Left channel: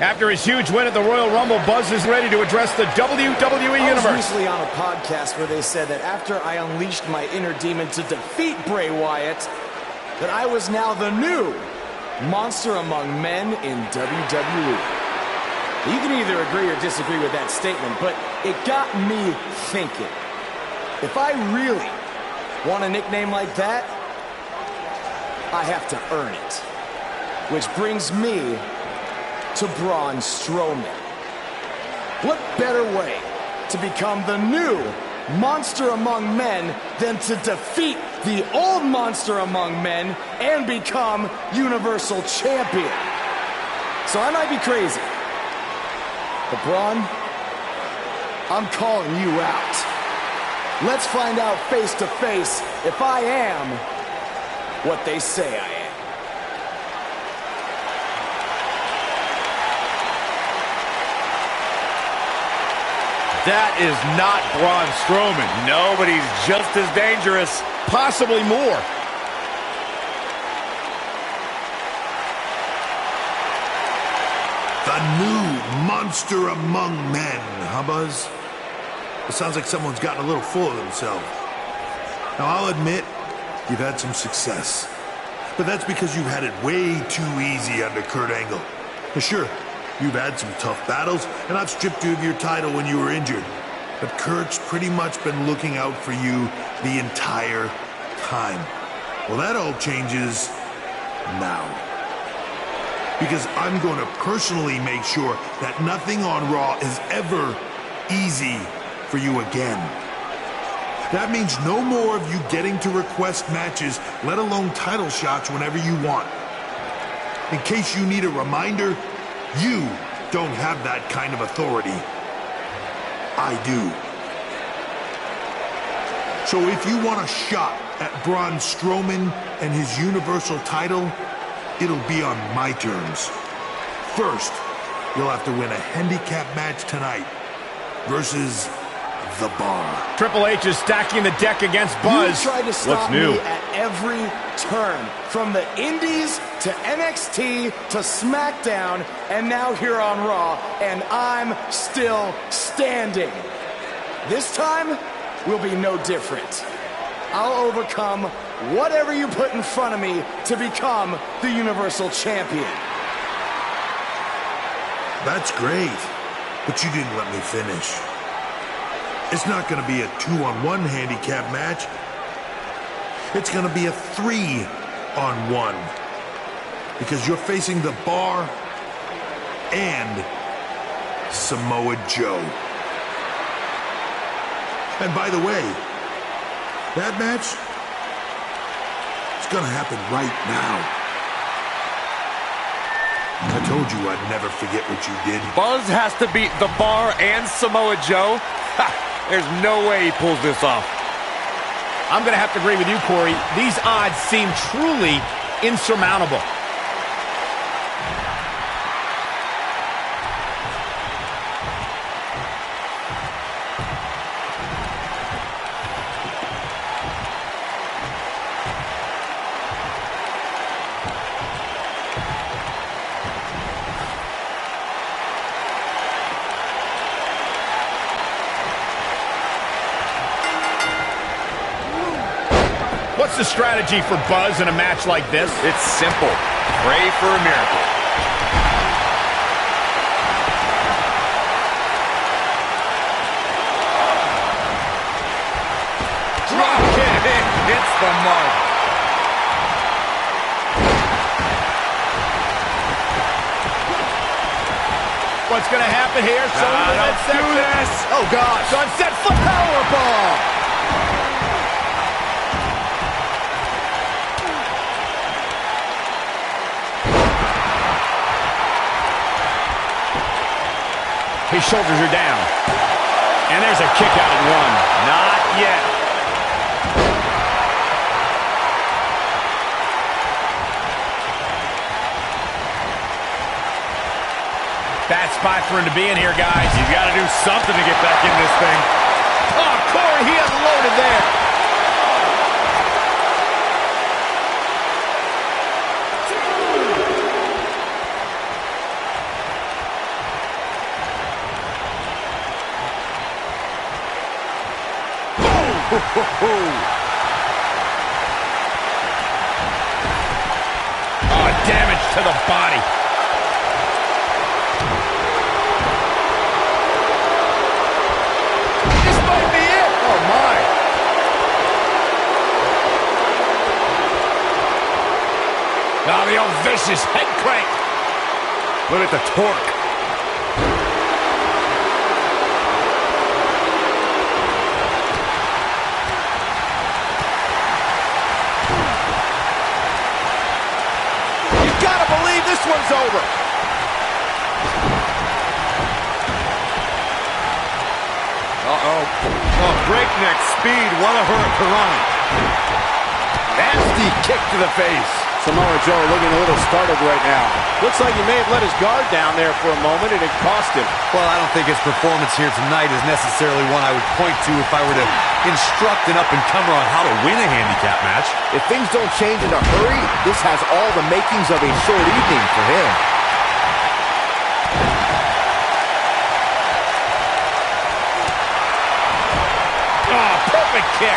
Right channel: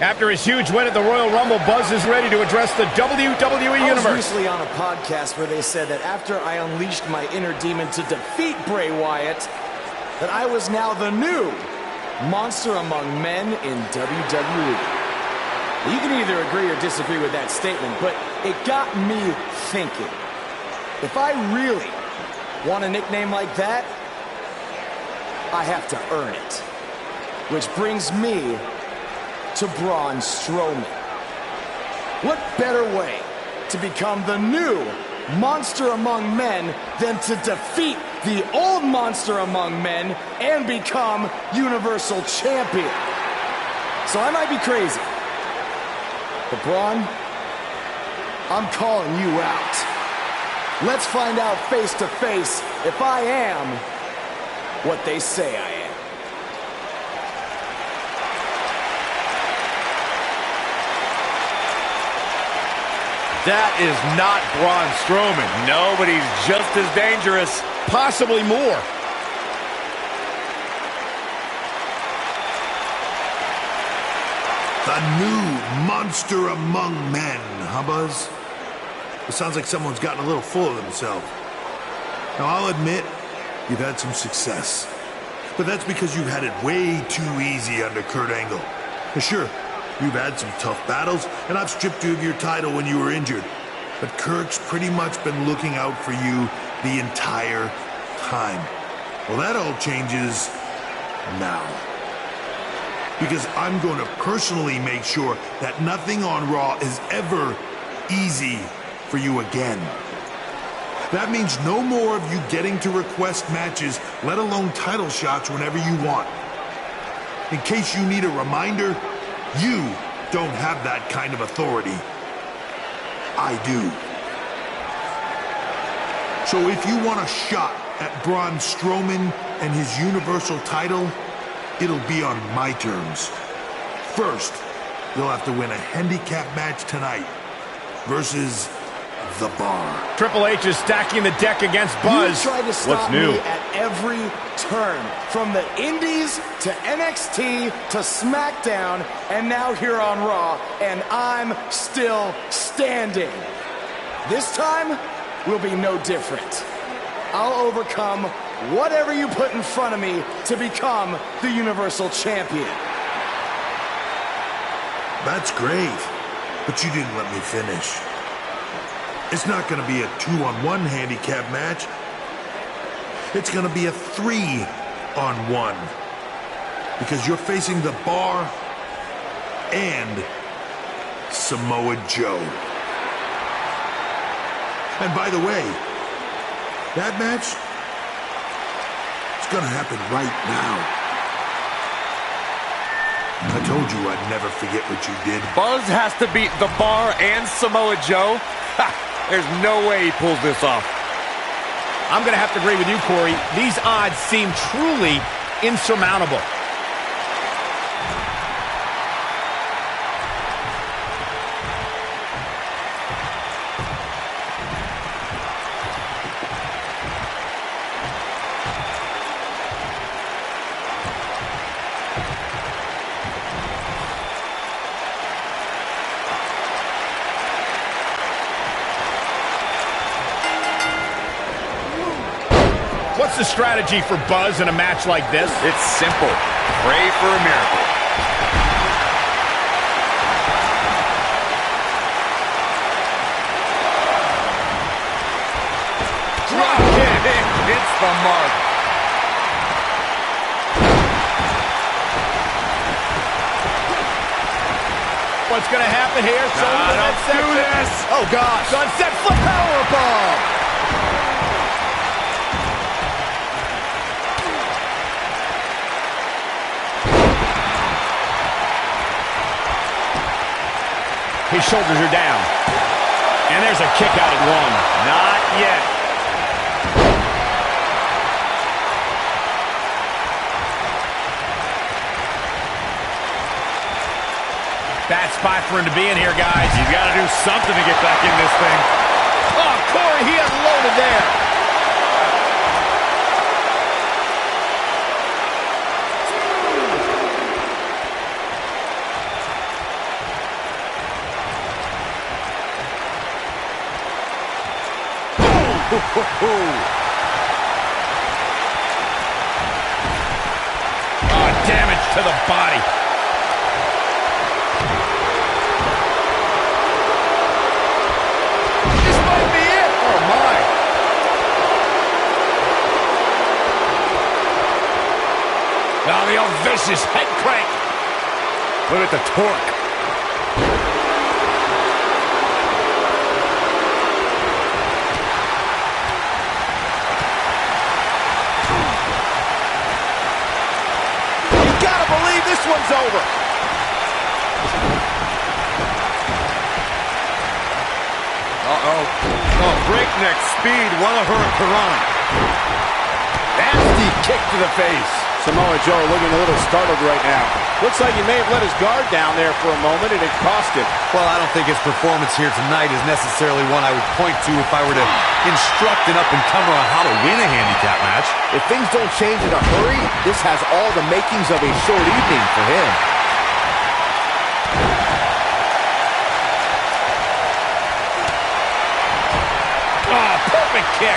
After his huge win at the Royal Rumble, Buzz is ready to address the WWE Universe. I was recently on a podcast where they said that after I unleashed my inner demon to defeat Bray Wyatt, that I was now the new monster among men in WWE. You can either agree or disagree with that statement, but it got me thinking. If I really want a nickname like that, I have to earn it. Which brings me to Braun Strowman. What better way to become the new monster among men than to defeat the old monster among men and become Universal Champion? So I might be crazy, but Braun, I'm calling you out. Let's find out face to face if I am what they say I am. That is not Braun Strowman. No, but he's just as dangerous. Possibly more. The new monster among men, huh, Buzz? It sounds like someone's gotten a little full of themselves. Now, I'll admit, you've had some success. But that's because you've had it way too easy under Kurt Angle. Now, sure, you've had some tough battles, and I've stripped you of your title when you were injured. But Kurt's pretty much been looking out for you the entire time. Well, that all changes now. Because I'm going to personally make sure that nothing on Raw is ever easy for you again. That means no more of you getting to request matches, let alone title shots whenever you want. In case you need a reminder, you don't have that kind of authority. I do. So if you want a shot at Braun Strowman and his Universal title, it'll be on my terms. First, you'll have to win a handicap match tonight versus The Bar. Triple H is stacking the deck against Buzz. You tried to stop me at every turn, from the Indies to NXT to SmackDown, and now here on Raw, and I'm still standing. This time will be no different. I'll overcome whatever you put in front of me to become the Universal Champion. That's great, but you didn't let me finish. It's not going to be a 2-on-1 handicap match. It's going to be a 3-on-1. Because you're facing The Bar and Samoa Joe. And by the way, that match is going to happen right now. I told you I'd never forget what you did. Buzz has to beat The Bar and Samoa Joe? Ha! There's no way he pulls this off. I'm going to have to agree with you, Corey. These odds seem truly insurmountable. What's the strategy for Buzz in a match like this? It's simple. Pray for a miracle. Drop kick. It hits the mark. What's going to happen here? Don't do this. Oh, gosh. Sunset flip powerbomb. His shoulders are down. And there's a kick out at one. Not yet. Bad spot for him to be in here, guys. He's got to do something to get back in this thing. Oh, Corey, he unloaded there. Oh, damage to the body. This might be it. Oh, my. Oh, the old vicious head crank. Look at the torque. You gotta believe this one's over. Uh-oh. Oh, breakneck speed. What a hurricanrana. Nasty kick to the face. Samoa Joe looking a little startled right now. Looks like he may have let his guard down there for a moment, and it cost him. Well, I don't think his performance here tonight is necessarily one I would point to if I were to instruct an up-and-comer on how to win a handicap match. If things don't change in a hurry, this has all the makings of a short evening for him. Oh, perfect kick.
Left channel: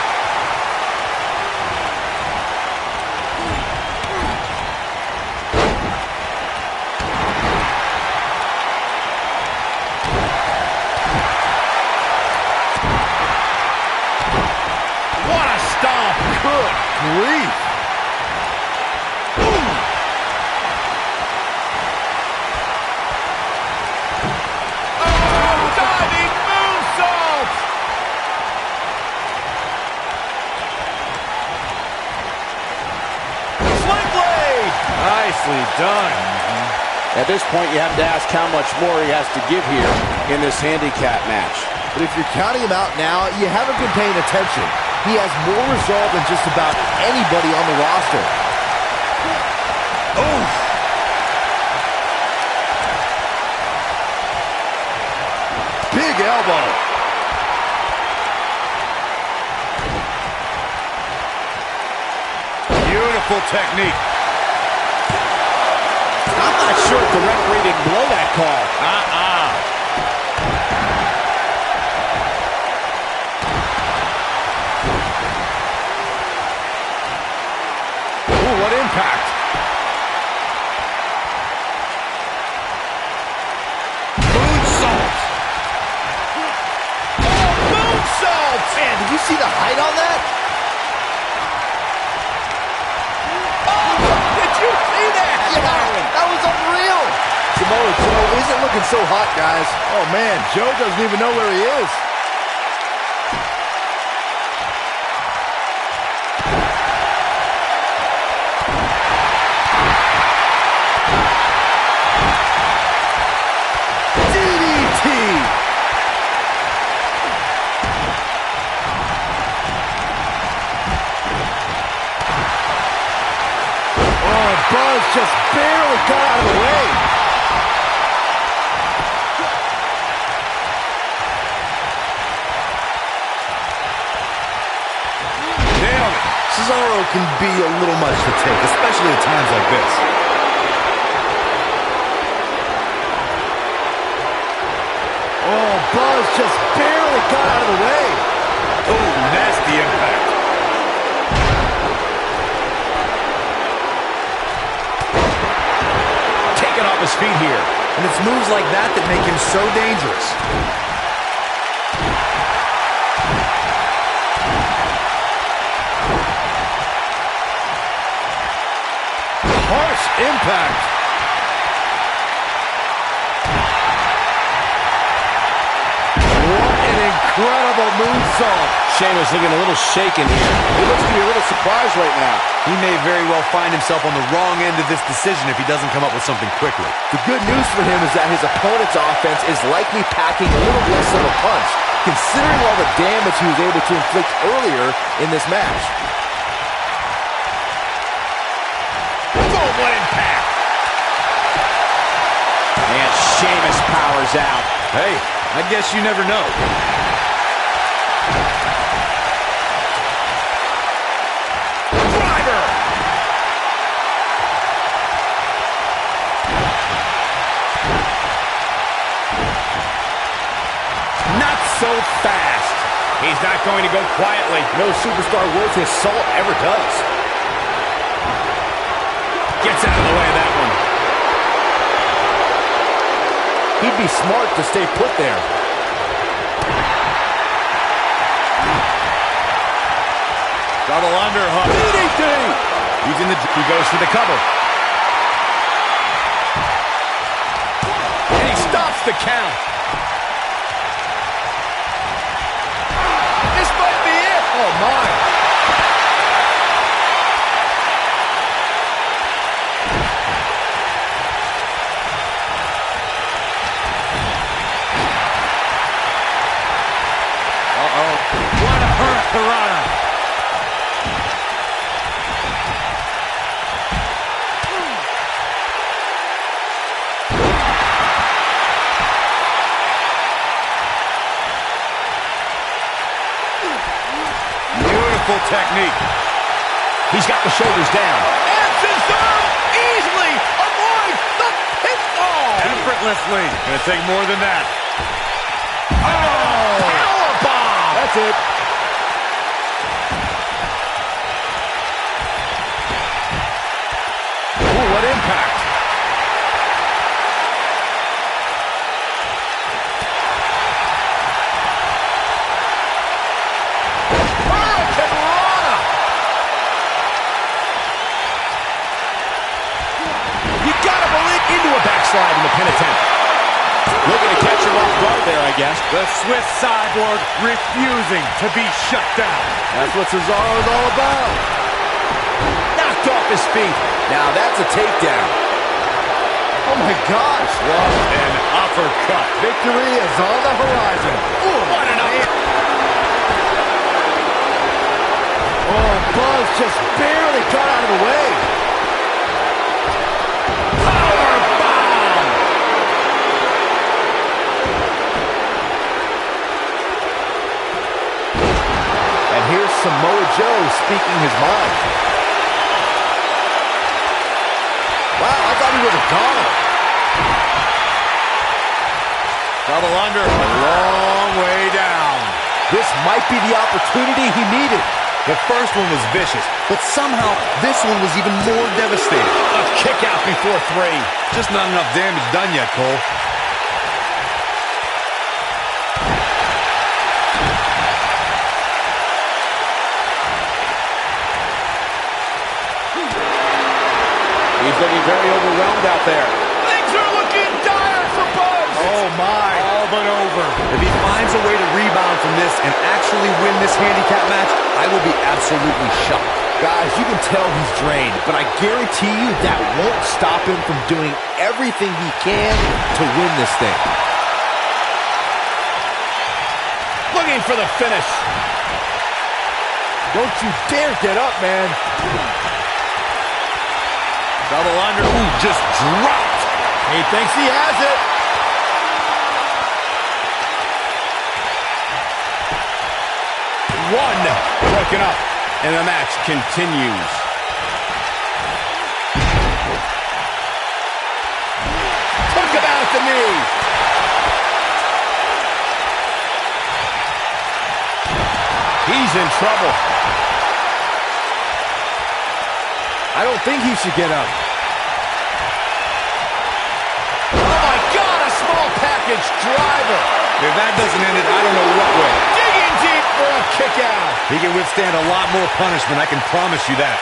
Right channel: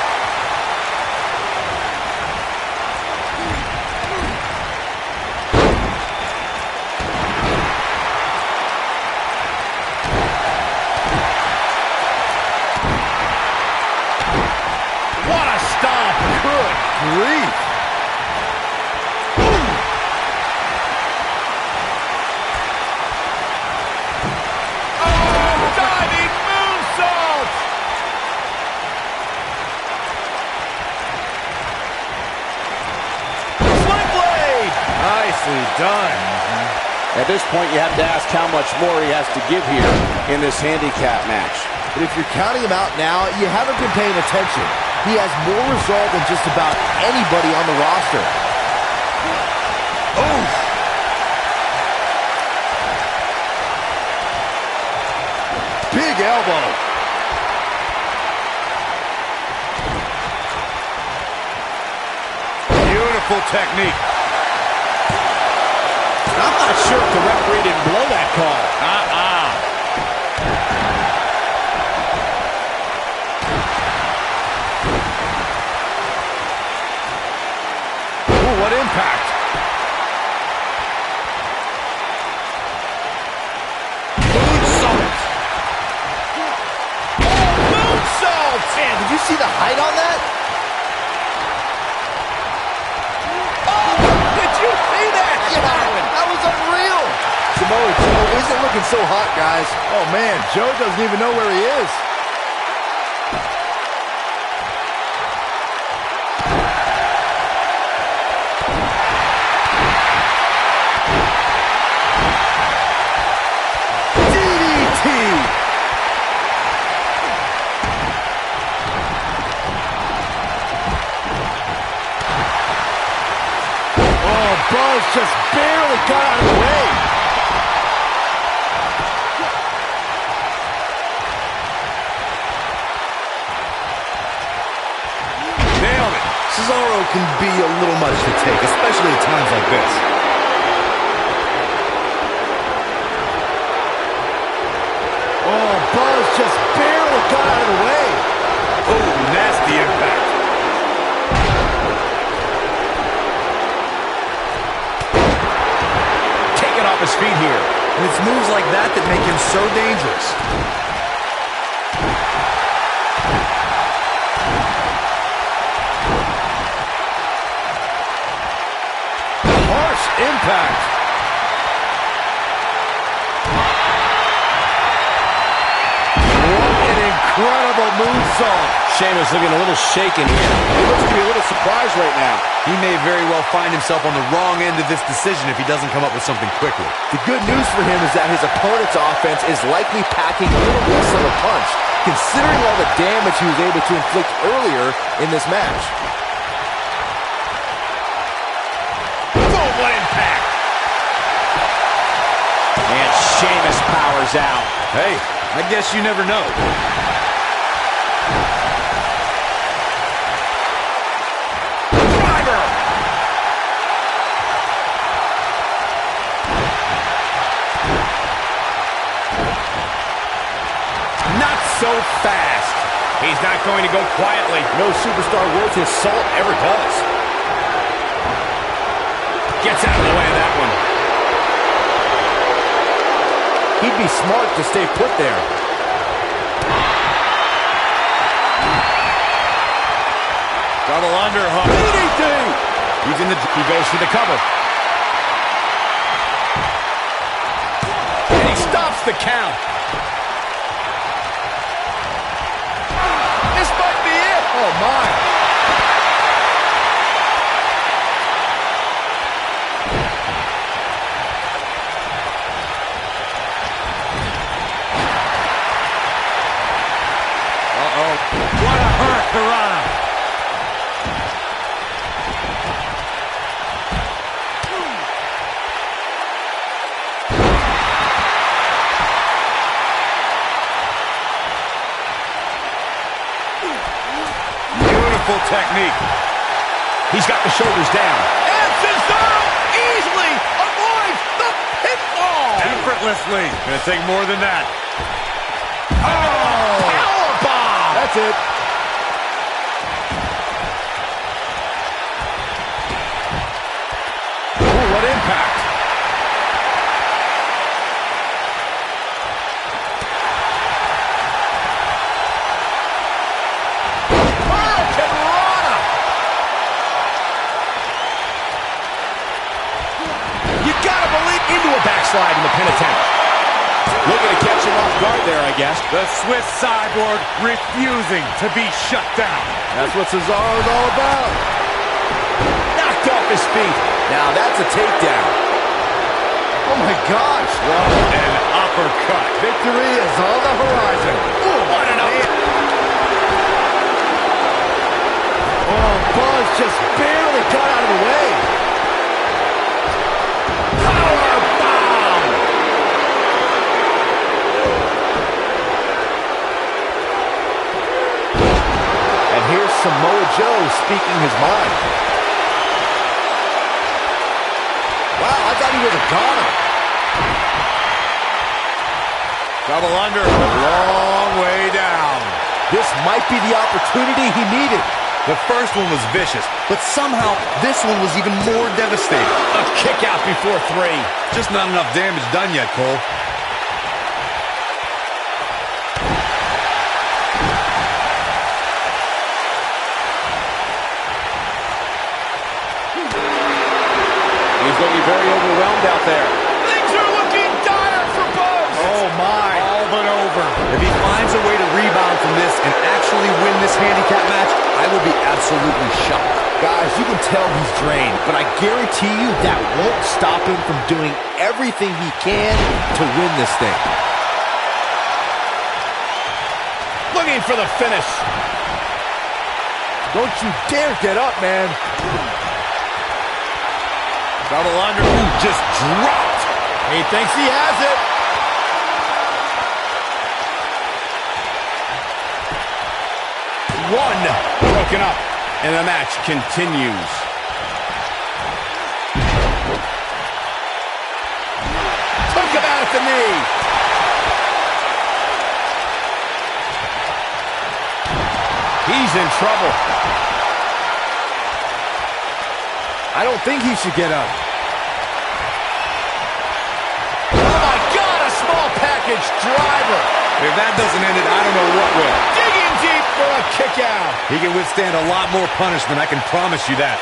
What a stomp. Good grief. Oh, diving moonsault. Sling blade. Nicely done. At this point, you have to ask how much more he has to give here in this handicap match. But if you're counting him out now, you haven't been paying attention. He has more resolve than just about anybody on the roster. Oof. Big elbow. Beautiful technique. I'm not sure if the referee didn't blow that call. Ooh, what impact. Moonsault. Oh, moonsault. Man, did you see the height on that? Oh, did you see that? Yeah, that was unreal. Samoa Joe isn't looking so hot, guys. Oh, man, Joe doesn't even know where he is. Buzz just barely got out of the way. Nailed it. Cesaro can be a little much to take, especially at times like this. Oh, Buzz just barely got out of the way. Oh, nasty impact. Off his feet here. And it's moves like that that make him so dangerous. Harsh impact. What an incredible moonsault. Sheamus looking a little shaken here. He looks to be a little surprised right now. He may very well find himself on the wrong end of this decision if he doesn't come up with something quickly. The good news for him is that his opponent's offense is likely packing a little less of a punch, considering all the damage he was able to inflict earlier in this match. Boom, what impact. And Sheamus powers out. Hey, I guess you never know. Not so fast. He's not going to go quietly. No superstar worth his salt ever does. Gets out of the way of that one. He'd be smart to stay put there. Double underhook. DDT! He goes for the cover. And he stops the count. This might be it. Oh, my. What a hurricanrana. Beautiful technique. He's got the shoulders down. And Cesaro easily avoids the pinfall. Effortlessly. Gonna take more than that. Oh! Powerbomb! That's it. Ooh, what impact. Hurricanrana! You gotta believe into a backslide in the pin attempt. Looking to catch him off guard there, I guess. The Swiss cyborg refusing to be shut down. That's what Cesaro's all about. Knocked off his feet. Now that's a takedown. Oh my gosh. What an uppercut. Victory is on the horizon. Ooh, what an uppercut. Oh, Buzz just barely got out of the way. Power bomb. And here's Samoa Joe speaking his mind. Wow, I thought he was a goner. Double under, a long way down. This might be the opportunity he needed. The first one was vicious, but somehow this one was even more devastating. A kick out before 3. Just not enough damage done yet, Cole. He's looking very overwhelmed out there. Things are looking dire for Buzz. Oh, my. All but over. If he finds a way to rebound from this and actually win this handicap match, I will be absolutely shocked. Guys, you can tell he's drained, but I guarantee you that won't stop him from doing everything he can to win this thing. Looking for the finish. Don't you dare get up, man. Double under. Ooh, just dropped. He thinks he has it. One broken up, and the match continues. Took him out at the knee. He's in trouble. I don't think he should get up. Oh my God, a small package driver. If that doesn't end it, I don't know what will. Digging deep for a kick out. He can withstand a lot more punishment, I can promise you that.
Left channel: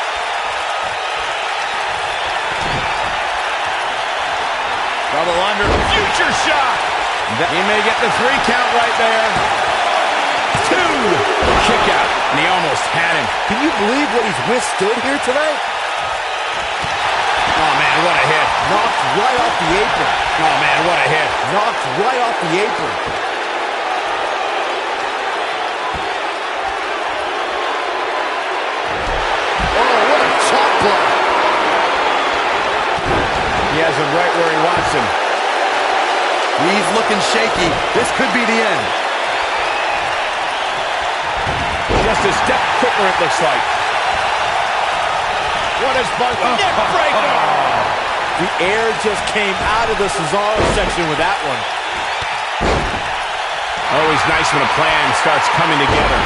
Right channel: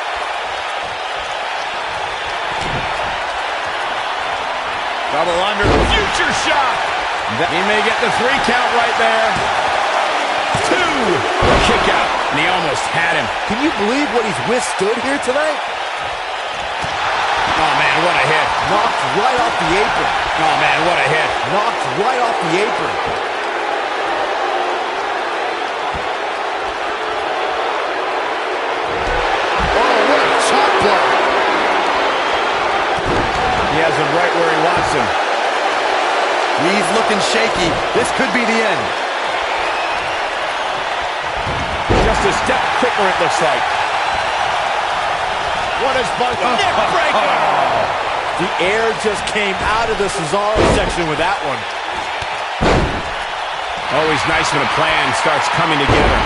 Double under, future shock. He may get the 3 count right there. 2, kick out, and he almost had him. Can you believe what he's withstood here tonight? Oh, man, what a hit. Knocked right off the apron. Oh, man, what a hit. Knocked right off the apron. Oh, what a chop block. He has him right where he wants him. He's looking shaky. This could be the end. Just a step quicker, it looks like. What is Buzz? Neck breaker! The air just came out of the Cesaro section with that one. Always nice when a plan starts coming together.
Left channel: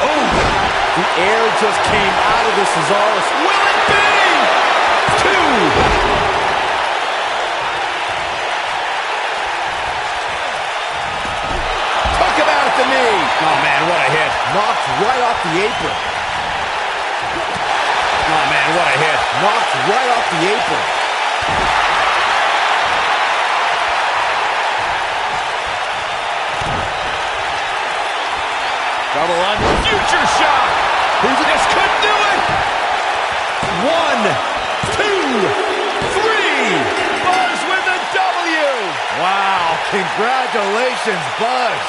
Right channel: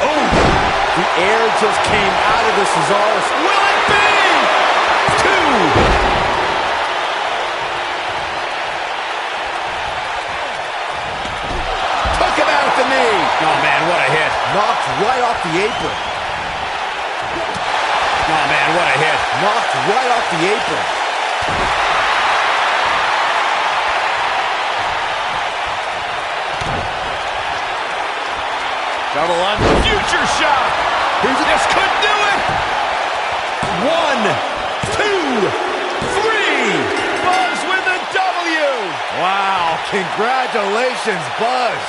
Oh! The air just came out of the Cesaris. Will it be? 2! Took him out at the knee. Oh, man, what a hit. Knocked right off the apron. Oh, man, what a hit. Knocked right off the apron. Double under. Future shock. This could do it. 1, 2, 3. Buzz with the W. Wow, congratulations, Buzz.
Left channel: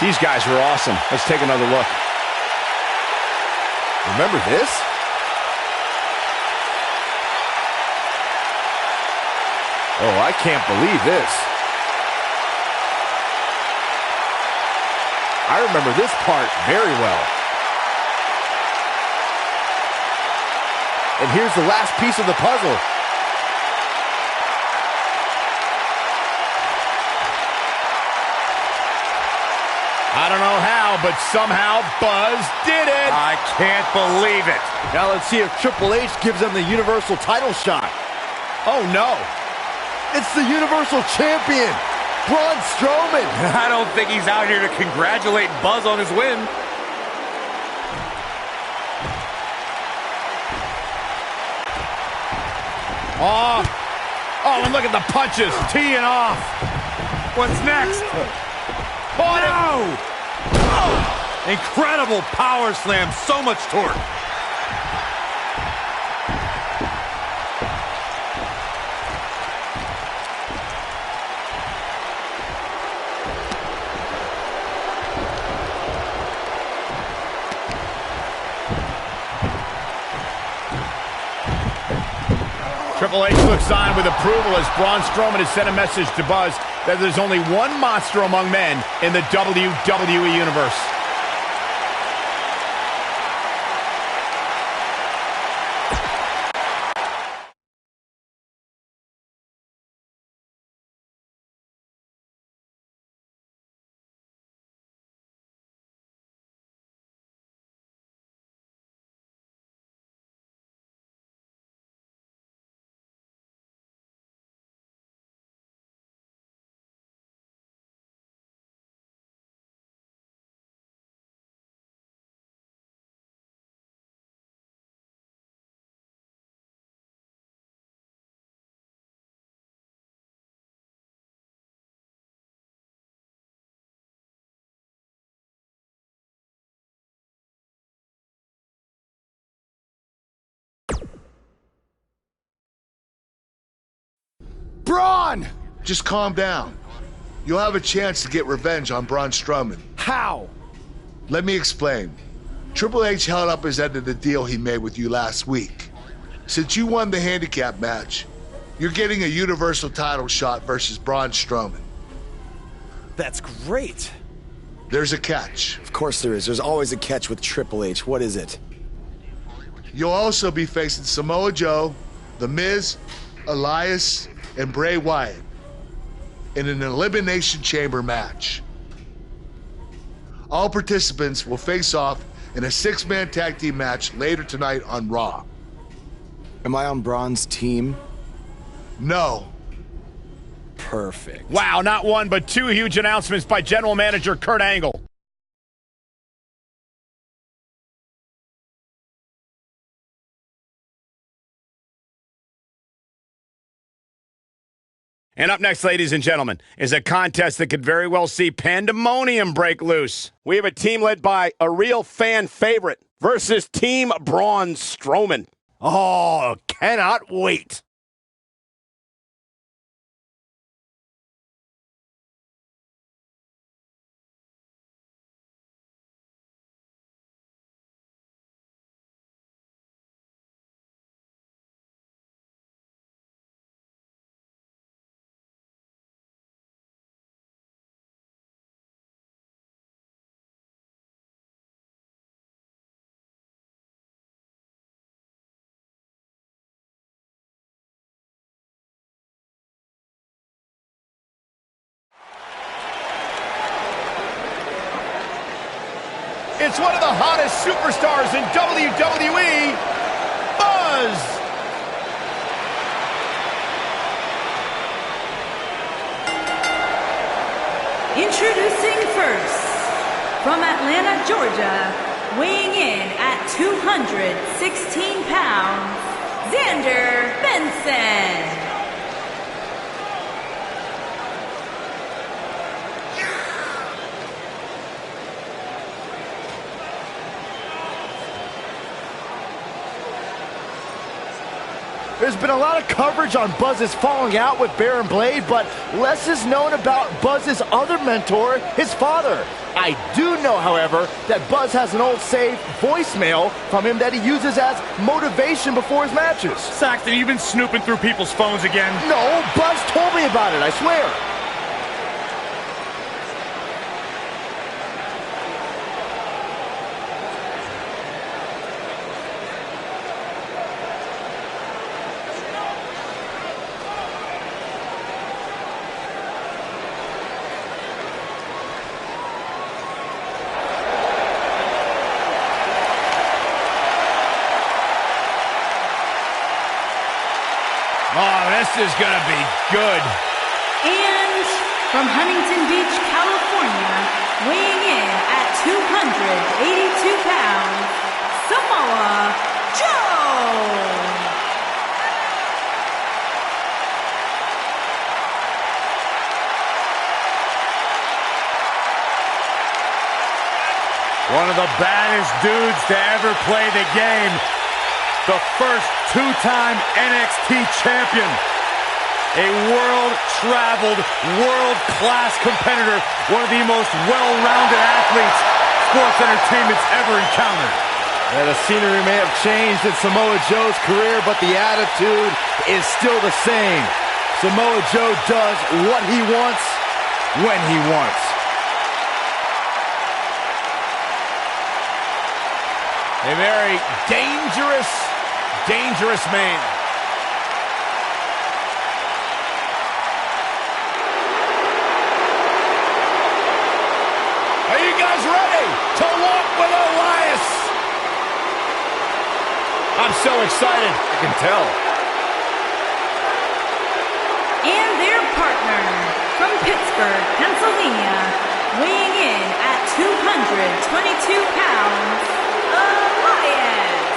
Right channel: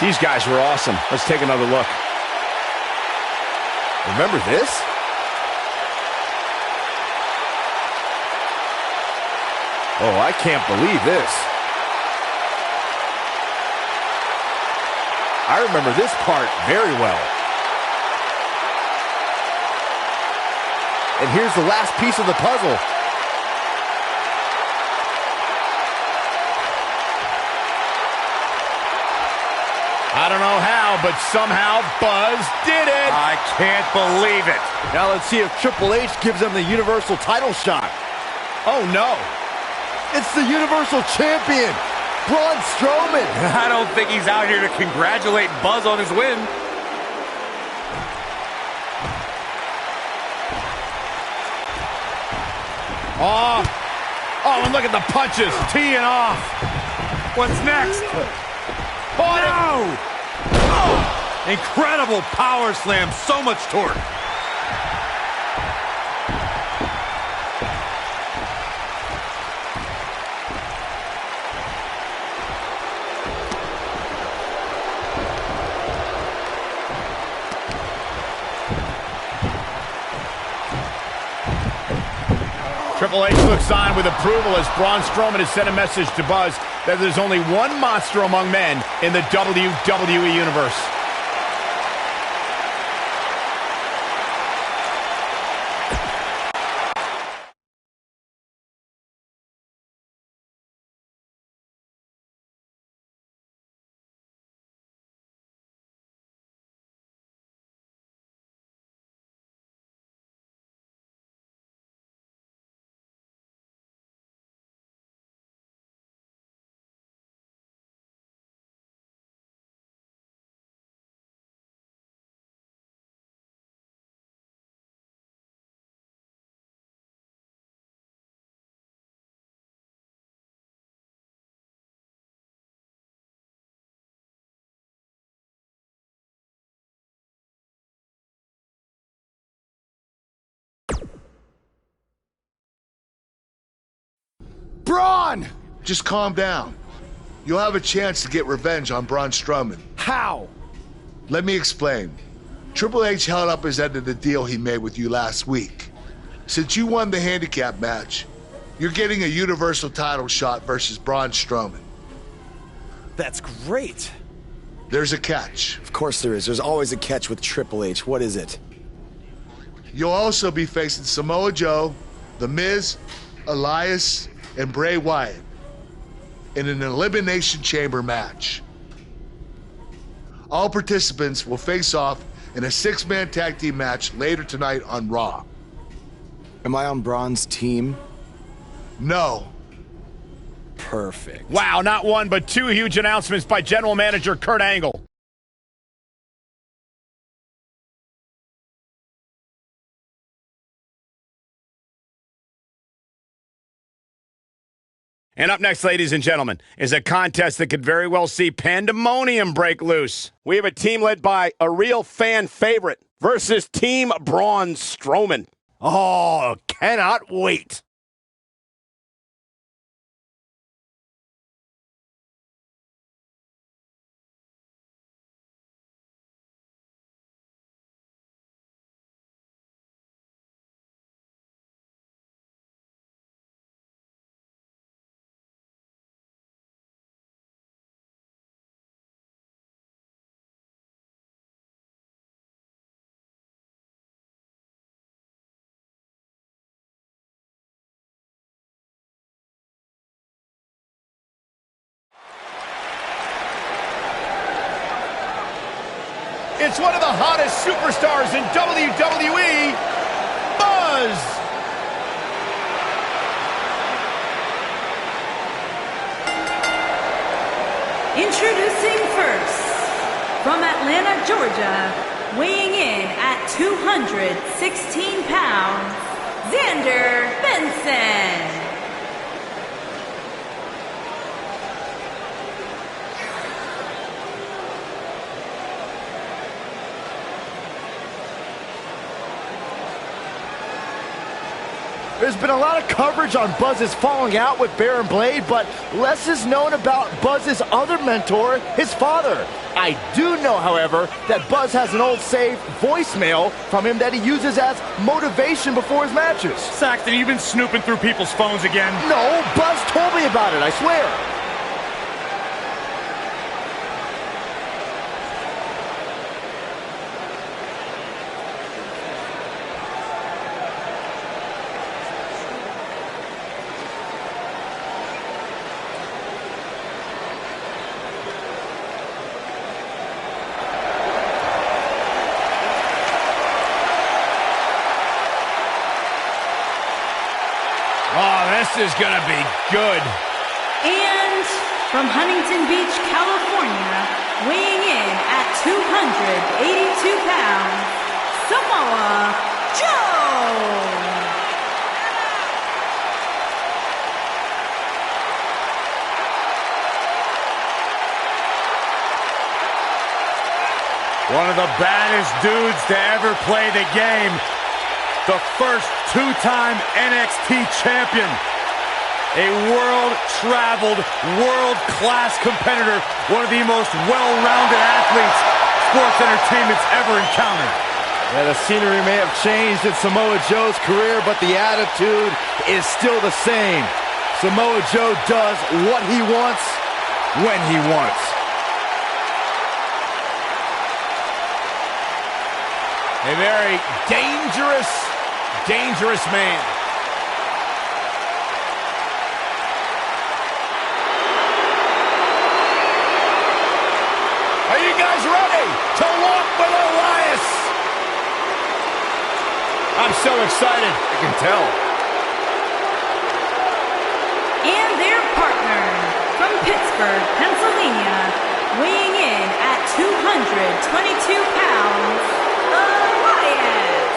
These guys were awesome. Let's take another look. Remember this? Oh, I can't believe this. I remember this part very well. And here's the last piece of the puzzle. I don't know how, but somehow Buzz did it. I can't believe it. Now let's see if Triple H gives them the Universal title shot. Oh, no. It's the Universal Champion, Braun Strowman. I don't think he's out here to congratulate Buzz on his win. Oh, and look at the punches teeing off. What's next? Oh, no! Oh, incredible power slam, so much torque. Triple H looks on with approval as Braun Strowman has sent a message to Buzz that there's only one monster among men in the WWE Universe. Braun! Just calm down. You'll have a chance to get revenge on Braun Strowman. How? Let me explain. Triple H held up his end of the deal he made with you last week. Since you won the handicap match, you're getting a Universal title shot versus Braun Strowman. That's great. There's a catch. Of course there is. There's always a catch with Triple H. What is it? You'll also be facing Samoa Joe, The Miz, Elias, and Bray Wyatt in an Elimination Chamber match. All participants will face off in a 6-man tag team match later tonight on Raw. Am I on Braun's team? No. Perfect. Wow, not one, but two huge announcements by General Manager Kurt Angle. And up next, ladies and gentlemen, is a contest that could very well see pandemonium break loose. We have a team led by a real fan favorite versus Team Braun Strowman. Oh, cannot wait. It's one of the hottest superstars in WWE, Buzz. Introducing first, from Atlanta, Georgia, weighing in at 216 pounds, Xander Benson. There's been a lot of coverage on Buzz's falling out with Baron Blade, but less is known about Buzz's other mentor, his father. I do know, however, that Buzz has an old saved voicemail from him that he uses as motivation before his matches. Saxton, you've been snooping through people's phones again? No, Buzz told me about it, I swear. Oh, this is going to be good. And from Huntington Beach, California, weighing in at 282 pounds, Samoa Joe. One of the baddest dudes to ever play the game. The first two-time NXT champion. A world-traveled, world-class competitor. One of the most well-rounded athletes sports entertainment's ever encountered. Yeah, the scenery may have changed in Samoa Joe's career, but the attitude is still the same. Samoa Joe does what he wants, when he wants. A very dangerous man. Are you guys ready to walk with Elias? I'm so excited. I can tell. And their partner from Pittsburgh, Pennsylvania, weighing in at 222 pounds, Elias.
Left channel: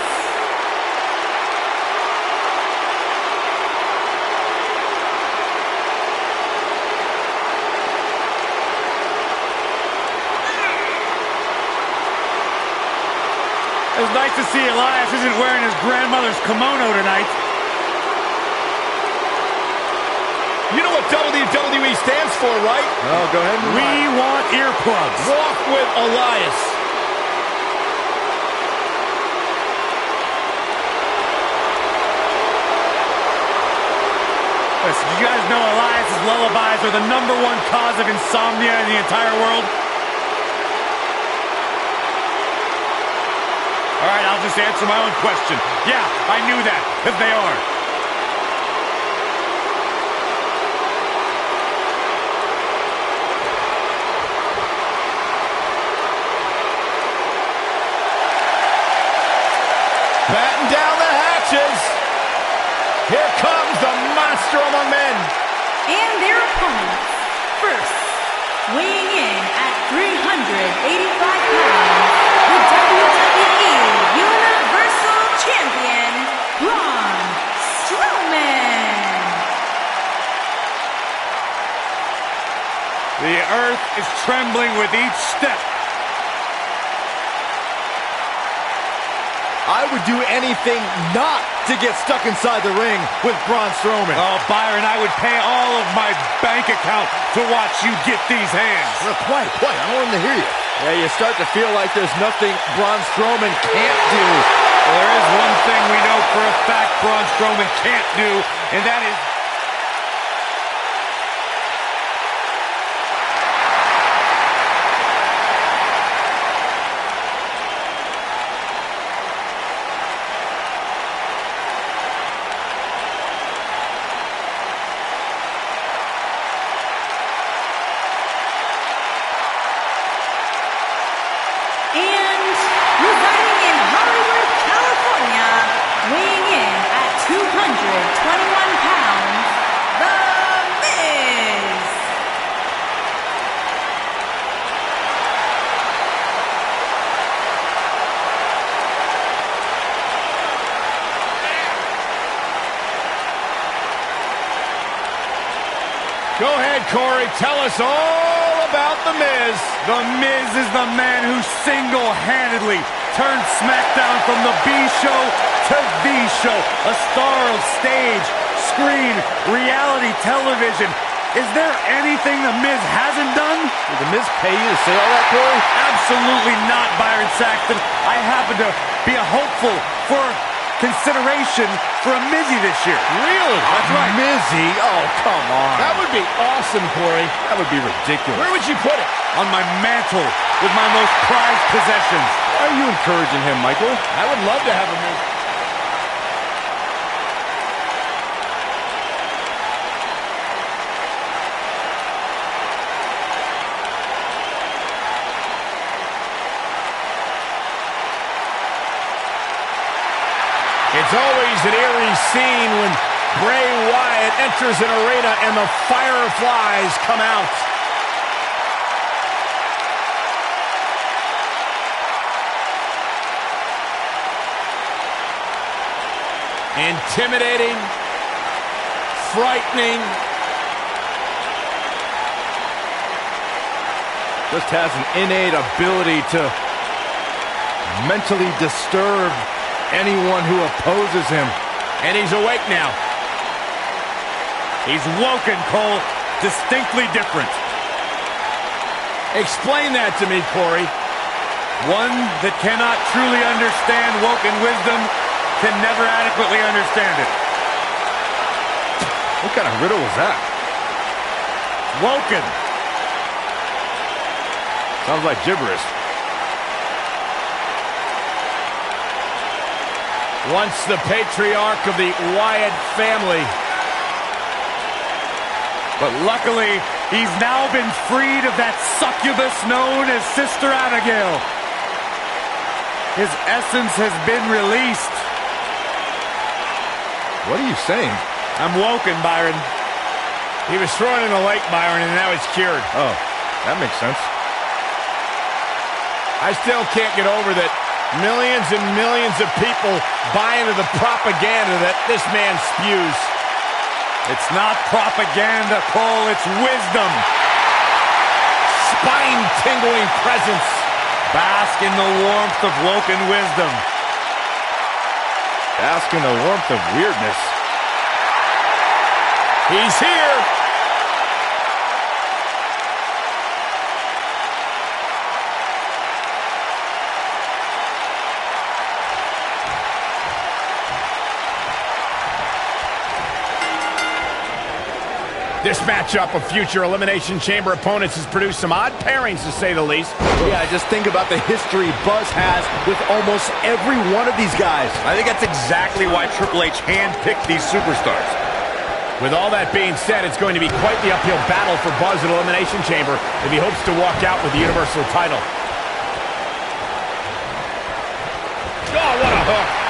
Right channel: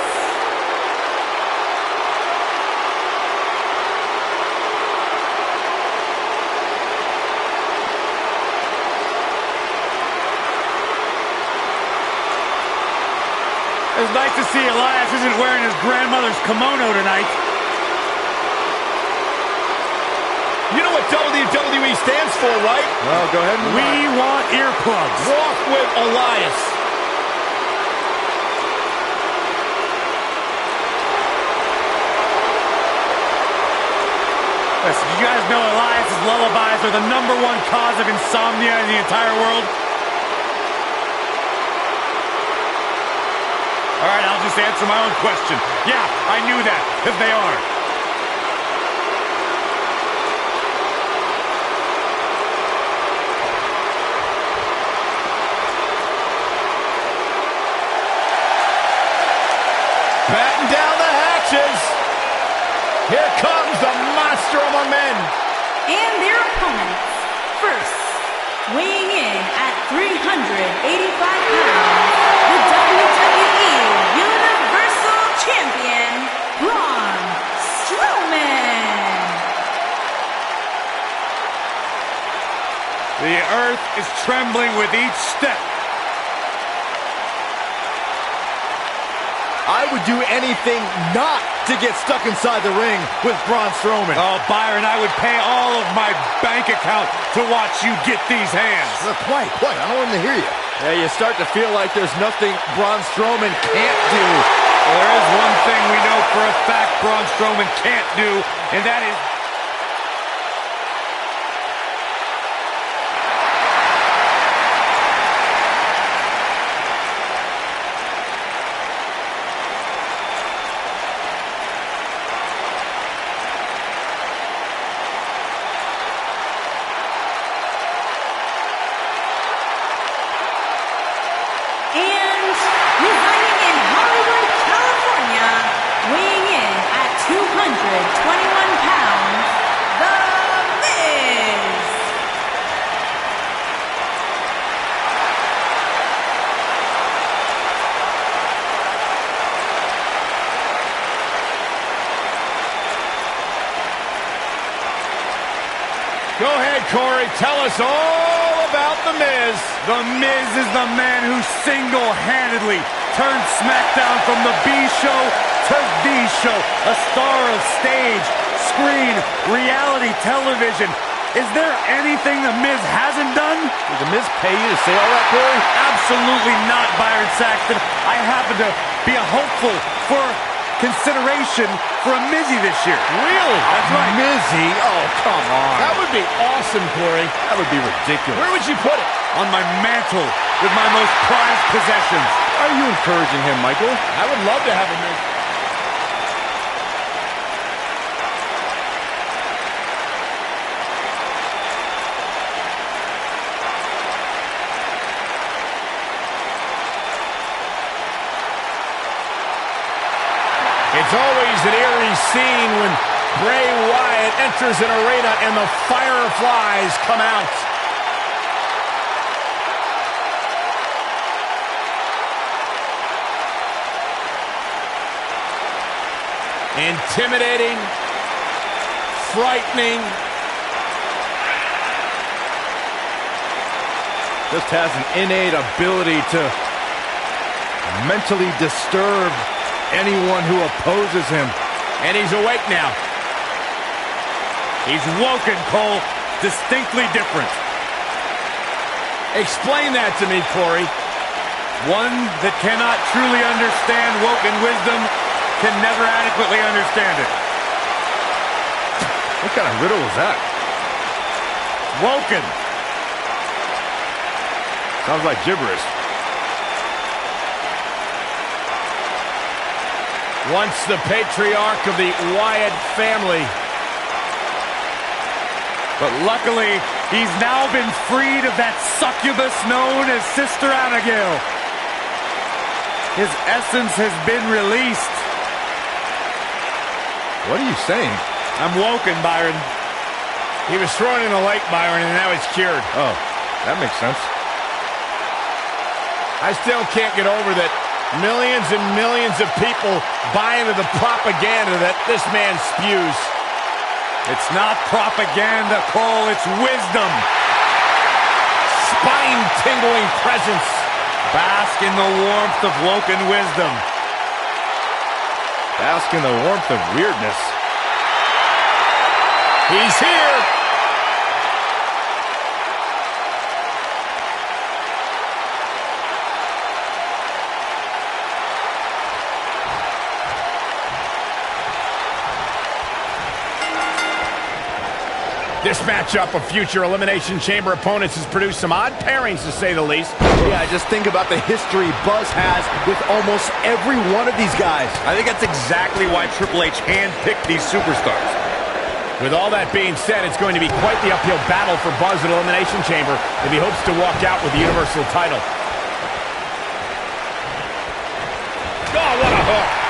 It's nice to see Elias isn't wearing his grandmother's kimono tonight. You know what WWE stands for, right? Oh, go ahead. We want earplugs. Walk with Elias. Listen, you guys know Elias's lullabies are the #1 cause of insomnia in the entire world? All right, I'll just answer my own question. Yeah, I knew that, because they are. Batten down the hatches. Here comes the monster among men. And their opponents, first, weighing in at 385 pounds, the WWE Universal Champion, Braun Strowman. The earth is trembling with each step. I would do anything not to get stuck inside the ring with Braun Strowman. Oh, Byron, I would pay all of my bank account to watch you get these hands. Quiet. I don't want him to hear you. Yeah, you start to feel like there's nothing Braun Strowman can't do. Well, there is one thing we know for a fact Braun Strowman can't do, and that is... And weighing in at 221 pounds, The Miz. Go ahead, Corey. Tell us all about The Miz. The Miz is the man who single-handedly turned SmackDown from the B show to the show. A star of stage, screen, reality television. Is there anything The Miz hasn't done? Did The Miz pay you to say all that, Corey? Absolutely not, Byron Saxton. I happen to be a hopeful for consideration for a Mizzy this year. Really? That's right. Mizzy? Oh, come on. That would be awesome, Corey. That would be ridiculous. Where would you put it? On my mantle with my most prized possessions. Why are you encouraging him, Michael? I would love to have a Miz. It's always an eerie scene when Bray Wyatt enters an arena and the fireflies come out. Intimidating, frightening. Just has an innate ability to mentally disturb anyone who opposes him. And he's awake now. He's woken, Cole. Distinctly different. Explain that to me, Corey. One that cannot truly understand woken wisdom can never adequately understand it. What kind of riddle was that? Woken. Sounds like gibberish. Once the patriarch of the Wyatt family. But luckily, he's now been freed of that succubus known as Sister Abigail. His essence has been released. What are you saying? I'm woken, Byron. He was thrown in a lake, Byron, and now he's cured. Oh, that makes sense. I still can't get over that millions and millions of people buy into the propaganda that this man spews. It's not propaganda, Cole. It's wisdom. Spine-tingling presence. Bask in the warmth of woken wisdom. Bask in the warmth of weirdness. He's here. This matchup of future Elimination Chamber opponents has produced some odd pairings, to say the least. Yeah, just think about the history Buzz has with almost every one of these guys. I think that's exactly why Triple H handpicked these superstars. With all that being said, it's going to be quite the uphill battle for Buzz at Elimination Chamber if he hopes to walk out with the Universal title. Oh, what a hook!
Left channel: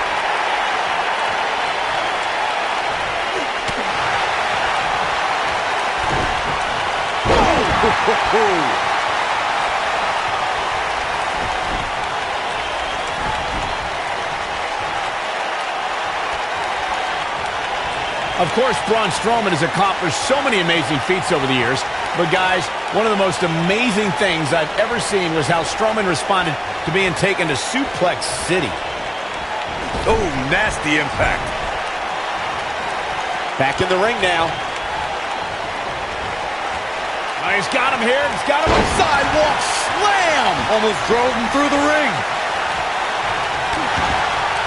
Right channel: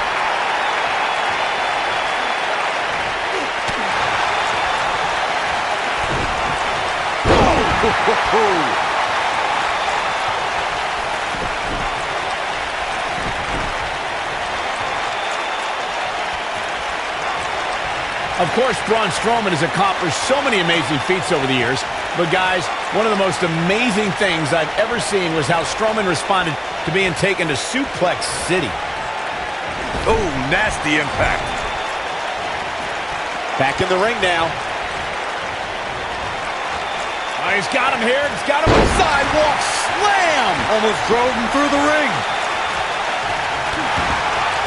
Of course, Braun Strowman has accomplished so many amazing feats over the years. But guys, one of the most amazing things I've ever seen was how Strowman responded to being taken to Suplex City. Oh, nasty impact. Back in the ring now. Oh, he's got him here. He's got him on sidewalk slam. Almost drove him through the ring.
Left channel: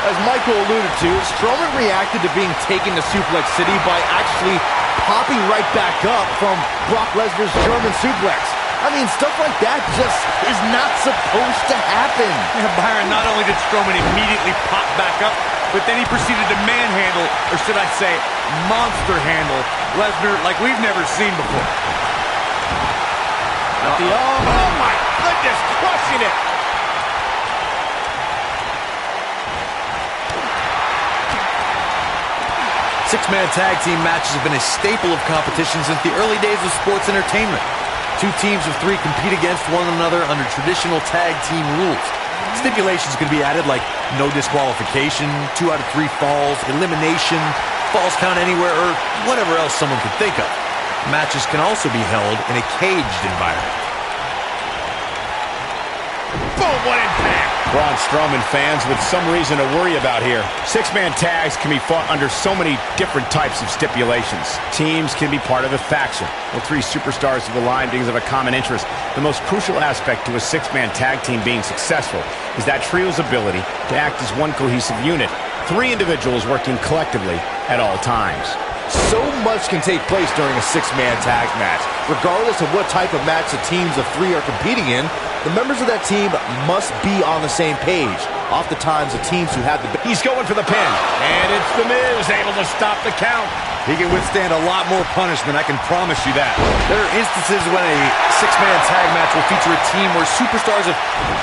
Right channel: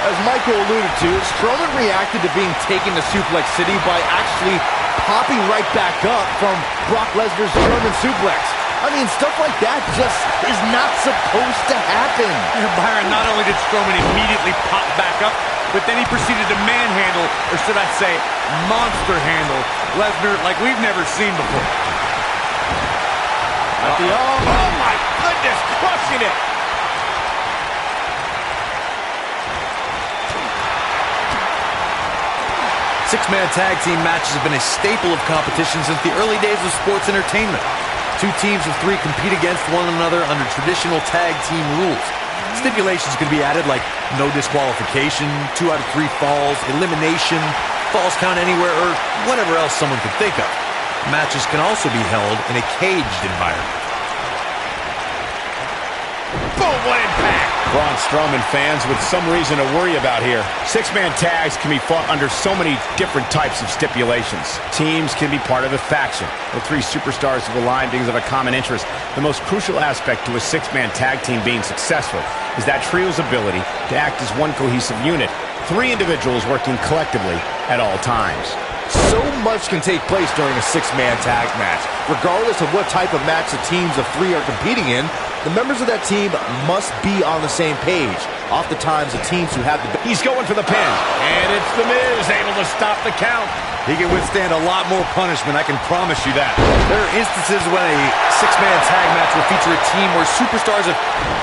As Michael alluded to, Strowman reacted to being taken to Suplex City by actually popping right back up from Brock Lesnar's German suplex. I mean, stuff like that just is not supposed to happen. Yeah, Byron, not only did Strowman immediately pop back up, but then he proceeded to manhandle, or should I say, monster handle, Lesnar like we've never seen before. Oh my goodness, crushing it. Six-man tag team matches have been a staple of competition since the early days of sports entertainment. Two teams of three compete against one another under traditional tag team rules. Stipulations could be added like no disqualification, 2 out of 3 falls, elimination, falls count anywhere, or whatever else someone could think of. Matches can also be held in a caged environment. Boom, what impact! Braun Strowman fans with some reason to worry about here. Six-man tags can be fought under so many different types of stipulations. Teams can be part of a faction. The 3 superstars have aligned because of a common interest. The most crucial aspect to a six-man tag team being successful is that trio's ability to act as one cohesive unit. 3 individuals working collectively at all times. So much can take place during a six-man tag match. Regardless of what type of match the teams of 3 are competing in, the members of that team must be on the same page. Oftentimes, the teams who have the... He's going for the pin, and it's The Miz able to stop the count. He can withstand a lot more punishment, I can promise you that. There are instances when a six-man tag match will feature a team where superstars have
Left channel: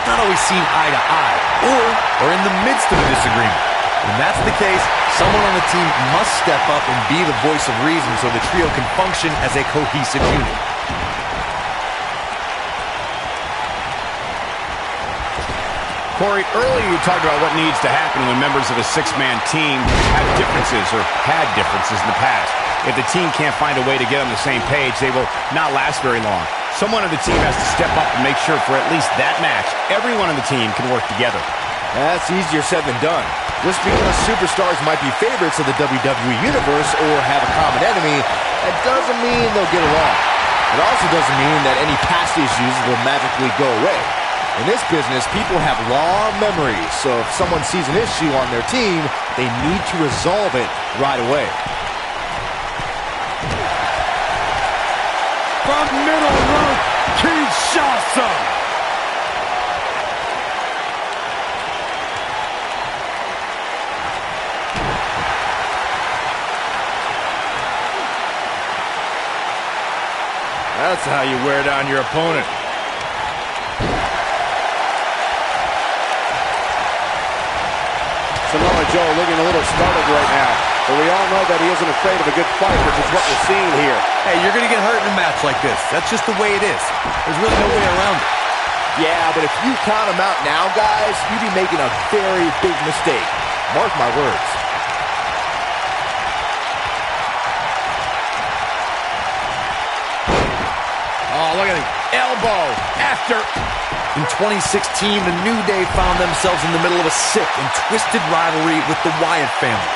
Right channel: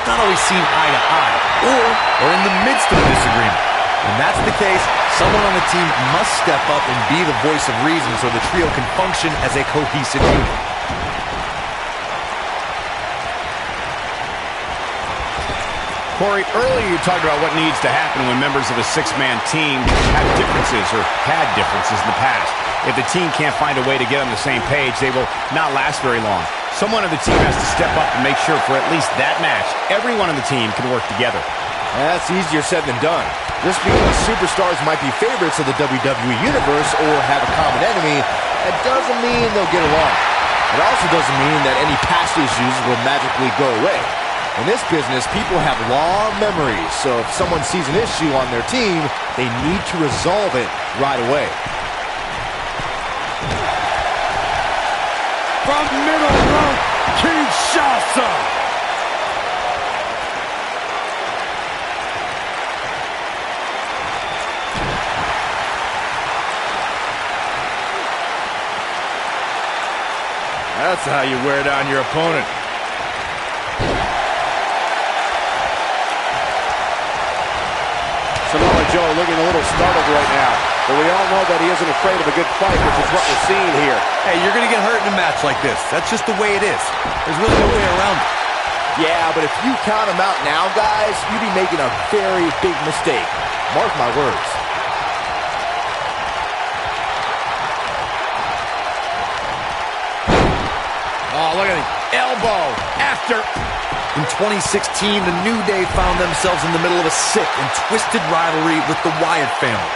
not always seen eye to eye, or are in the midst of a disagreement. When that's the case, someone on the team must step up and be the voice of reason so the trio can function as a cohesive unit. Corey, earlier you talked about what needs to happen when members of a six-man team have differences or had differences in the past. If the team can't find a way to get on the same page, they will not last very long. Someone on the team has to step up and make sure for at least that match, everyone on the team can work together. That's easier said than done. Just because superstars might be favorites of the WWE Universe or have a common enemy, that doesn't mean they'll get along. It also doesn't mean that any past issues will magically go away. In this business, people have long memories, so if someone sees an issue on their team, they need to resolve it right away. From middle rope, Kinshasa! That's how you wear down your opponent. Samoa Joe looking a little startled right now, but we all know that he isn't afraid of a good fight, which is what we're seeing here. Hey, you're going to get hurt in a match like this. That's just the way it is. There's really no way around it. Yeah, but if you count him out now, guys, you'd be making a very big mistake. Mark my words. Oh, look at the elbow after... In 2016, the New Day found themselves in the middle of a sick and twisted rivalry with the Wyatt family.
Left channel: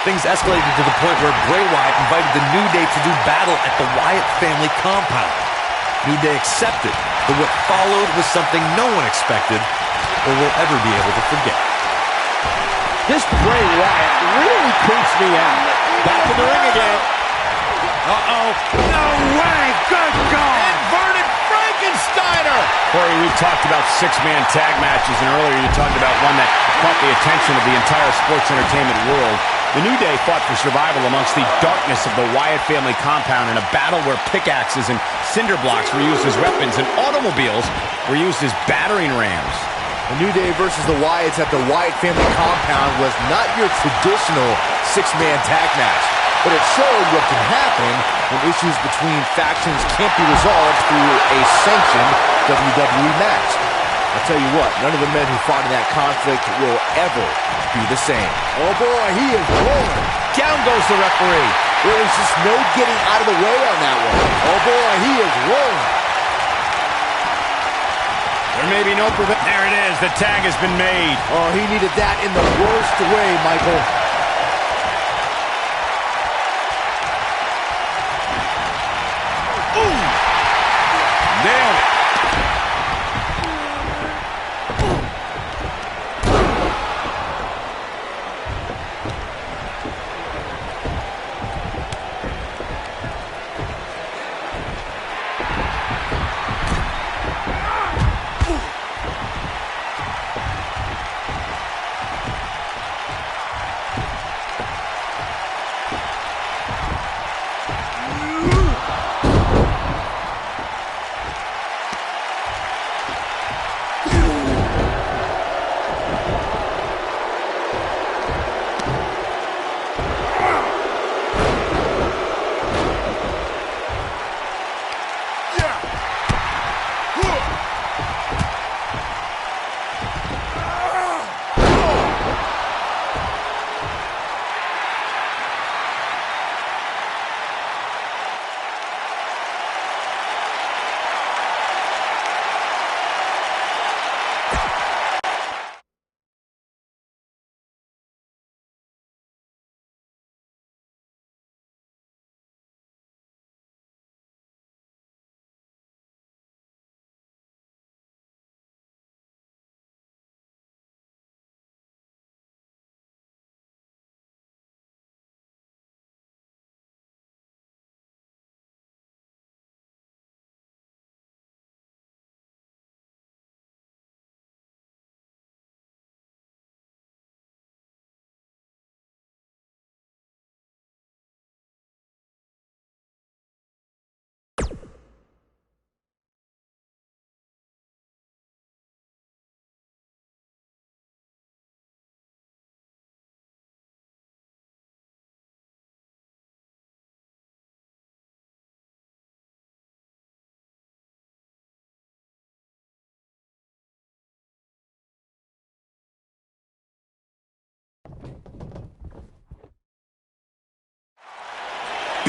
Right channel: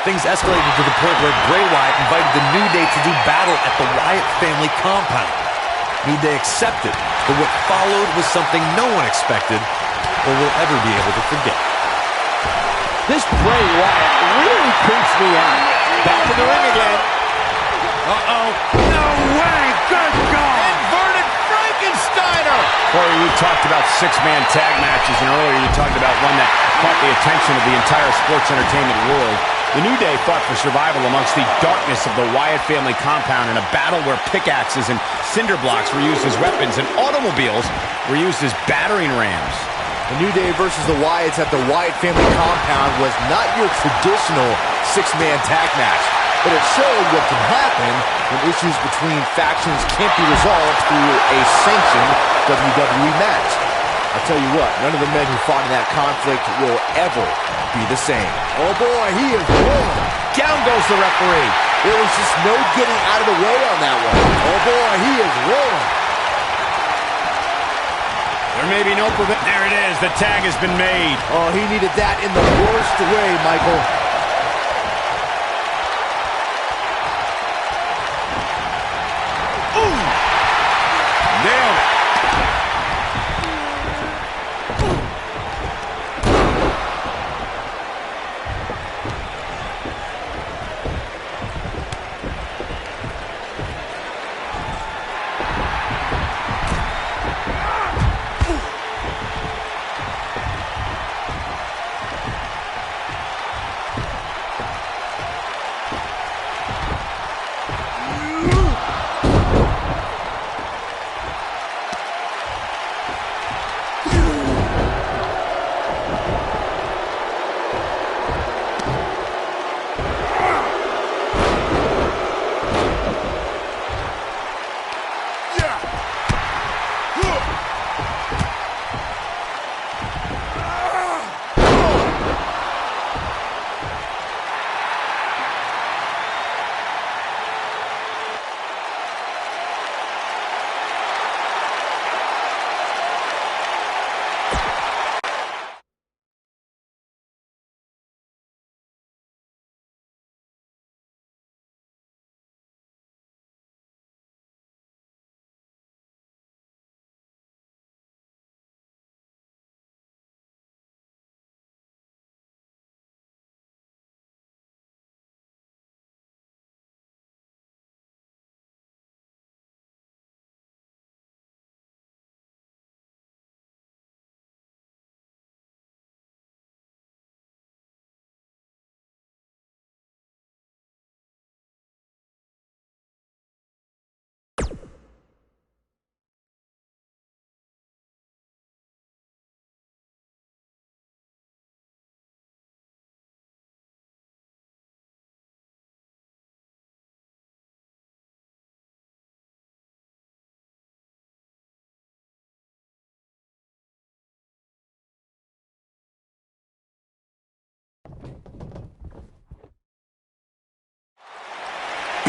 Things escalated to the point where Bray Wyatt invited the New Day to do battle at the Wyatt family compound. New Day accepted, but what followed was something no one expected or will ever be able to forget. This Bray Wyatt really creeps me out. Back in the ring again. Uh-oh. No way. Good God. Inverted Frankensteiner. Corey, we've talked about six-man tag matches, and earlier you talked about one that caught the attention of the entire sports entertainment world. The New Day fought for survival amongst the darkness of the Wyatt family compound in a battle where pickaxes and cinder blocks were used as weapons and automobiles were used as battering rams. The New Day versus the Wyatts at the Wyatt family compound was not your traditional six-man tag match, but it showed what can happen when issues between factions can't be resolved through a sanctioned WWE match. I'll tell you what, none of the men who fought in that conflict will ever be the same. Oh boy, he is rolling. Down goes the referee. There was just no getting out of the way on that one. Oh boy, he is rolling. There may be no prevent. There it is. The tag has been made. Oh, he needed that in the worst way, Michael. Ooh! Nailed it.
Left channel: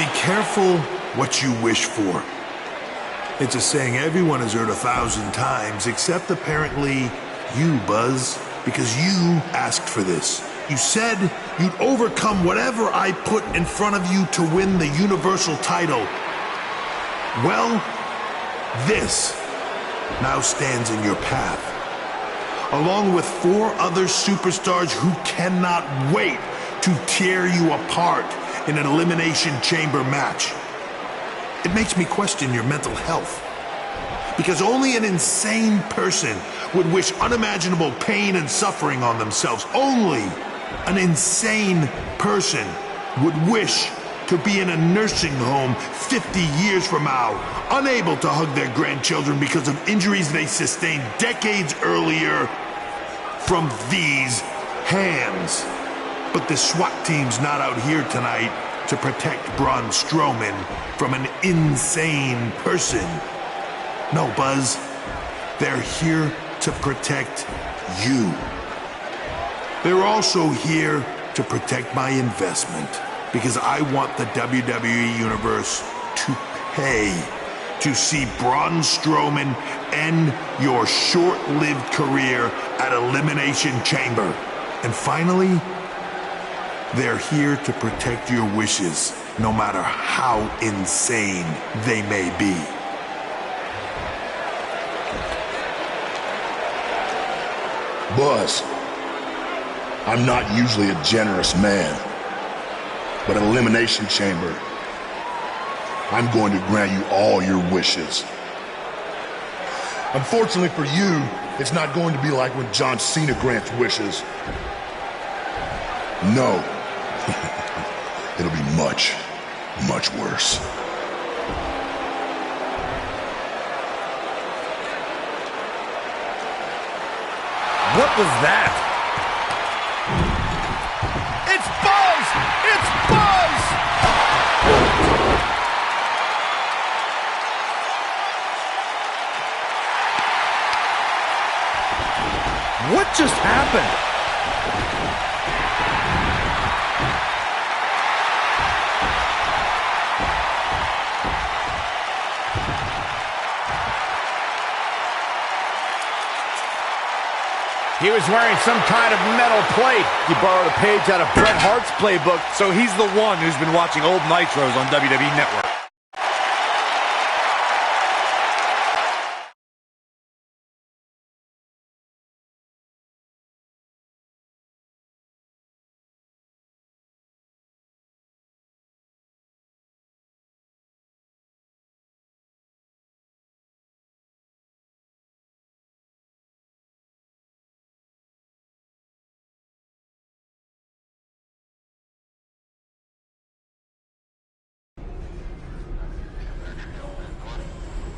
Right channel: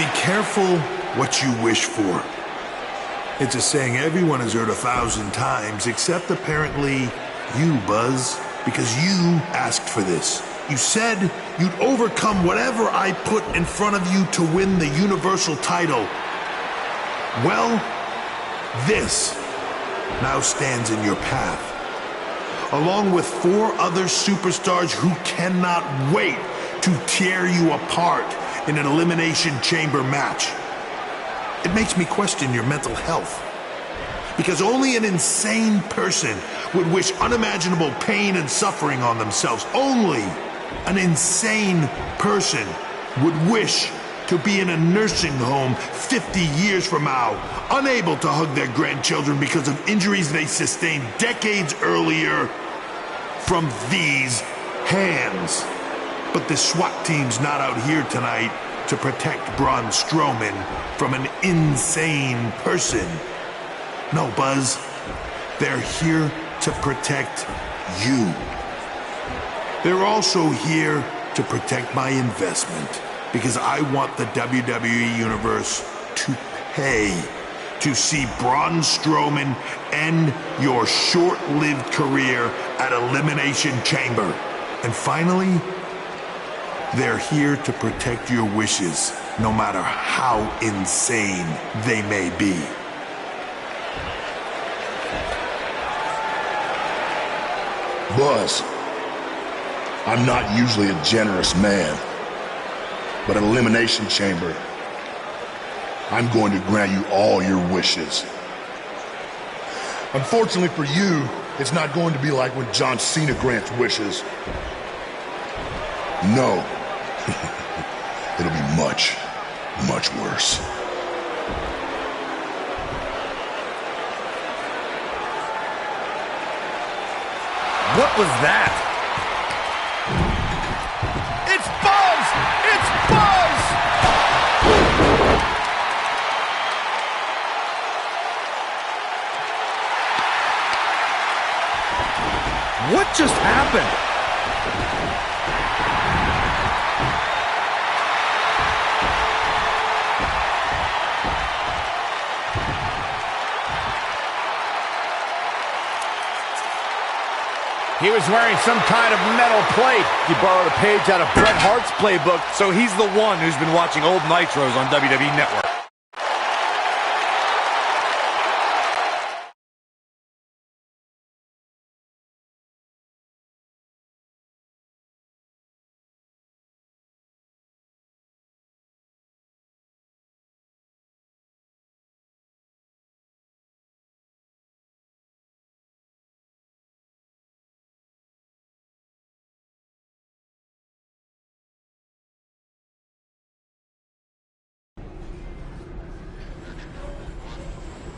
Be careful what you wish for. It's a saying everyone has heard 1,000 times, except apparently you, Buzz, because you asked for this. You said you'd overcome whatever I put in front of you to win the Universal title. Well, this now stands in your path, along with 4 other superstars who cannot wait to tear you apart in an Elimination Chamber match. It makes me question your mental health, because only an insane person would wish unimaginable pain and suffering on themselves. Only an insane person would wish to be in a nursing home 50 years from now, unable to hug their grandchildren because of injuries they sustained decades earlier from these hands. But the SWAT team's not out here tonight to protect Braun Strowman from an insane person. No, Buzz. They're here to protect you. They're also here to protect my investment, because I want the WWE Universe to pay to see Braun Strowman end your short-lived career at Elimination Chamber. And finally, they're here to protect your wishes, no matter how insane they may be. Buzz, I'm not usually a generous man, but at Elimination Chamber, I'm going to grant you all your wishes. Unfortunately for you, it's not going to be like when John Cena grants wishes. No. It'll be much, much worse. What was that? It's Buzz! It's Buzz! What just happened? He was wearing some kind of metal plate. He borrowed a page out of Bret Hart's playbook. So he's the one who's been watching old Nitros on WWE Network.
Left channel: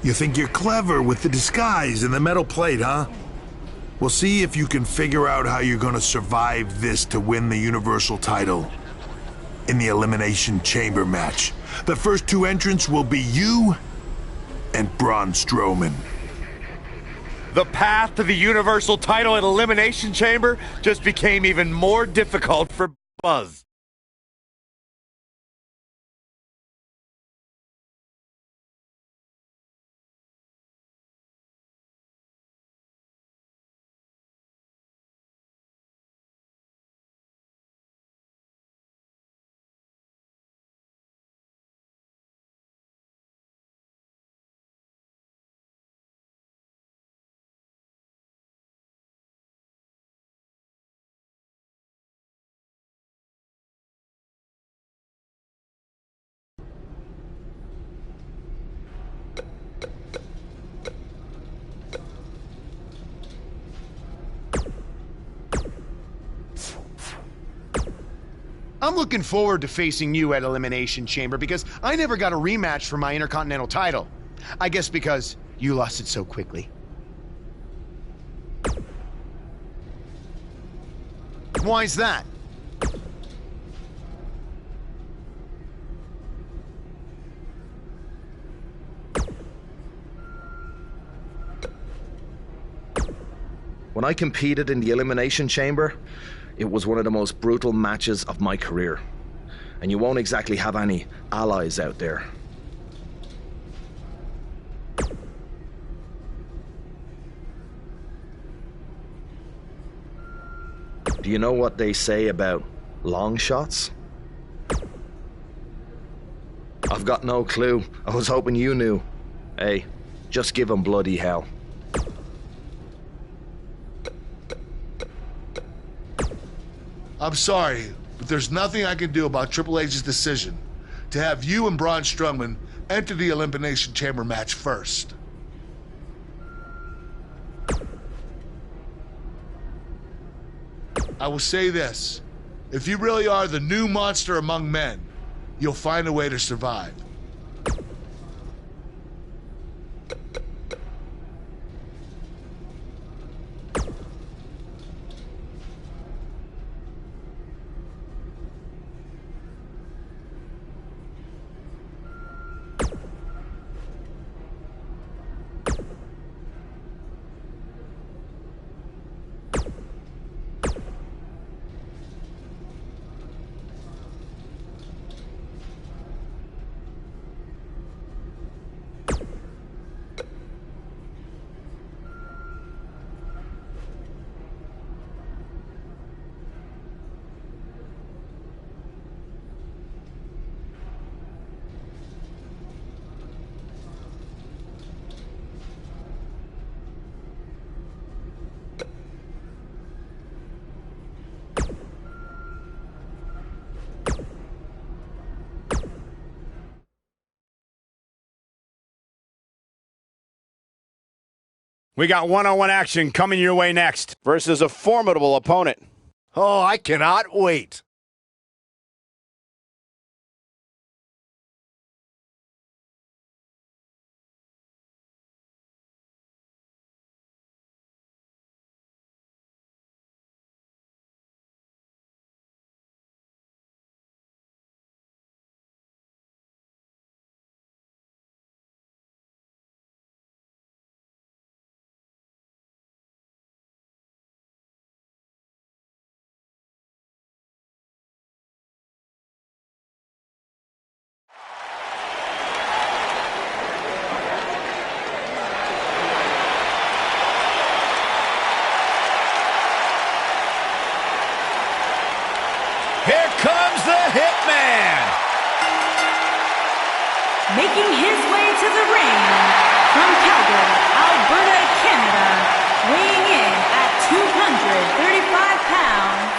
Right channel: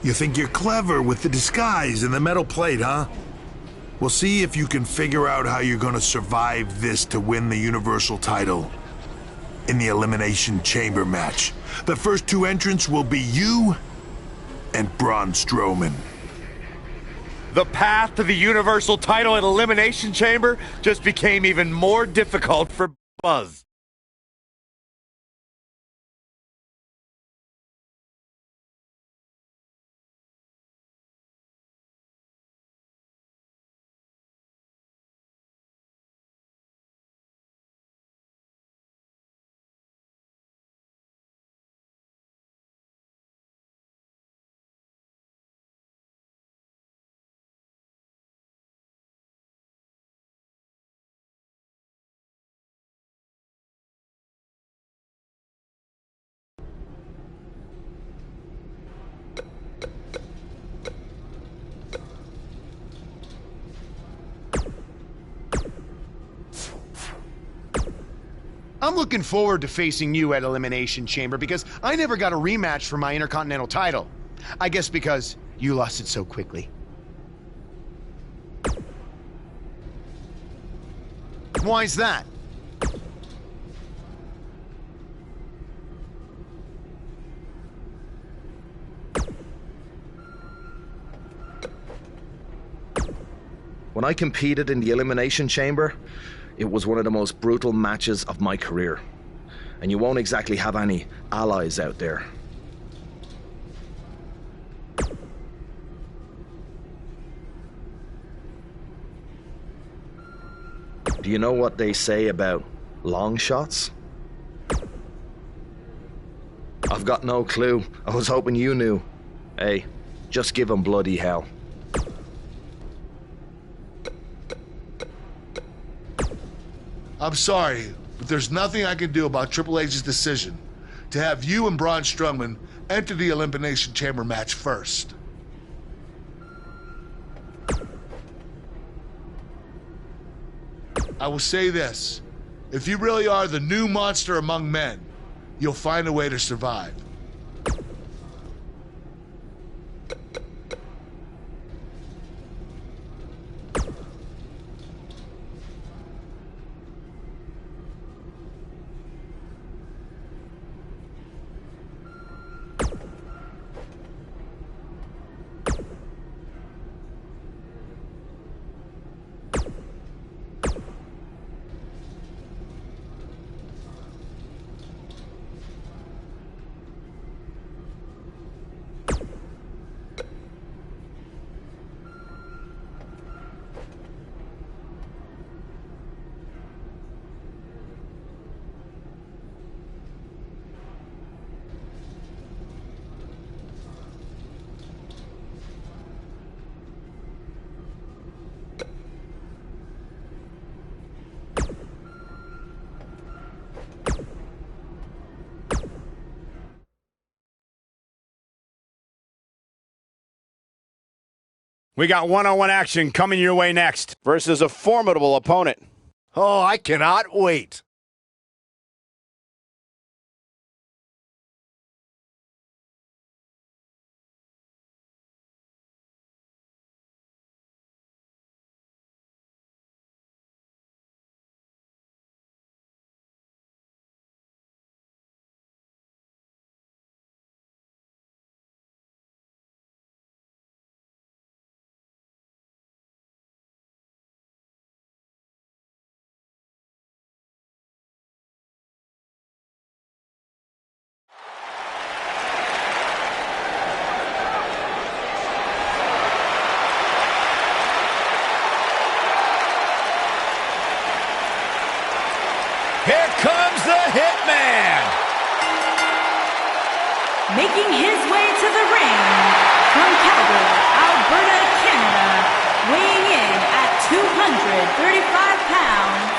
You think you're clever with the disguise and the metal plate, huh? We'll see if you can figure out how you're gonna survive this to win the Universal title in the Elimination Chamber match. The first 2 entrants will be you and Braun Strowman. The path to the Universal title at Elimination Chamber just became even more difficult for Buzz. I'm looking forward to facing you at Elimination Chamber because I never got a rematch for my Intercontinental title. I guess because you lost it so quickly. Why's that? When I competed in the Elimination Chamber, it was one of the most brutal matches of my career. and you won't exactly have any allies out there. Do you know what they say about long shots? I've got no clue. I was hoping you knew. Hey, just give 'em bloody hell. I'm sorry, but there's nothing I can do about Triple H's decision to have you and Braun Strowman enter the Elimination Chamber match first. I will say this. If you really are the new monster among men, you'll find a way to survive. We got one-on-one action coming your way next. Versus a formidable opponent. Oh, I cannot wait. Here comes the Hitman! Making his way to the ring from Calgary, Alberta, Canada, weighing in at 235 pounds,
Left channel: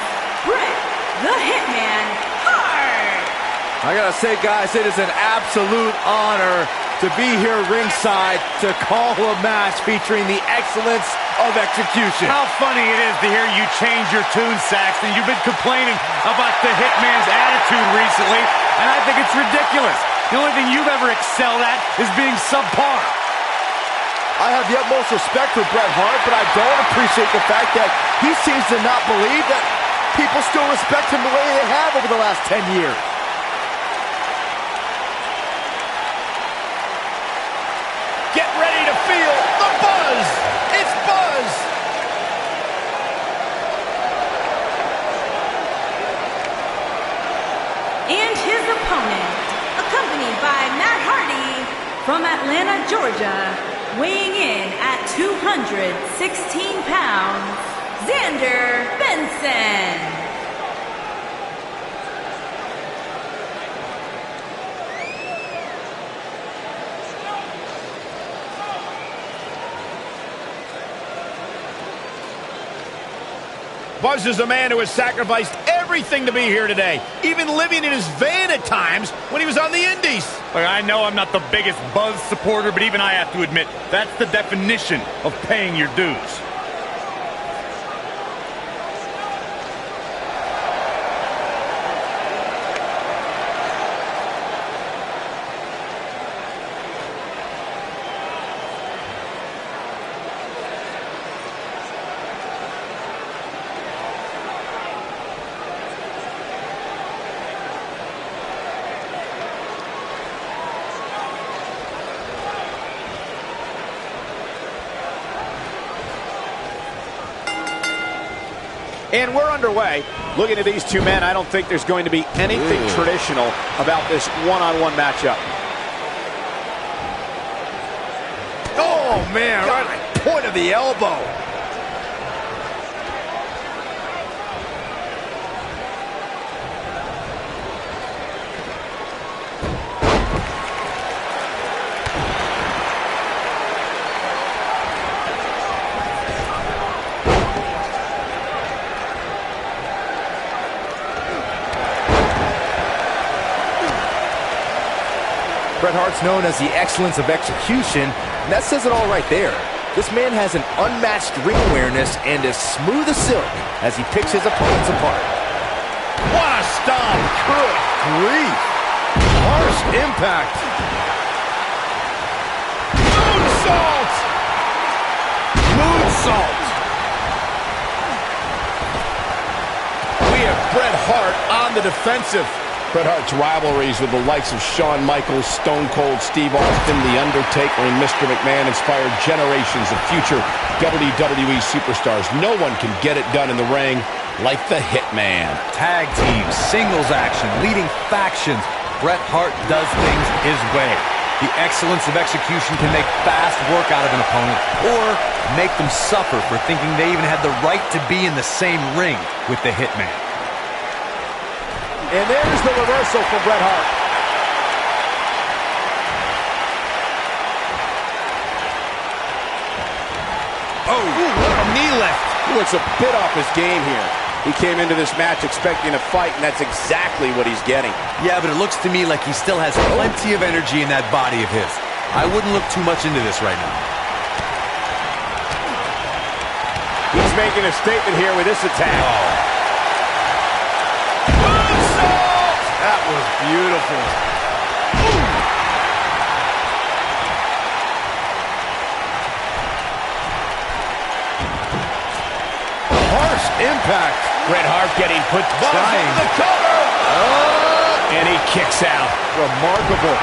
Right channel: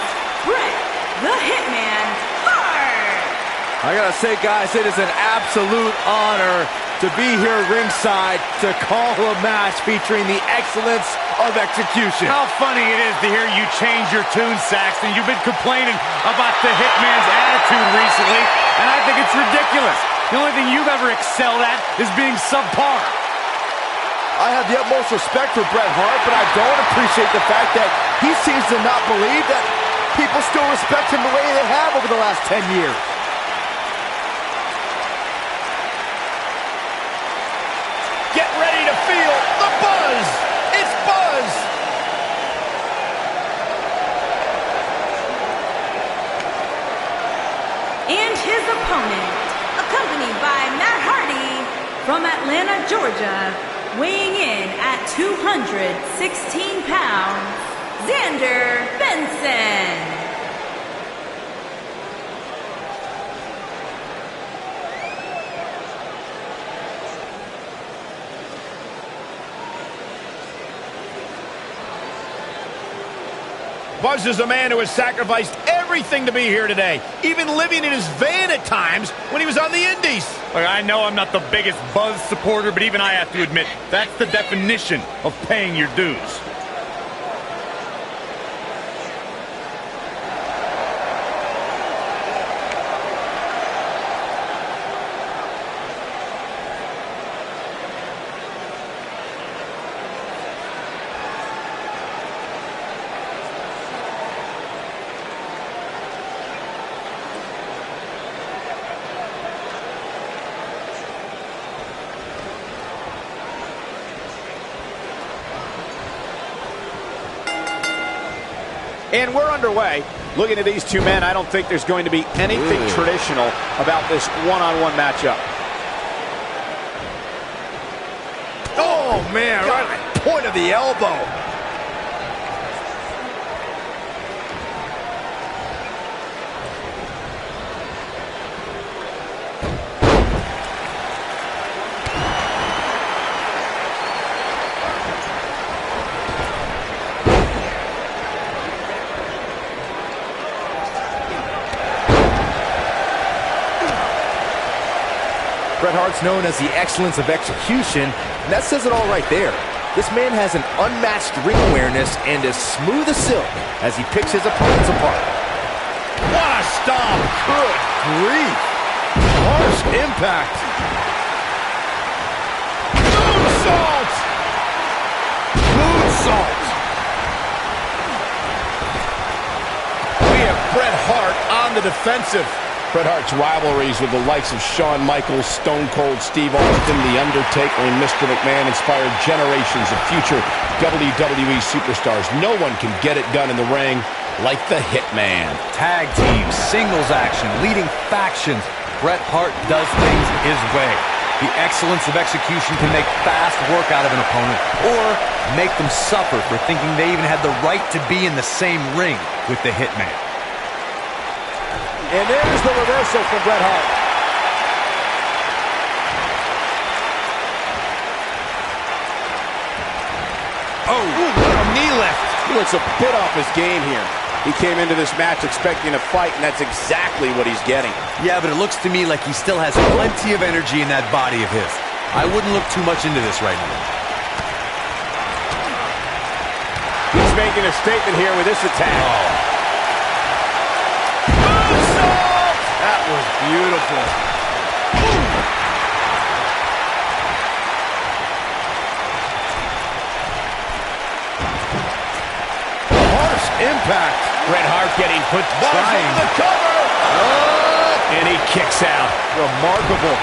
Bret the Hitman Hart! I gotta say, guys, it is an absolute honor to be here ringside to call a match featuring the excellence of execution. How funny it is to hear you change your tune, Saxton. You've been complaining about the Hitman's attitude recently, and I think it's ridiculous. The only thing you've ever excelled at is being subpar. I have the utmost respect for Bret Hart, but I don't appreciate the fact that he seems to not believe that people still respect him the way they have over the last 10 years. Get ready to feel the buzz. It's Buzz. And his opponent, accompanied by Matt Hardy from Atlanta, Georgia, weighing in at 216 pounds, Xander Benson. Buzz is a man who has sacrificed everything to be here today, even living in his van at times when he was on the Indies. Look, I know I'm not the biggest Buzz supporter, but even I have to admit, that's the definition of paying your dues. And we're underway. Looking at these two men, I don't think there's going to be anything traditional about this one-on-one matchup. Oh, man, right at the point of the elbow. Bret Hart's known as the excellence of execution, and that says it all right there. This man has an unmatched ring awareness and is smooth as silk as he picks his opponents apart. What a stomp! Good grief! Harsh impact! Moonsault! Moonsault! We have Bret Hart on the defensive. Bret Hart's rivalries with the likes of Shawn Michaels, Stone Cold Steve Austin, The Undertaker, and Mr. McMahon inspired generations of future WWE superstars. No one can get it done in the ring like the Hitman. Tag teams, singles action, leading factions. Bret Hart does things his way. The excellence of execution can make fast work out of an opponent or make them suffer for thinking they even had the right to be in the same ring with the Hitman. And there's the reversal from Bret Hart. Oh, what a knee lift. He looks a bit off his game here. He came into this match expecting a fight, and that's exactly what he's getting. Yeah, but it looks to me like he still has plenty of energy in that body of his. I wouldn't look too much into this right now. He's making a statement here with this attack. Oh. That was beautiful. Ooh. Harsh impact. Bret Hart getting put Trying. over the cover. Oh. And he kicks out. Remarkable.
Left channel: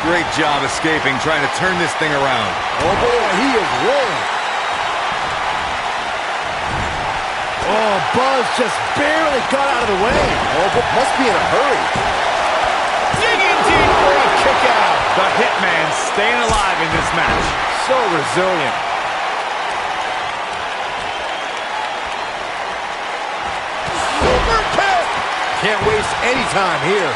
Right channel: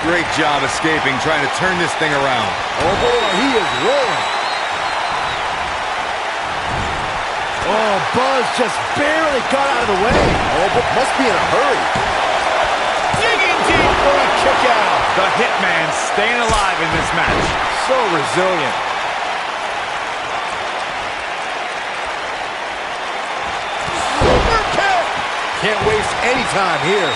Great job escaping, trying to turn this thing around. Oh boy, he is rolling. Oh, Buzz just barely got out of the way. Oh, but must be in a hurry. Digging deep for a kick out. The Hitman staying alive in this match. So resilient. Super kick. Can't waste any time here.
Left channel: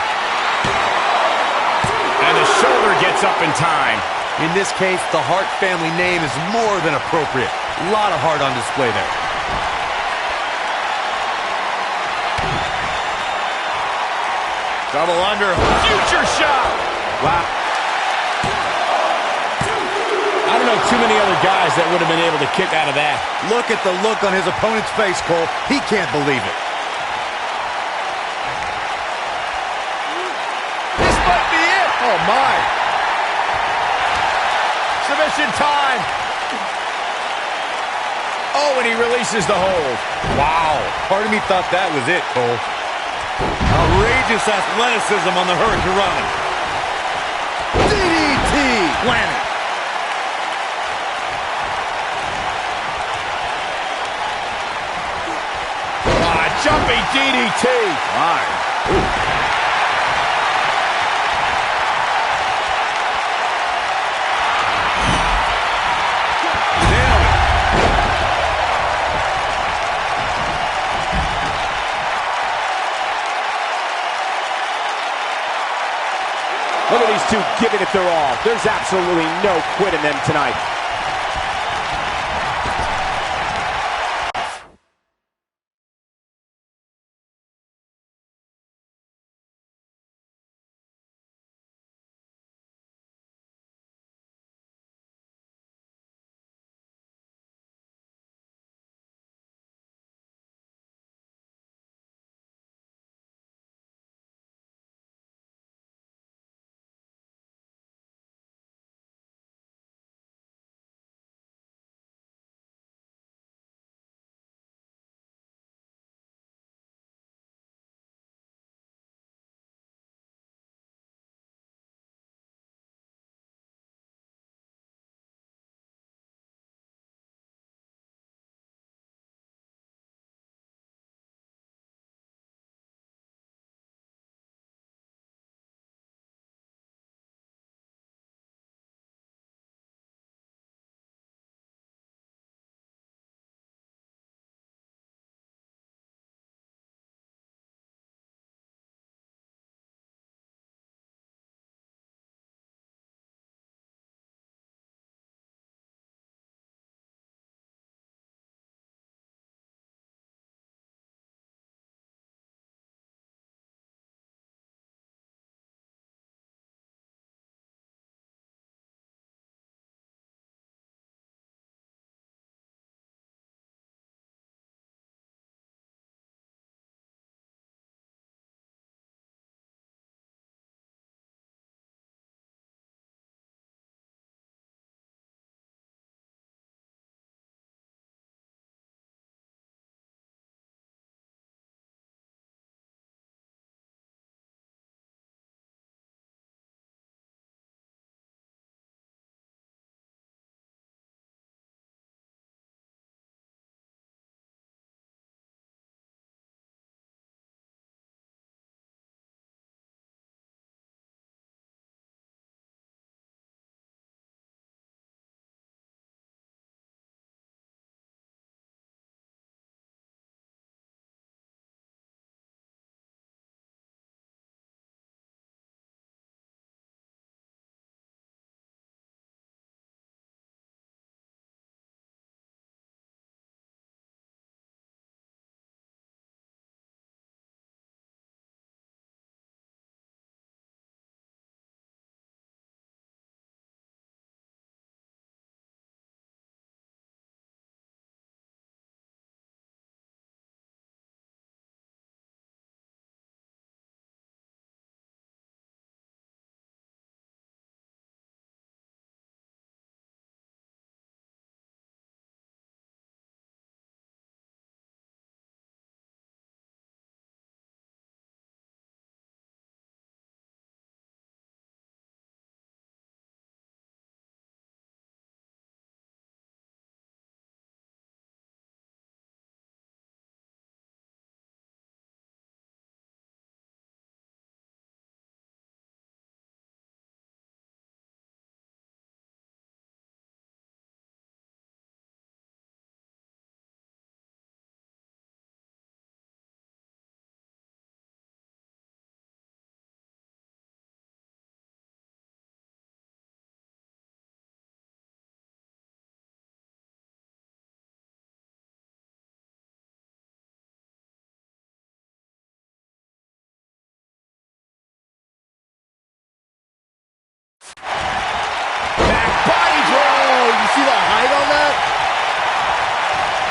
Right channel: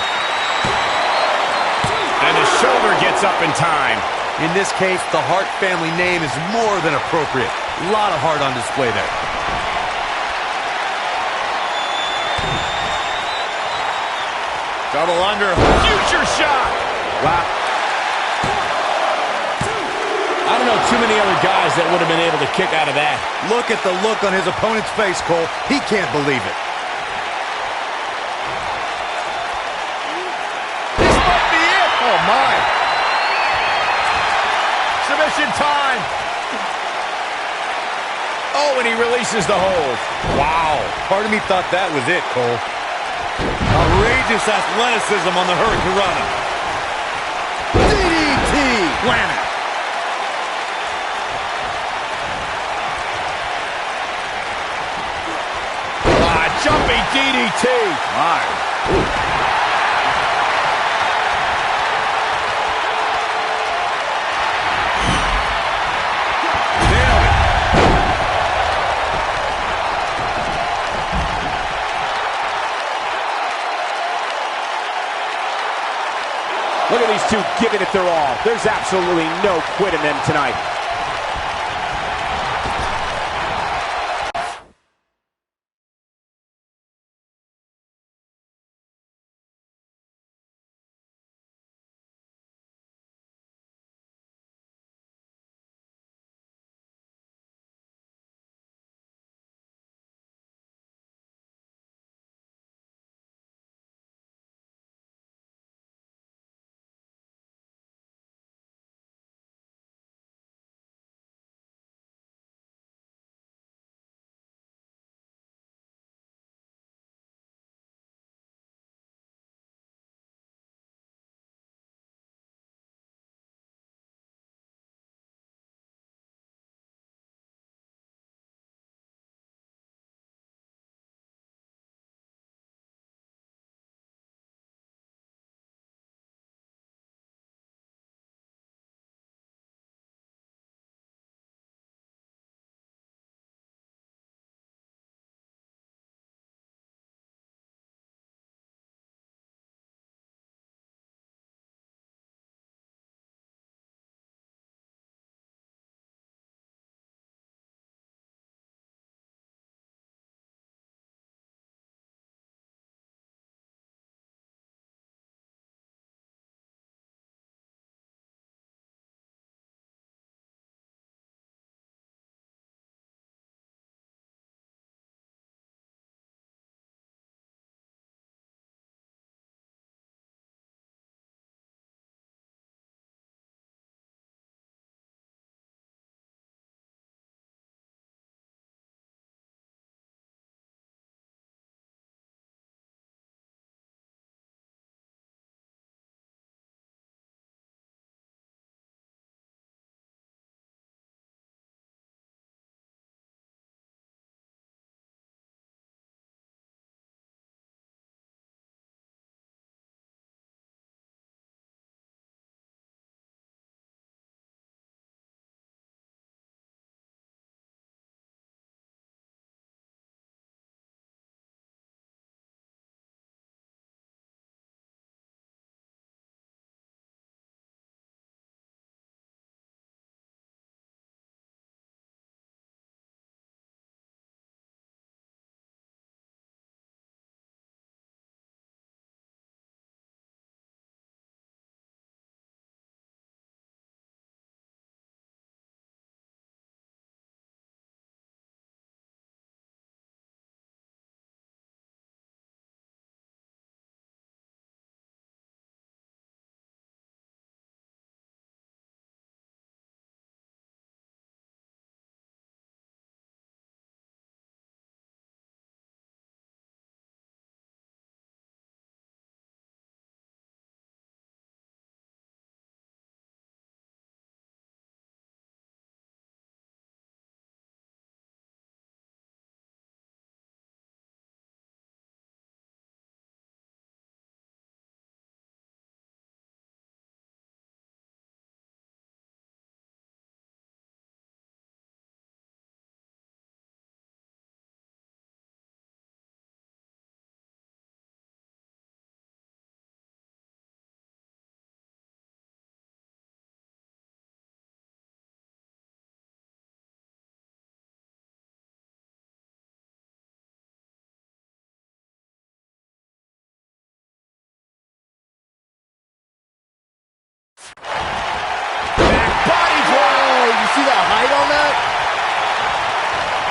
And the shoulder gets up in time. In this case, the Hart family name is more than appropriate. A lot of heart on display there. Double under. Future shot. Wow. I don't know too many other guys that would have been able to kick out of that. Look at the look on his opponent's face, Cole. He can't believe it. This might be it. Oh, my. Submission time. Oh, and he releases the hold. Wow. Part of me thought that was it, Cole. Outrageous athleticism on the Hurricane Rana. DDT! Planet. Jumping DDT. My. Ooh. Nailed it. Look at these two giving it their all. There's absolutely no quit in them tonight.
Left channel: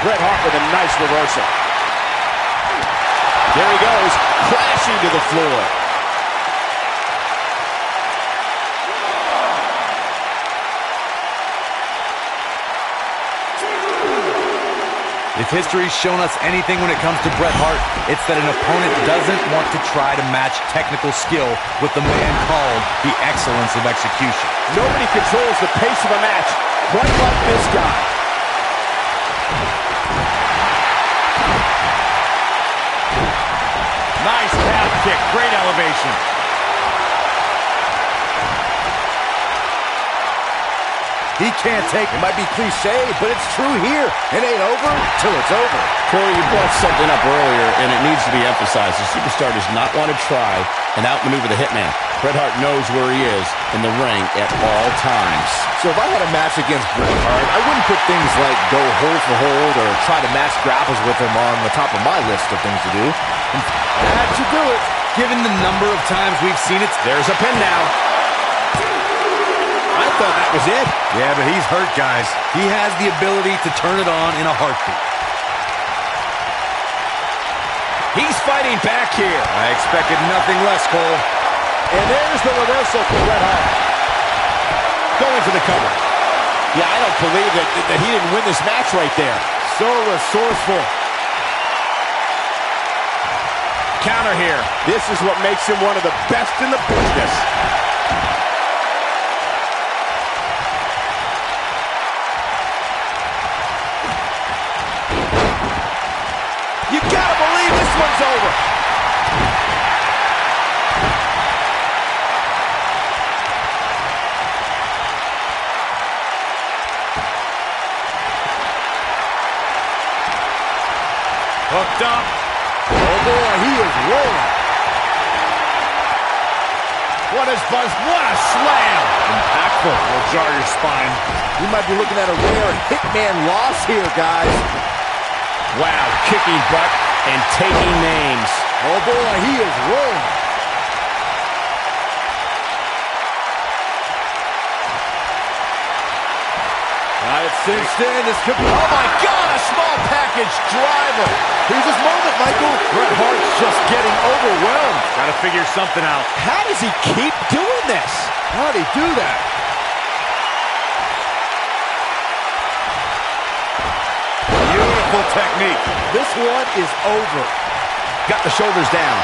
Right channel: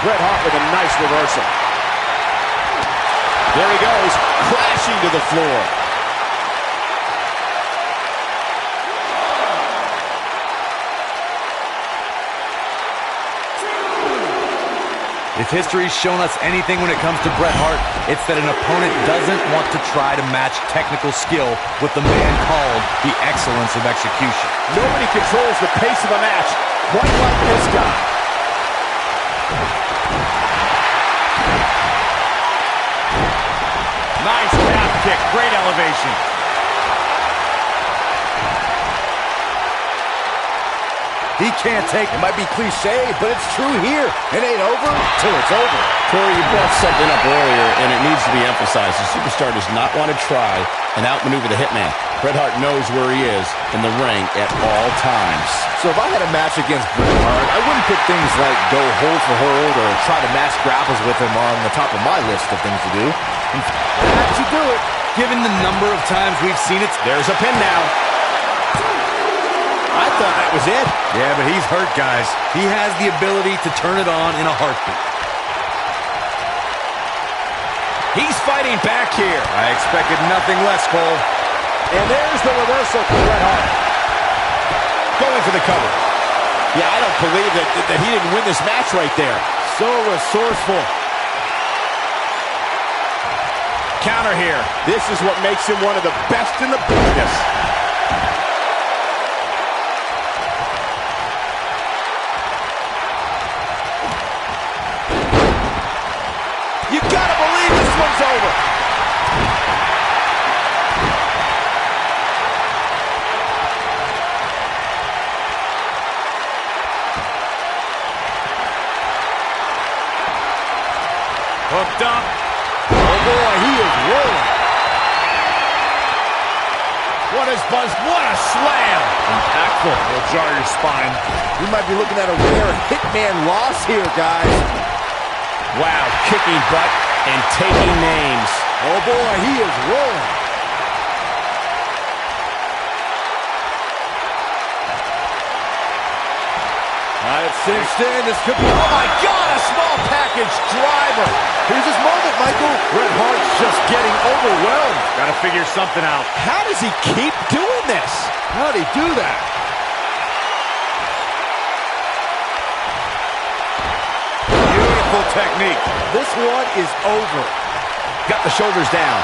Bret Hart with a nice reversal. There he goes, crashing to the floor. If history's shown us anything when it comes to Bret Hart, it's that an opponent doesn't want to try to match technical skill with the man called the excellence of execution. Nobody controls the pace of a match quite like this guy. Nice calf kick, great elevation. He can't take it. Might be cliche, but it's true here. It ain't over till it's over. Corey, you brought something up earlier, and it needs to be emphasized. The superstar does not want to try and outmaneuver the hitman. Bret Hart knows where he is in the ring at all times. So if I had a match against Bret Hart, I wouldn't put things like go hold for hold or try to match grapples with him on the top of my list of things to do. That should do it. Given the number of times we've seen it, There's a pin now. I thought that was it. yeah, but he's hurt, guys. He has the ability to turn it on in a heartbeat. He's fighting back here. I expected nothing less, Cole. And there's the reversal for Bret Hart. Going for the cover. Yeah, I don't believe that he didn't win this match right there. So resourceful. Counter here. This is what makes him one of the best in the business. You gotta believe this one's over. Hooked up. Oh boy, he is rolling. What is buzz? What a slam. Impactful. Will jar your spine. We might be looking at a rare hitman loss here, guys. Wow, kicking butt and taking names. Oh boy, he is rolling. It's cinched in. This could be... Oh my God, a small package driver. Here's his moment, Michael. Bret Hart's just getting overwhelmed. Got to figure something out. How does he keep doing this? How'd he do that? Beautiful technique. This one is over. Got the shoulders down.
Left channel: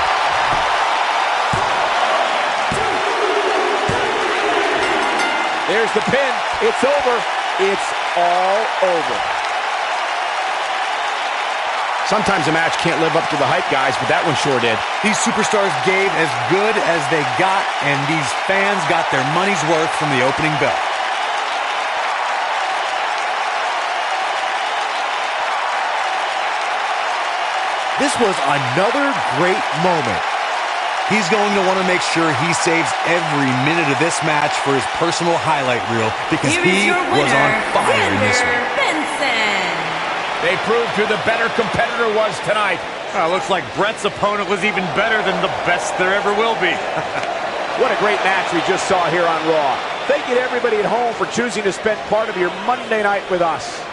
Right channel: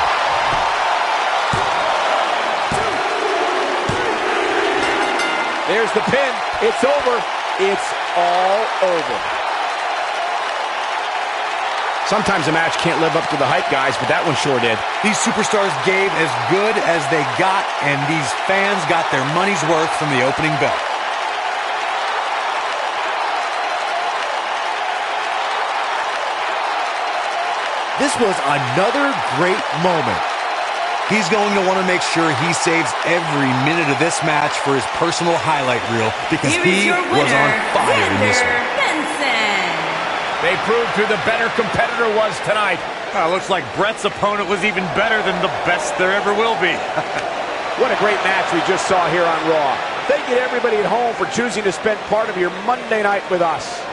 There's the pin. It's over. It's all over. Sometimes a match can't live up to the hype, guys, but that one sure did. These superstars gave as good as they got, and these fans got their money's worth from the opening bell. This was another great moment. He's going to want to make sure he saves every minute of this match for his personal highlight reel because he was on fire in this one. Benson. They proved who the better competitor was tonight. Looks like Bret's opponent was even better than the best there ever will be. What a great match we just saw here on Raw. Thank you to everybody at home for choosing to spend part of your Monday night with us.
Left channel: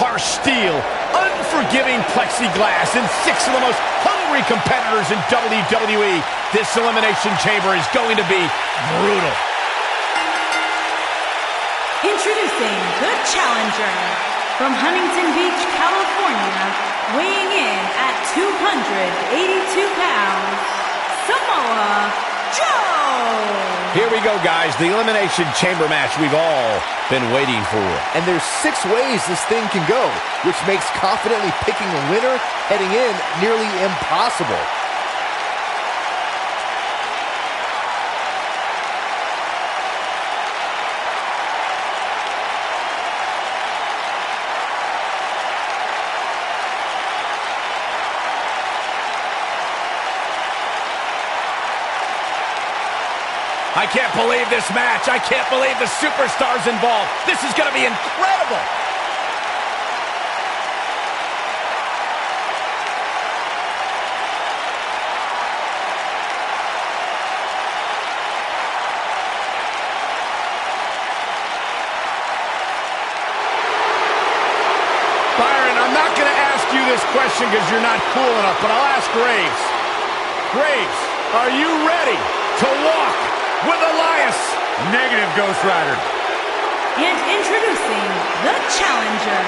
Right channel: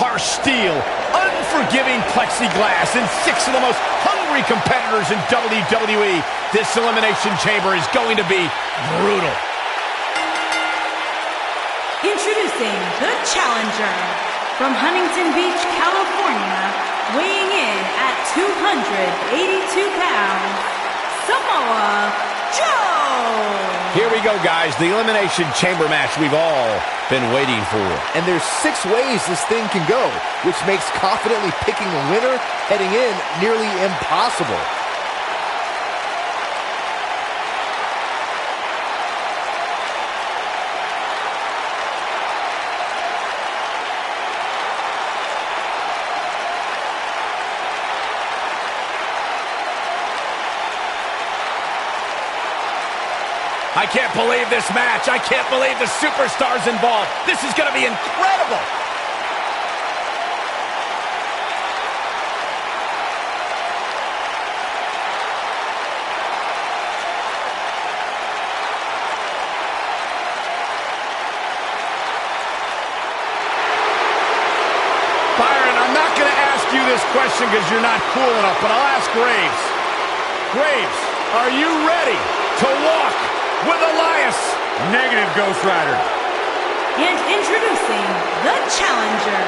harsh steel, unforgiving plexiglass, and 6 of the most hungry competitors in WWE, this Elimination Chamber is going to be brutal. Introducing the challenger from Huntington Beach, California, weighing in at 282 pounds, Samoa Joe! Here we go, guys. The Elimination Chamber match we've all been waiting for. And there's 6 ways this thing can go, which makes confidently picking a winner heading in nearly impossible. I can't believe this match. I can't believe the superstars involved. This is going to be incredible. Byron, I'm not going to ask you this question because you're not cool enough, but I'll ask Graves. Graves, are you ready to walk with Elias? Negative, Ghost Rider. And introducing the challenger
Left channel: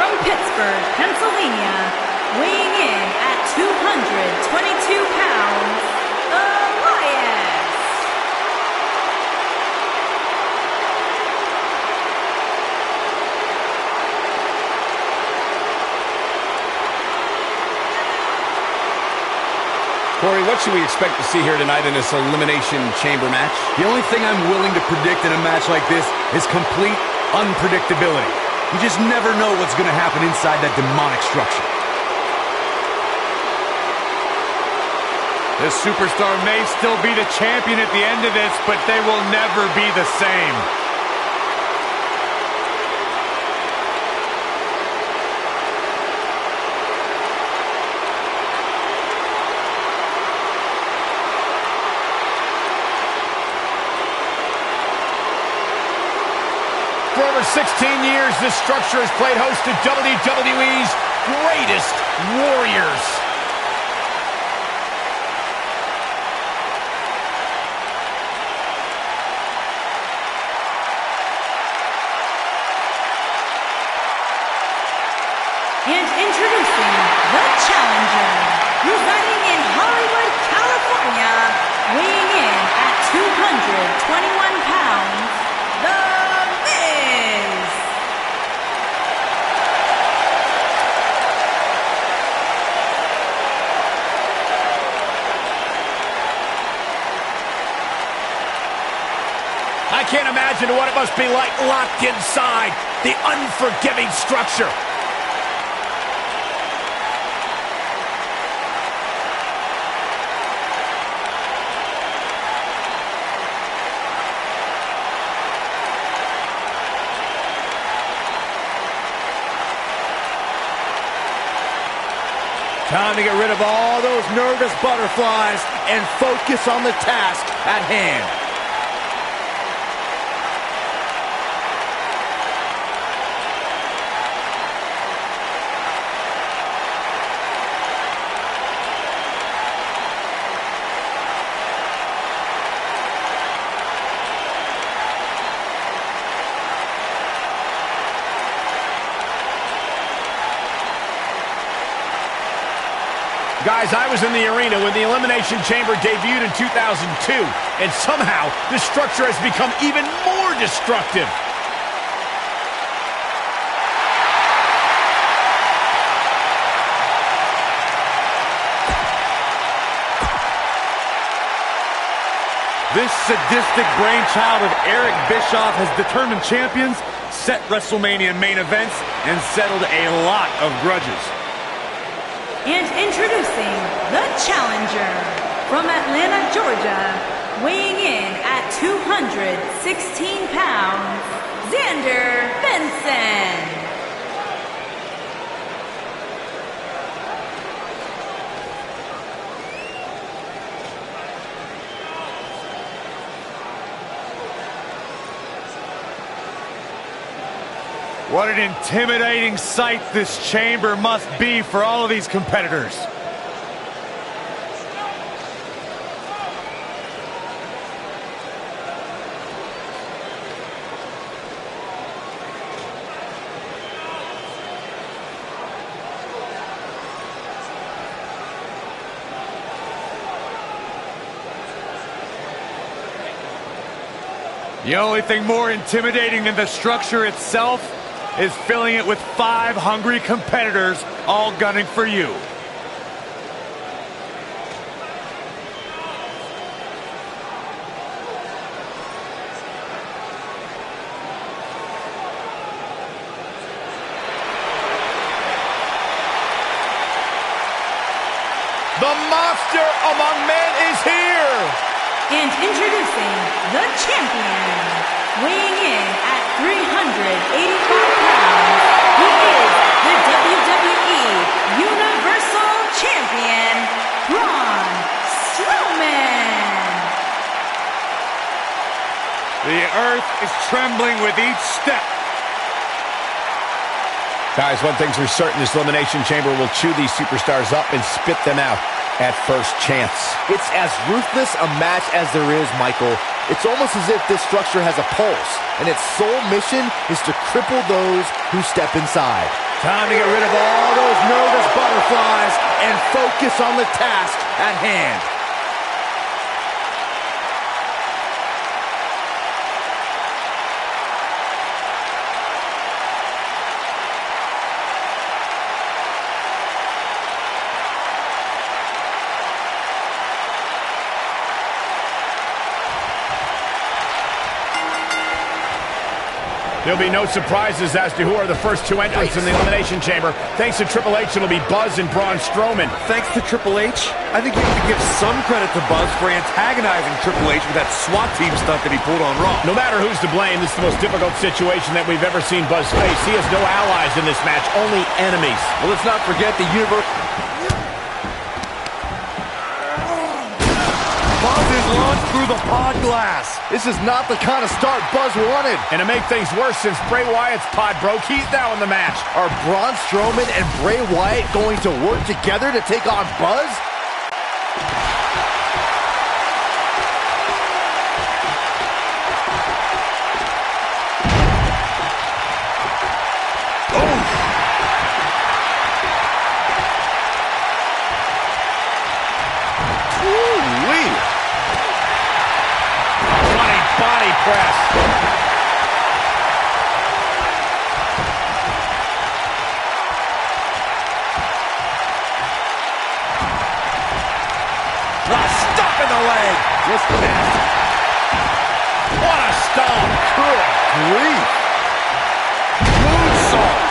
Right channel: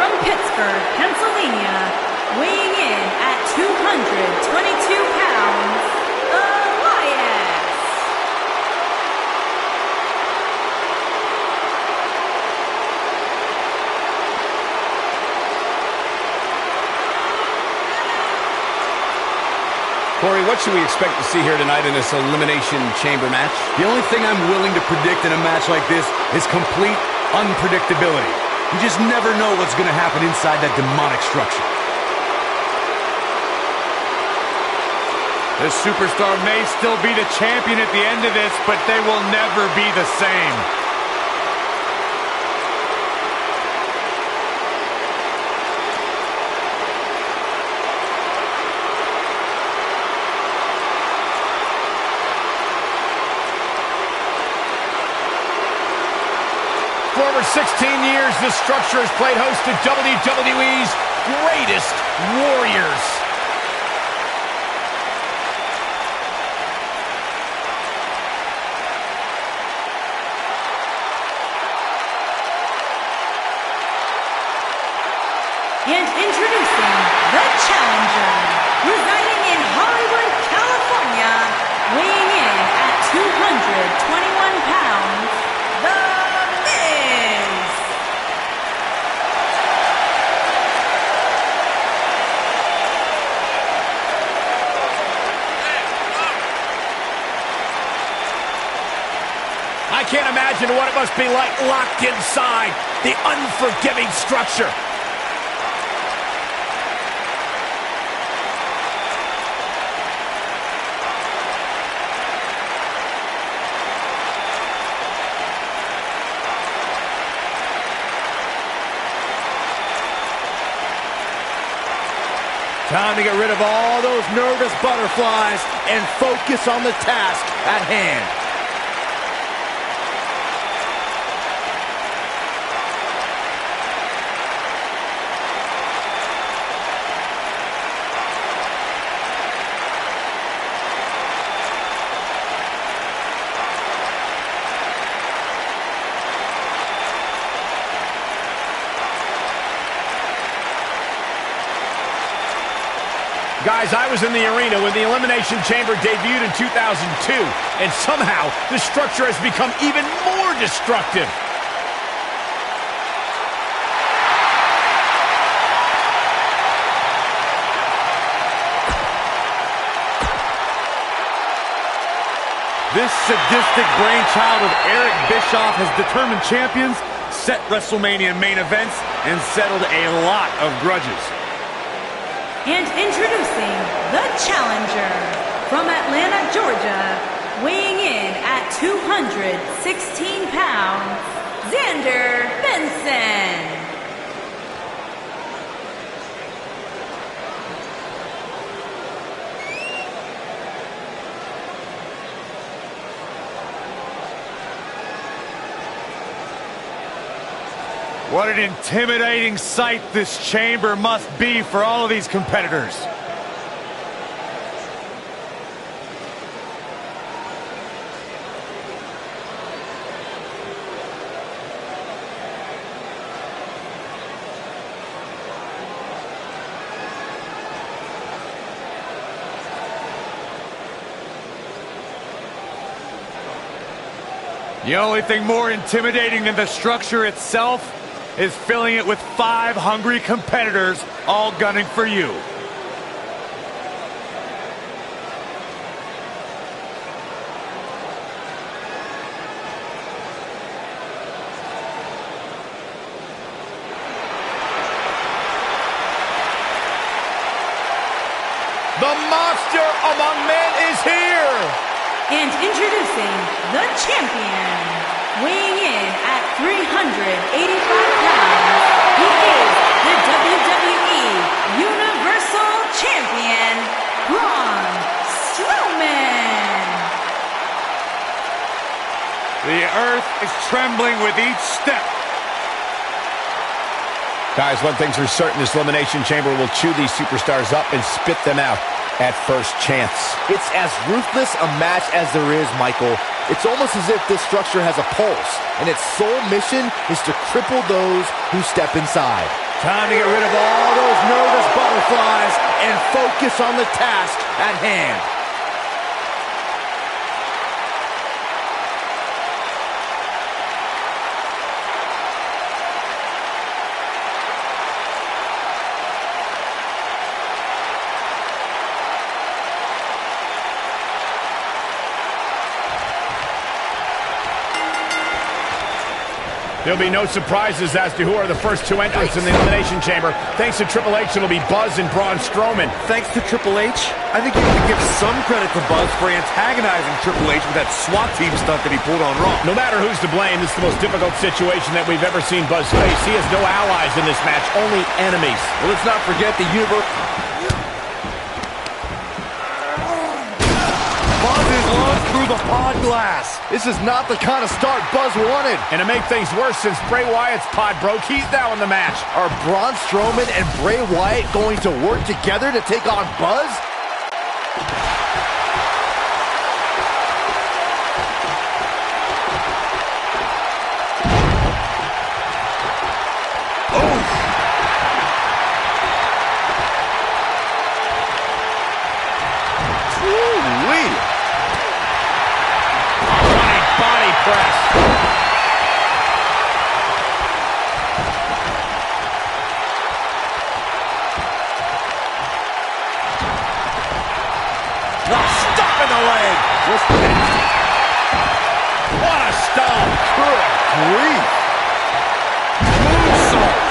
from Pittsburgh, Pennsylvania, weighing in at 222 pounds, Elias. Corey, what should we expect to see here tonight in this Elimination Chamber match? The only thing I'm willing to predict in a match like this is complete unpredictability. You just never know what's going to happen inside that demonic structure. This superstar may still be the champion at the end of this, but they will never be the same. For over 16 years, this structure has played host to WWE's greatest warriors. And introducing the challenger, residing in Hollywood, California, weighing in at 221 pounds, The Miz. I can't imagine what it must be like locked inside the unforgiving structure. Time to get rid of all those nervous butterflies and focus on the task at hand. Guys, I was in the arena when the Elimination Chamber debuted in 2002, and somehow this structure has become even more destructive. This sadistic brainchild of Eric Bischoff has determined champions, set WrestleMania main events, and settled a lot of grudges. And introducing the challenger from Atlanta, Georgia, weighing in at 216 pounds, Xander Benson. What an intimidating sight this chamber must be for all of these competitors. The only thing more intimidating than the structure itself is filling it with 5 hungry competitors all gunning for you. The monster among men is here! And introducing the champion, weighing in at 385 pounds, he is the WWE Universal Champion, Braun Strowman. The earth is trembling with each step. Guys, one thing's for certain, this Elimination Chamber will chew these superstars up and spit them out at first chance. It's as ruthless a match as there is, Michael. It's almost as if this structure has a pulse, and its sole mission is to cripple those who step inside. Time to get rid of all those nervous butterflies and focus on the task at hand. There'll be no surprises as to who are the first 2 entrants in the Elimination Chamber. Thanks to Triple H, it'll be Buzz and Braun Strowman. Thanks to Triple H, I think you have to give some credit to Buzz for antagonizing Triple H with that SWAT team stunt that he pulled on Raw. No matter who's to blame, this is the most difficult situation that we've ever seen Buzz face. He has no allies in this match, only enemies. Well, let's not forget the universe. Buzz is launched through the pod glass. This is not the kind of start Buzz wanted. And to make things worse, since Bray Wyatt's pod broke, he's now in the match. Are Braun Strowman and Bray Wyatt going to work together to take on Buzz? Body press. A stop in the leg. Just nasty. What a stomp. Good grief. Moonsault.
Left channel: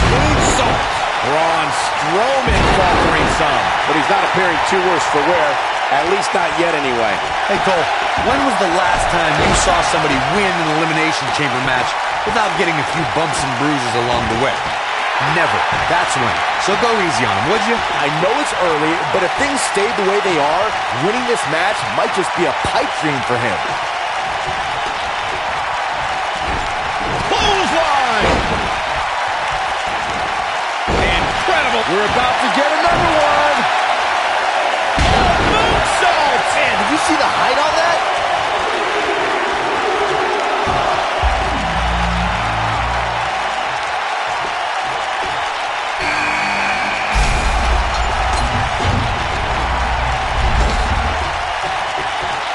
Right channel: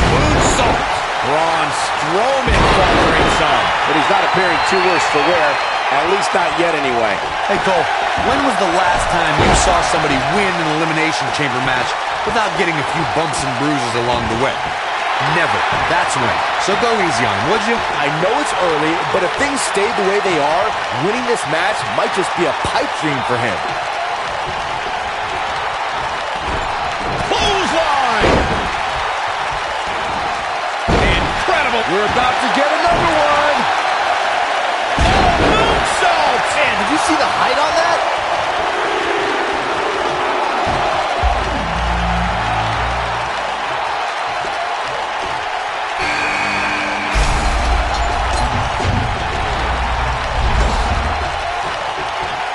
Moonsault. Braun Strowman faltering some. But he's not appearing too worse for wear. At least not yet, anyway. Hey, Cole, when was the last time you saw somebody win an Elimination Chamber match without getting a few bumps and bruises along the way? Never. That's when. So go easy on him, would you? I know it's early, but if things stayed the way they are, winning this match might just be a pipe dream for him. Clothesline! Incredible. We're about to get another one. Man, did you see the height on that?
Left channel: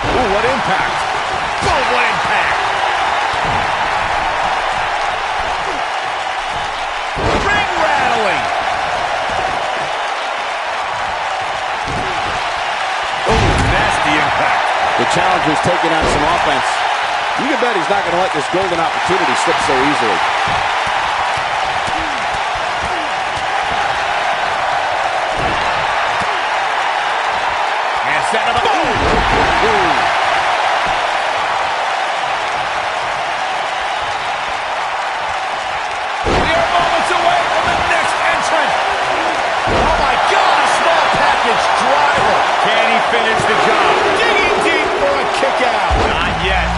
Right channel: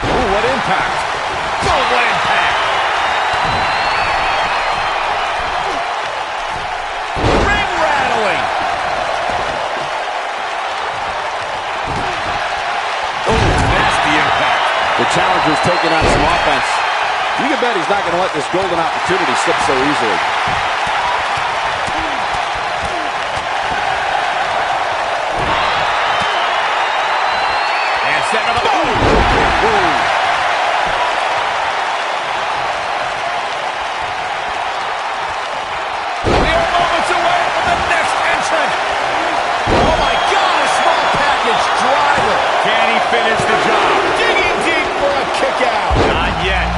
Ooh, what impact. Boom, what impact. Ring rattling. Impact. The challenger's taking on some offense. You can bet he's not going to let this golden opportunity slip so easily. And setting up a boom! Ooh. We are moments away from the next entrant. Oh my God, a small package driver. Can he finish the job? Digging deep for a kick out. Not yet.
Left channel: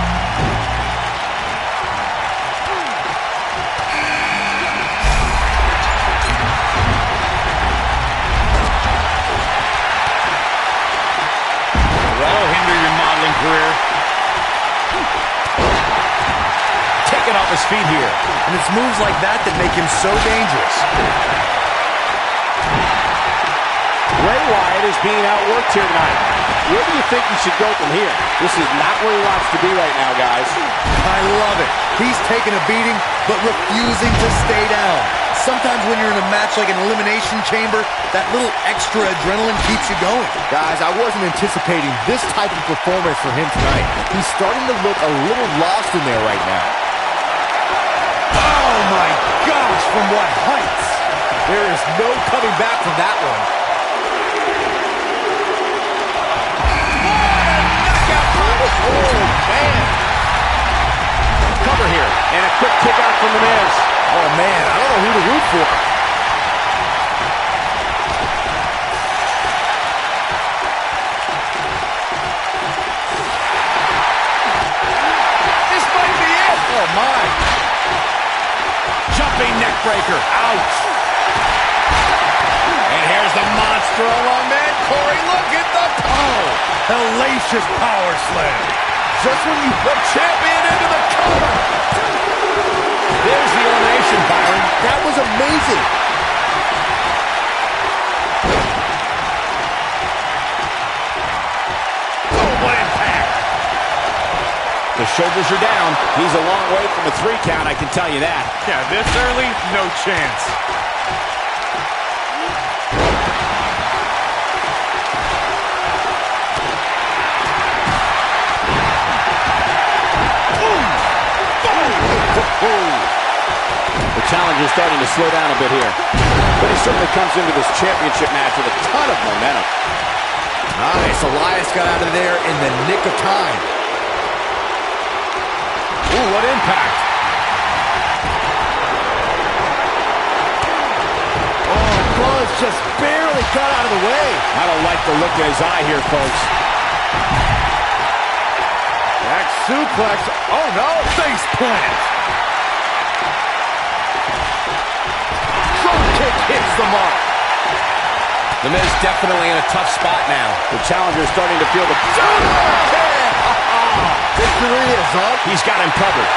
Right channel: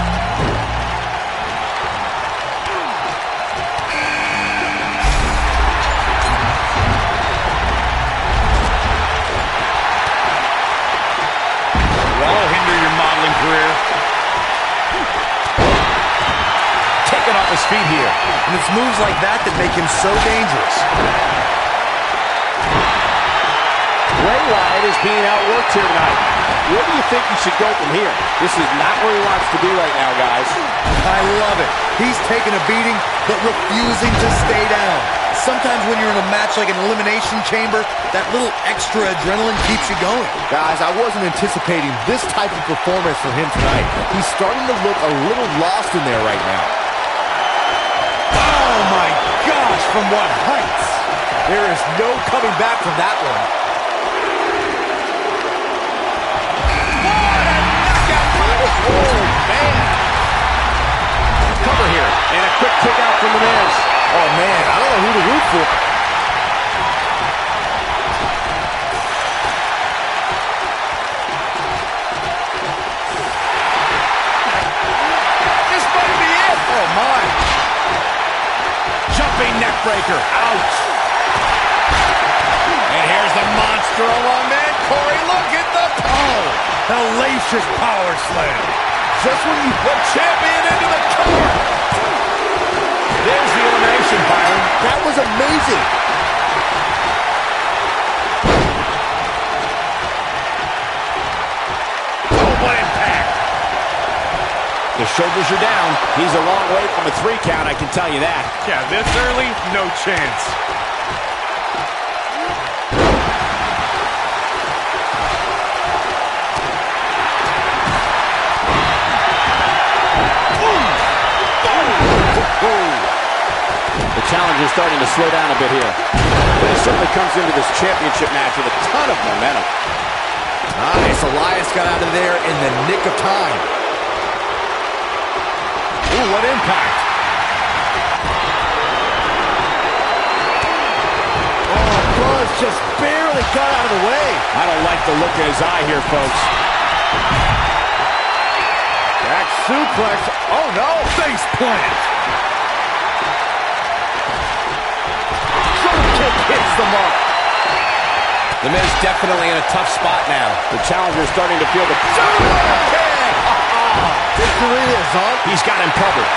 career. Taken off his feet here. And it's moves like that that make him so dangerous. Bray Wyatt is being outworked here tonight. Where do you think he should go from here? This is not where he wants to be right now, guys. I love it. He's taking a beating, but refusing to stay down. Sometimes when you're in a match like an elimination chamber, that little extra adrenaline keeps you going. Guys, I wasn't anticipating this type of performance from him tonight. He's starting to look a little lost in there right now. Oh my gosh, from what heights? There is no coming back from that one. What a knockout punch! Oh, man! Cover here, and a quick kick out from The Miz. Oh man, I don't know who to root for. This might be it! Oh my! Jumping neck breaker. Ouch. And here's the monster among men. Corey, look at the Hellacious power slam. just when you put champion into the cover. There's the elimination, Byron. That was amazing. Oh, what impact. The shoulders are down. He's a long way from a 3 count, I can tell you that. Yeah, this early, no chance. The challenger's starting to slow down a bit here. But he certainly comes into this championship match with a ton of momentum. Nice, Elias got out of there in the nick of time. Ooh, what impact. Oh, Buzz just barely got out of the way. I don't like the look in his eye here, folks. Back suplex. Oh, no. Face plant. Drop kick hits the mark. The Miz definitely in a tough spot now. The challenger is starting to feel the... Victory is up. He's got him covered.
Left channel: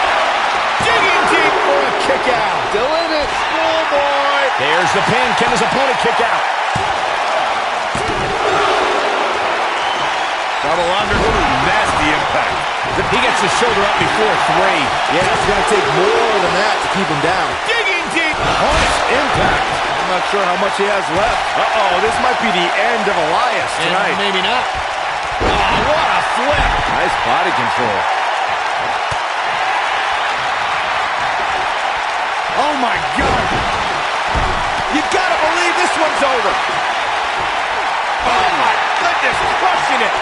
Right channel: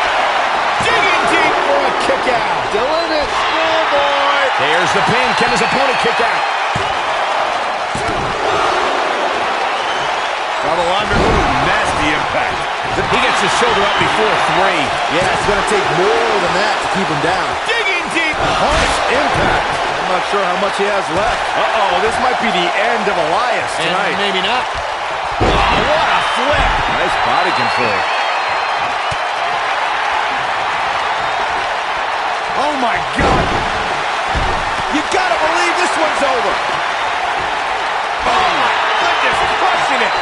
Digging deep for a kick out. Doing it. Schoolboy. There's the pin. Can his opponent kick out? Double under. Ooh, nasty impact. He gets his shoulder up before 3. Yeah, it's going to take more than that to keep him down. Digging deep. Harsh impact. I'm not sure how much he has left. Uh-oh, this might be the end of Elias tonight. And maybe not. Oh, what a flip. Nice body control. Oh, my God. You gotta believe this one's over. Oh, my goodness, crushing it.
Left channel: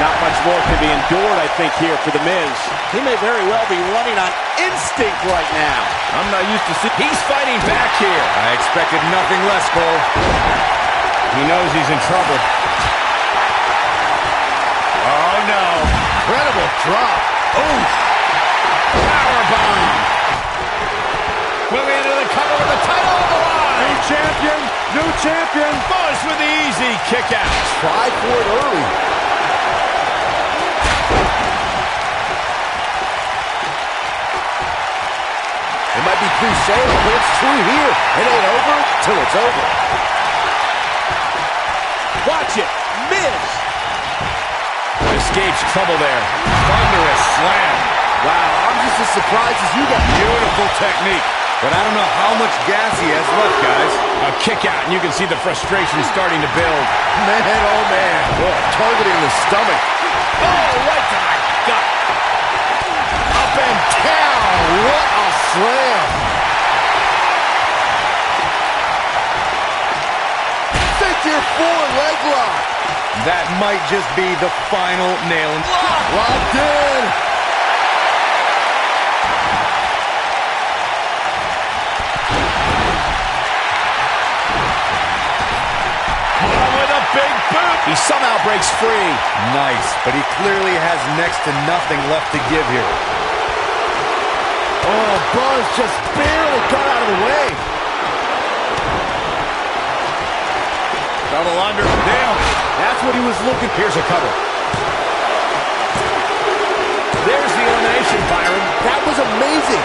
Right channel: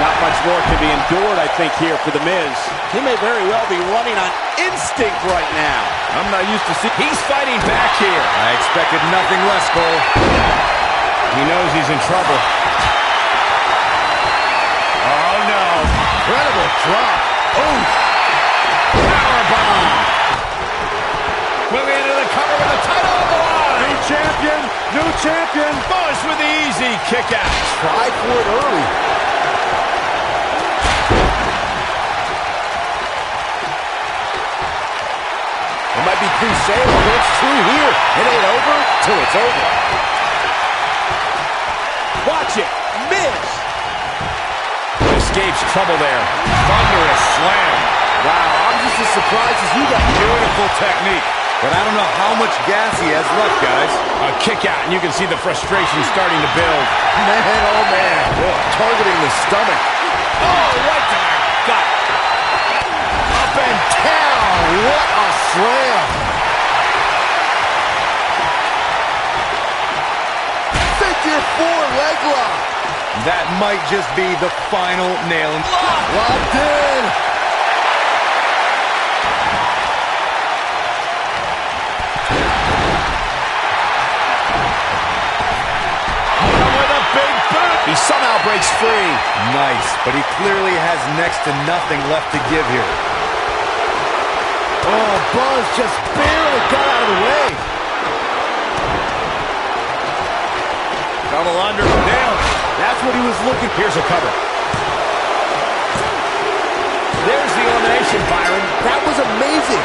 Not much more can be endured, I think, here for The Miz. He may very well be running on instinct right now. I'm not used to seeing... He's fighting back here. I expected nothing less, Cole. He knows he's in trouble. Oh, no. Incredible drop. Oof. Powerbomb. Moving into the cover with the title on the line. New champion, new champion. Buzz with the easy kick out. Tried for it early. It might be cliche, but it's true here. It ain't over till it's over. Watch it. Miz. Escapes trouble there. Thunderous slam. Wow, I'm just as surprised as you got. Beautiful technique. But I don't know how much gas he has left, guys. A kick out, and you can see the frustration starting to build. Man, oh man. Targeting the stomach. Oh, right to the gut. Up and down. What a slam. Figure 4 leg lock. That might just be the final nail in. Locked in. Big boot. He somehow breaks free. Nice, but he clearly has next to nothing left to give here. Oh, Buzz just barely got out of the way. Double under. Nailed it. That's what he was looking. Here's a cover. There's the elimination, Byron. That was amazing.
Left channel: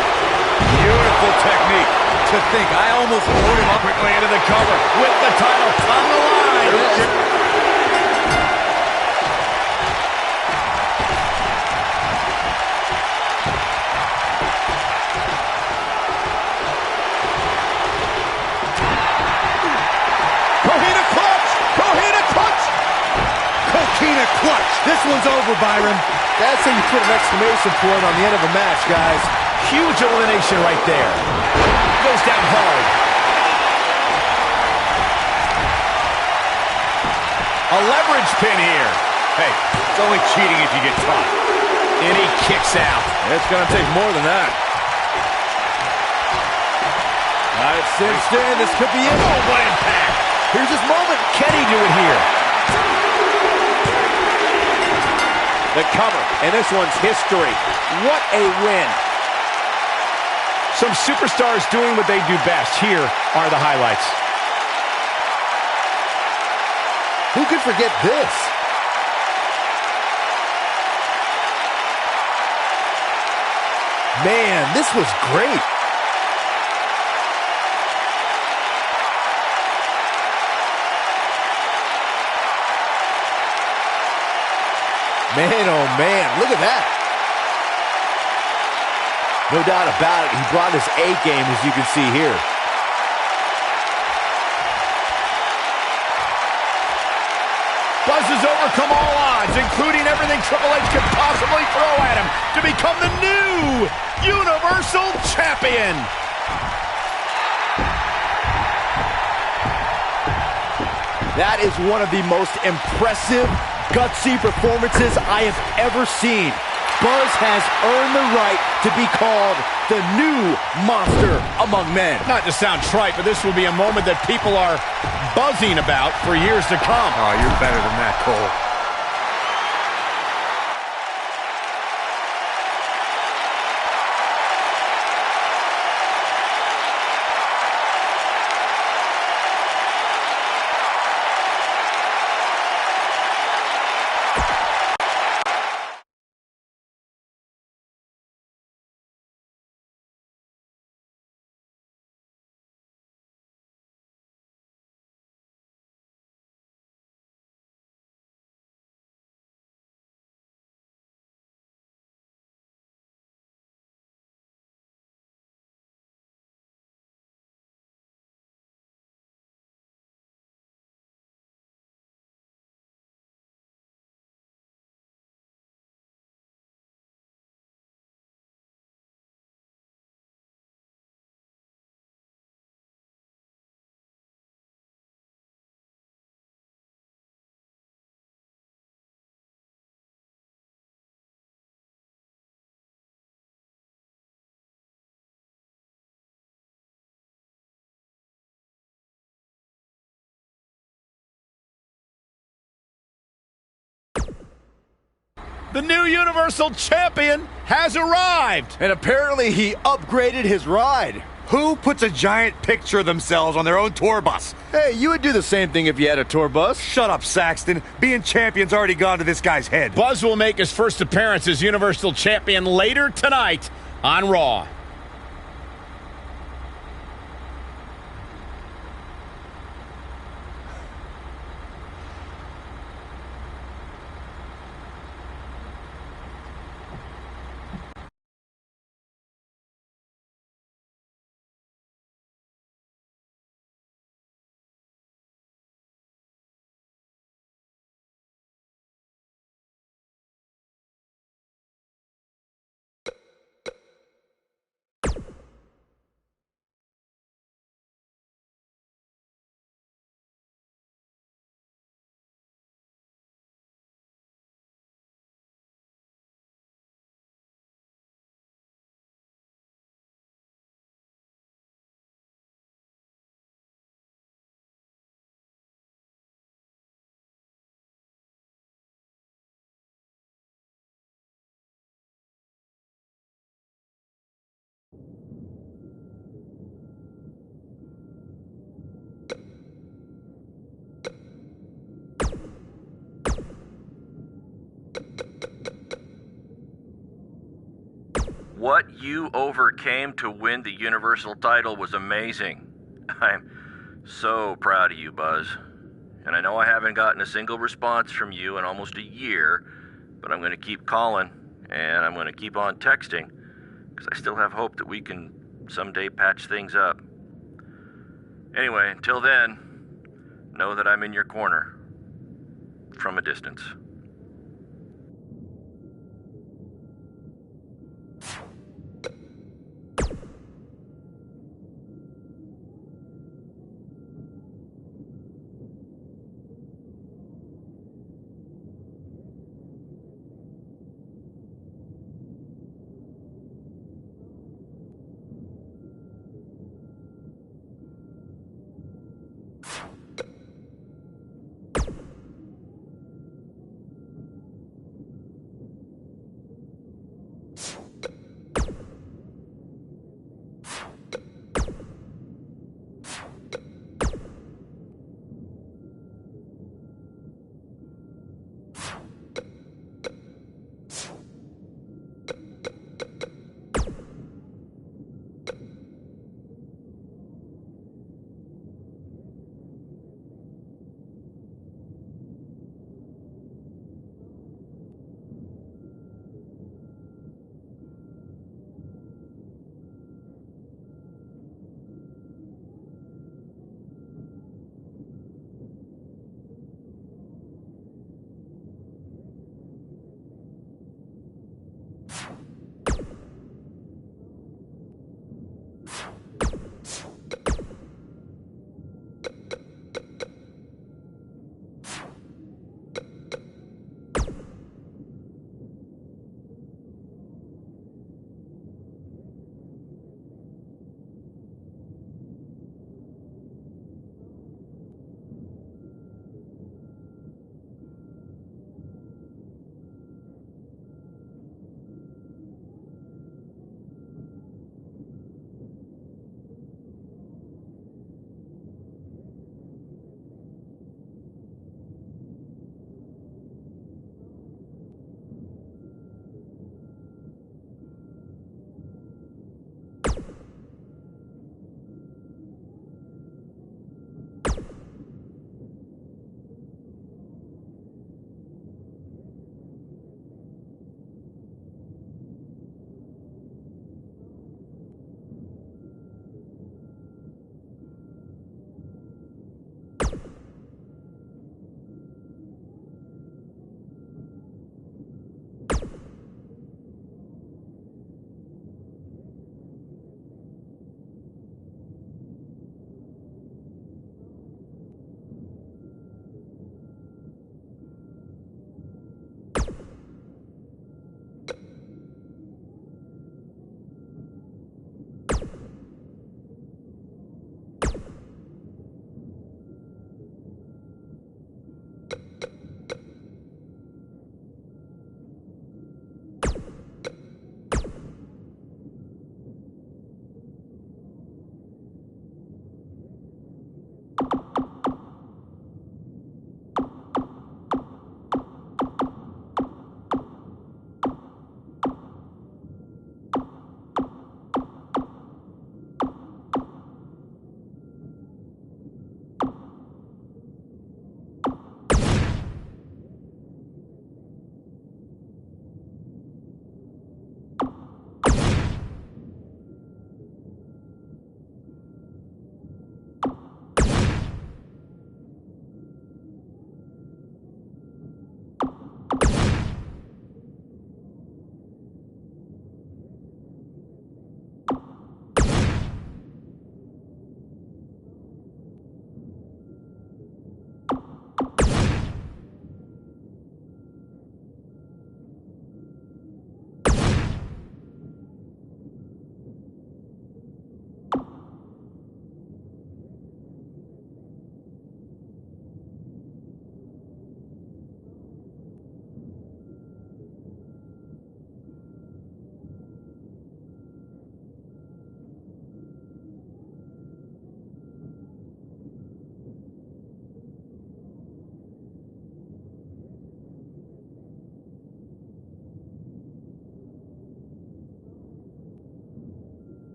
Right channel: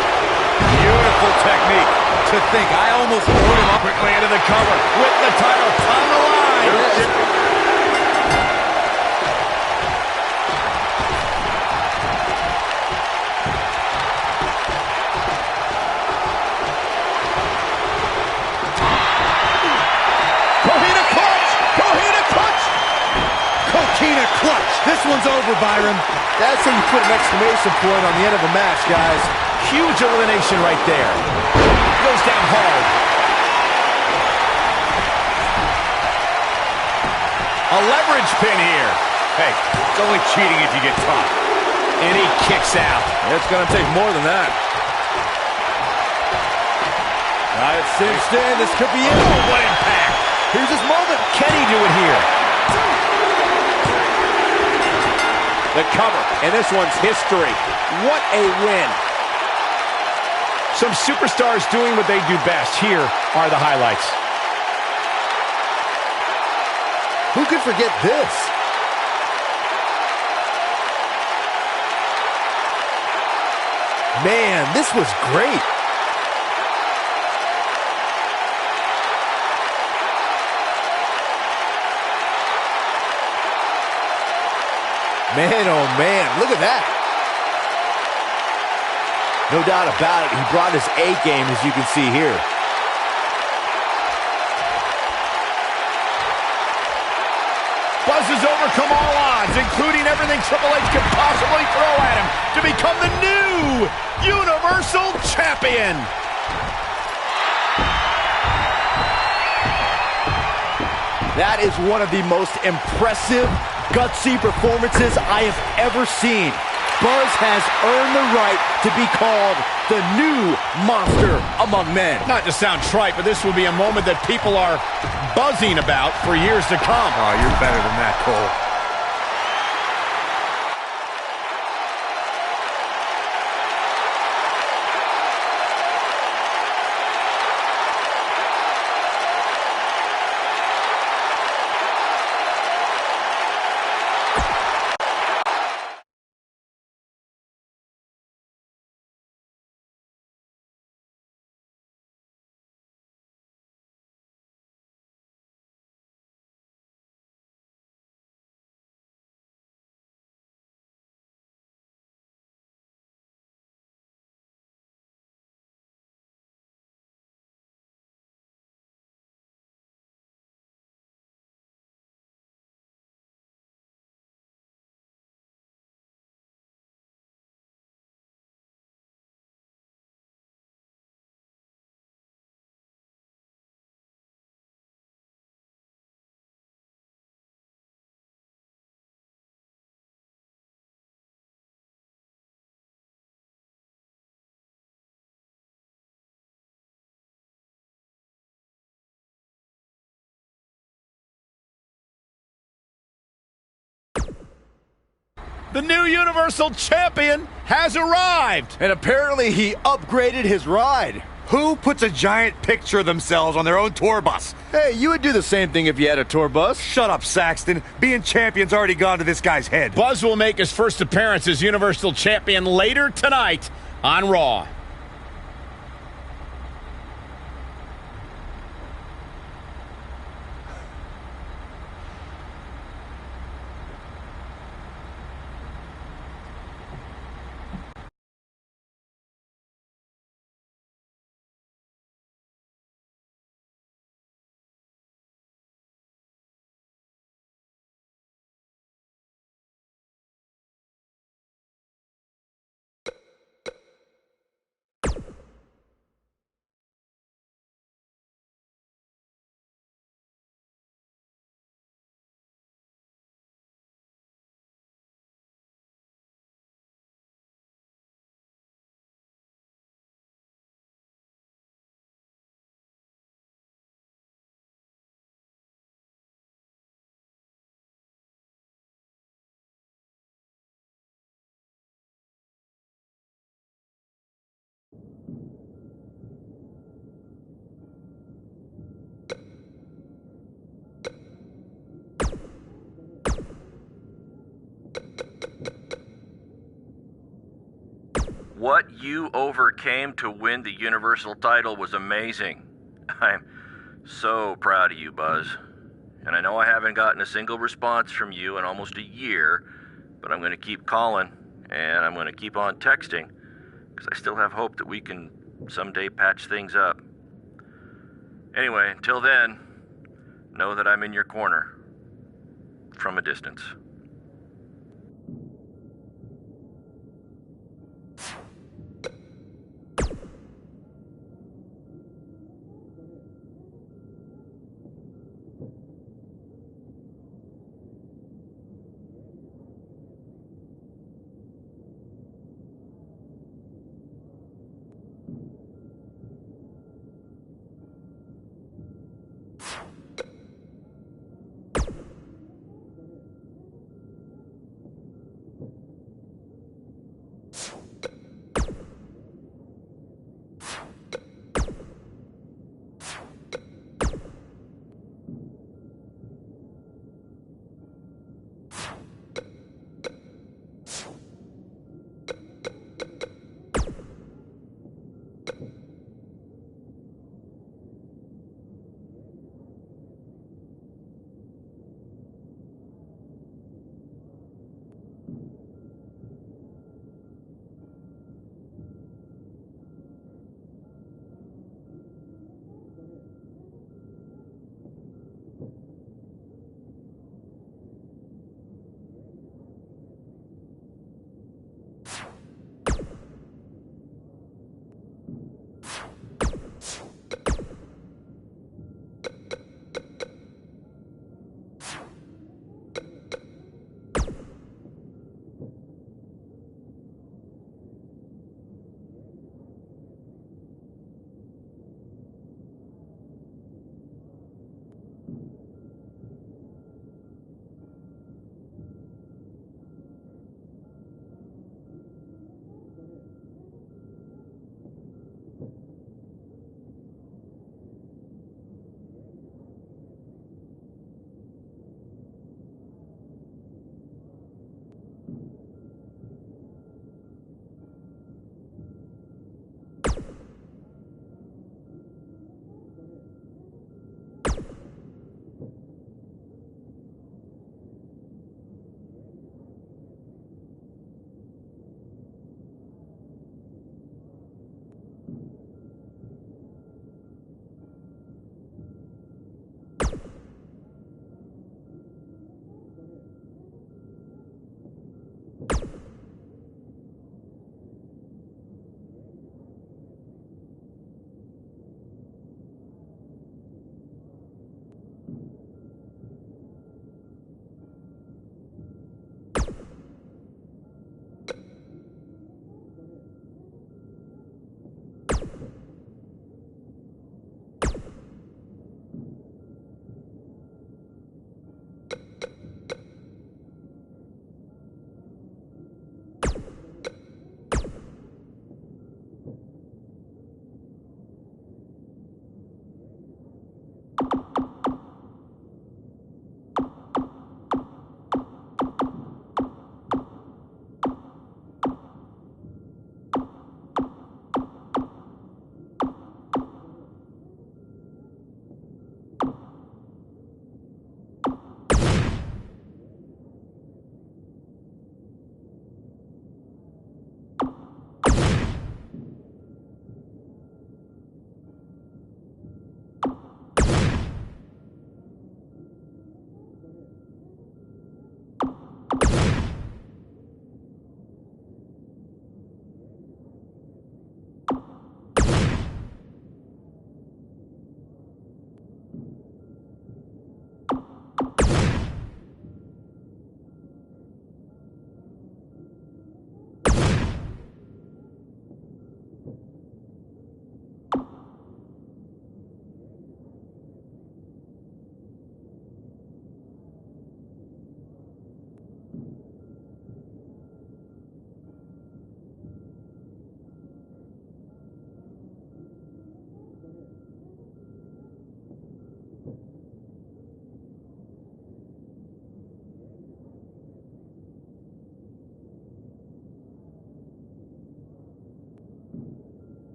Beautiful technique. To think, I almost rode him up quickly into the cover with the title on the line. Coquina clutch. This one's over, Byron. That's how you put an exclamation point on the end of a match, guys. Huge elimination right there. Goes down hard. A leverage pin here. Hey, it's only cheating if you get caught. And he kicks out. It's going to take more than that. Got it cinched in. This could be it. Oh, what impact. Here's his moment. Can he do it here? The cover, and this one's history. What a win. Some superstars doing what they do best. Here are the highlights. Who could forget this? Man, this was great. Man, oh man, look at that. No doubt about it, he brought his A game, as you can see here. Buzz has overcome all odds, including everything Triple H could possibly throw at him, to become the new Universal Champion. That is one of the most impressive, gutsy performances I have ever seen. Buzz has earned the right to be called the new monster among men. Not to sound trite, but this will be a moment that people are buzzing about for years to come. Oh, you're better than that, Cole. The new Universal Champion has arrived. And apparently he upgraded his ride. Who puts a giant picture of themselves on their own tour bus? Hey, you would do the same thing if you had a tour bus. Shut up, Saxton. Being champion's already gone to this guy's head. Buzz will make his first appearance as Universal Champion later tonight on Raw. What you overcame to win the Universal title was amazing. I'm so proud of you, Buzz. And I know I haven't gotten a single response from you in almost a year, but I'm going to keep calling, and I'm going to keep on texting, because I still have hope that we can someday patch things up. Anyway, until then, know that I'm in your corner, from a distance.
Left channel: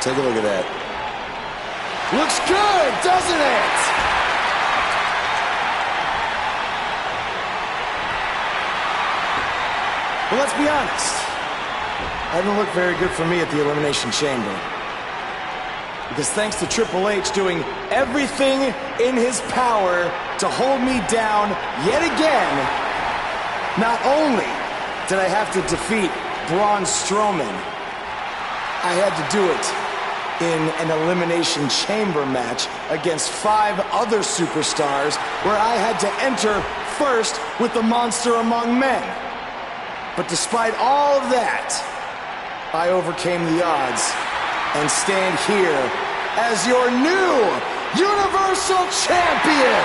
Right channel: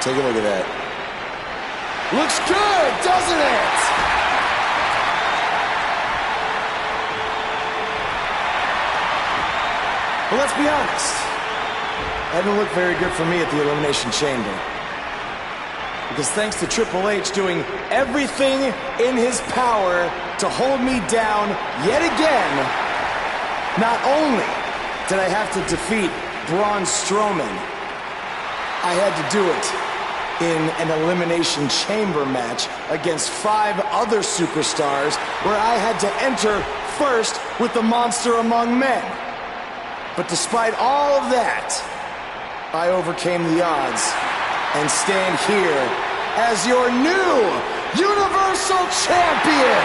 Take a look at that. Looks good, doesn't it? But let's be honest. That didn't look very good for me at the Elimination Chamber. Because thanks to Triple H doing everything in his power to hold me down yet again, not only did I have to defeat Braun Strowman, I had to do it in an Elimination Chamber match against 5 other superstars where I had to enter first with the Monster Among Men. But despite all of that, I overcame the odds and stand here as your new Universal Champion!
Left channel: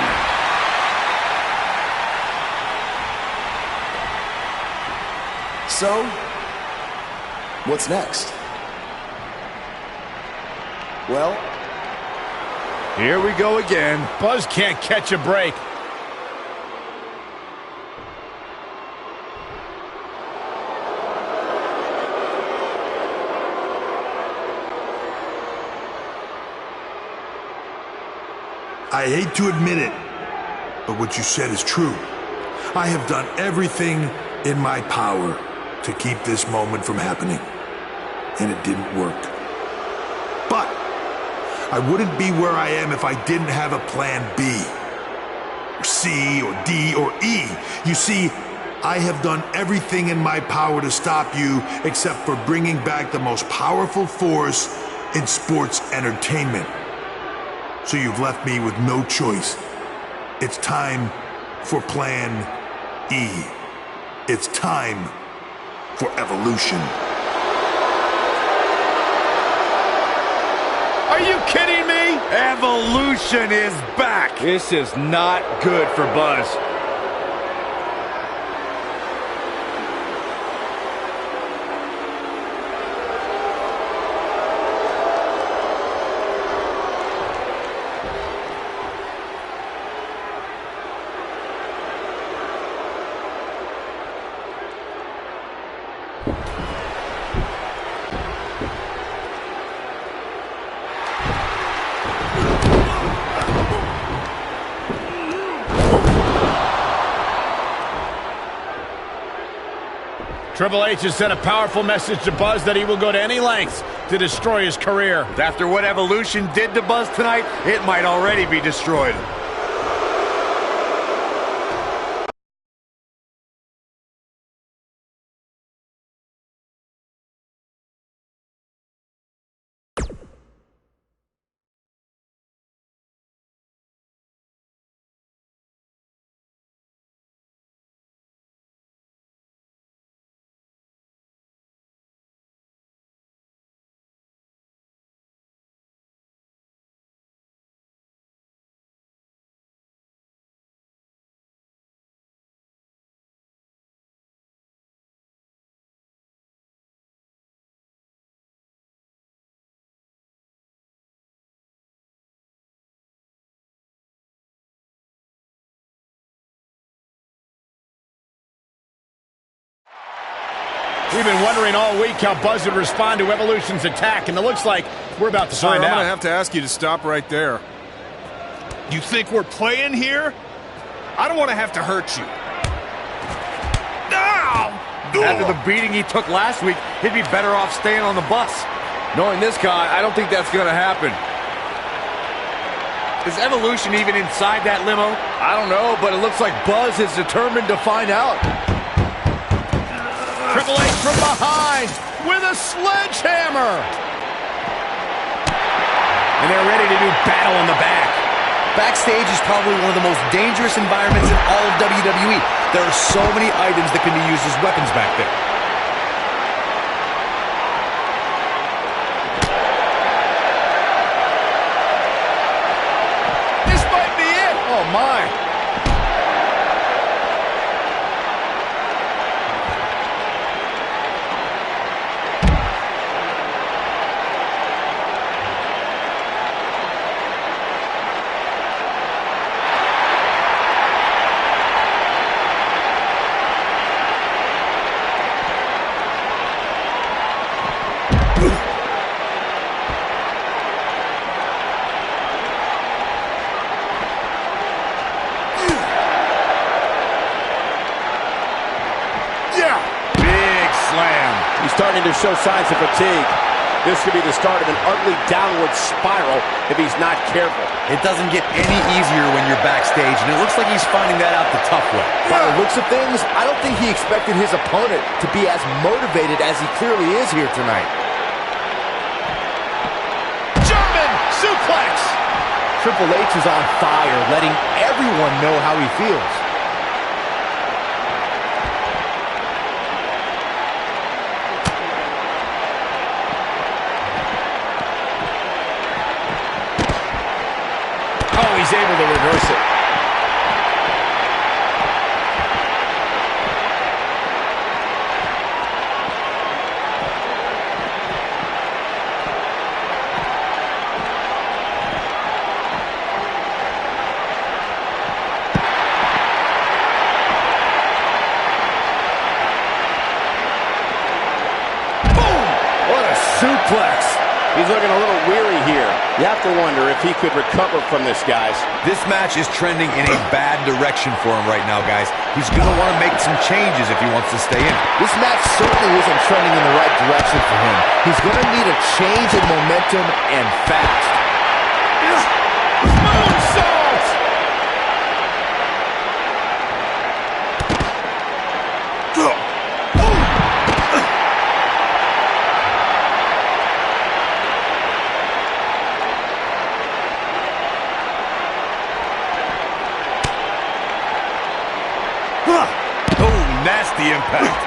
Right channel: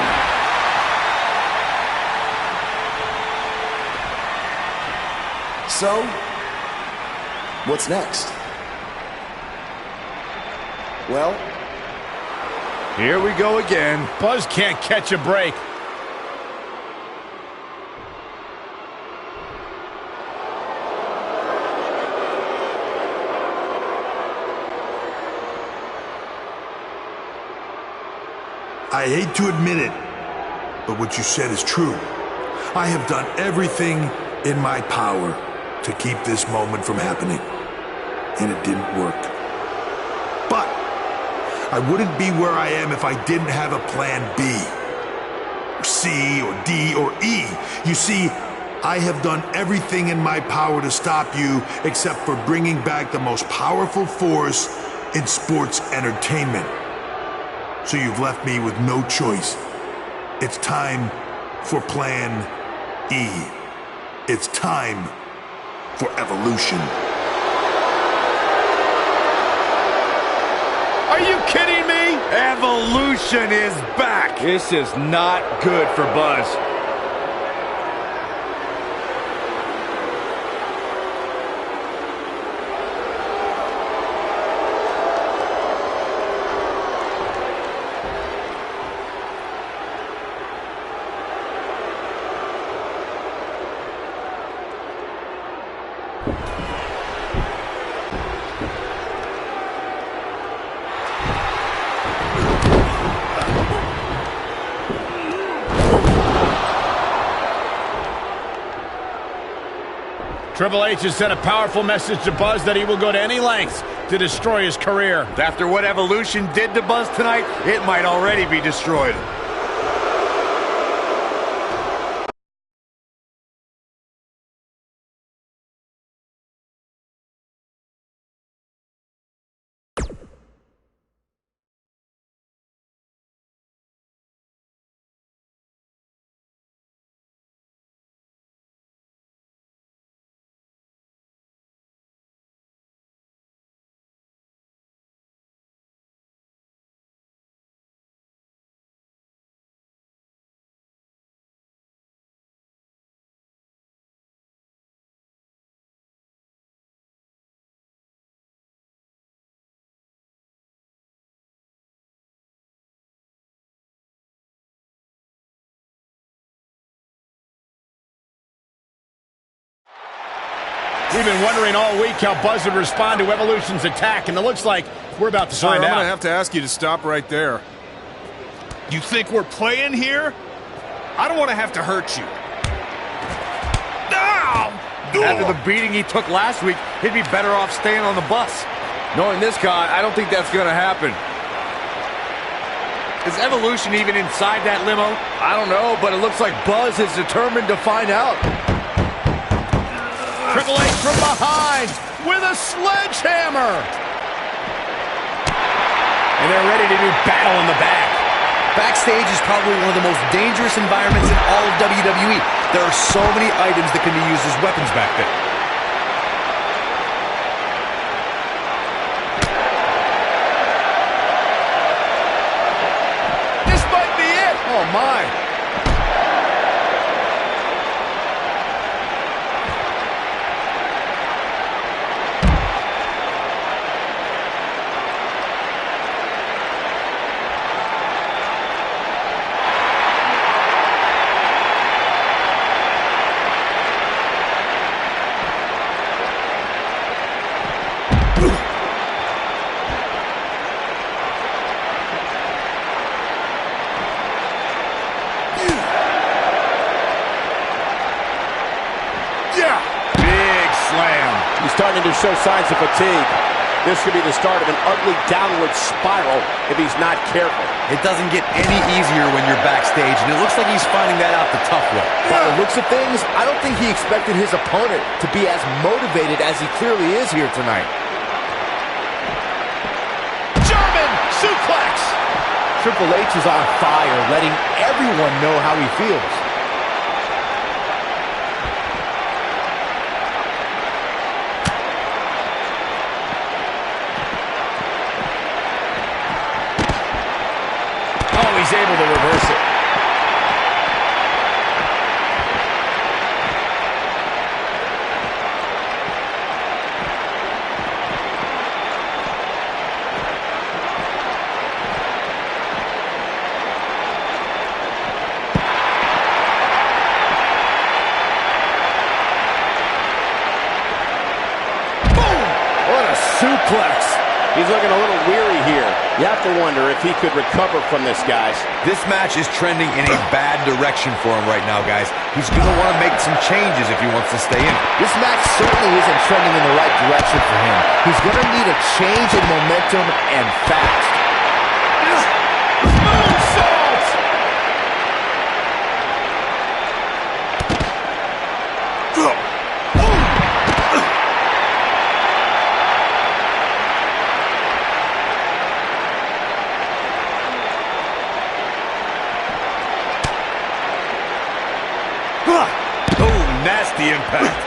So, what's next? Well, here we go again. Buzz can't catch a break. I hate to admit it, but what you said is true. I have done everything in my power to keep this moment from happening, and it didn't work. But I wouldn't be where I am if I didn't have a plan B, or C, or D, or E. You see, I have done everything in my power to stop you except for bringing back the most powerful force in sports entertainment. So you've left me with no choice. It's time for Plan E. It's time for evolution. Are you kidding me? Evolution is back. This is not good for Buzz. Triple H has sent a powerful message to Buzz that he will go to any lengths to destroy his career. After what Evolution did to Buzz tonight, it might already be destroyed. We've been wondering all week how Buzz would respond to Evolution's attack, and it looks like we're about to find out. I'm going to have to ask you to stop right there. You think we're playing here? I don't want to have to hurt you. After the beating he took last week, he'd be better off staying on the bus. Knowing this guy, I don't think that's going to happen. Is Evolution even inside that limo? I don't know, but it looks like Buzz is determined to find out. Triple H from behind with a sledgehammer. And they're ready to do battle in the back. Backstage is probably one of the most dangerous environments in all of WWE. There are so many items that can be used as weapons back there. This might be it. Oh, my. starting to show signs of fatigue. This could be the start of an ugly downward spiral if he's not careful. It doesn't get any easier when you're backstage, and it looks like he's finding that out the tough way. By the looks of things, I don't think he expected his opponent to be as motivated as he clearly is here tonight. German suplex! Triple H is on fire, letting everyone know how he feels. Oh, he's able to reverse it. Boom! What a suplex. He's looking a little weary here. You have to wonder if he could recover from this, guys. This match is trending in a bad direction for him right now, guys. He's going to want to make some changes if he wants to stay in it. This match certainly isn't trending in the right direction for him. He's going to need a change in momentum and fast. Moonsault! Oh, nasty impact.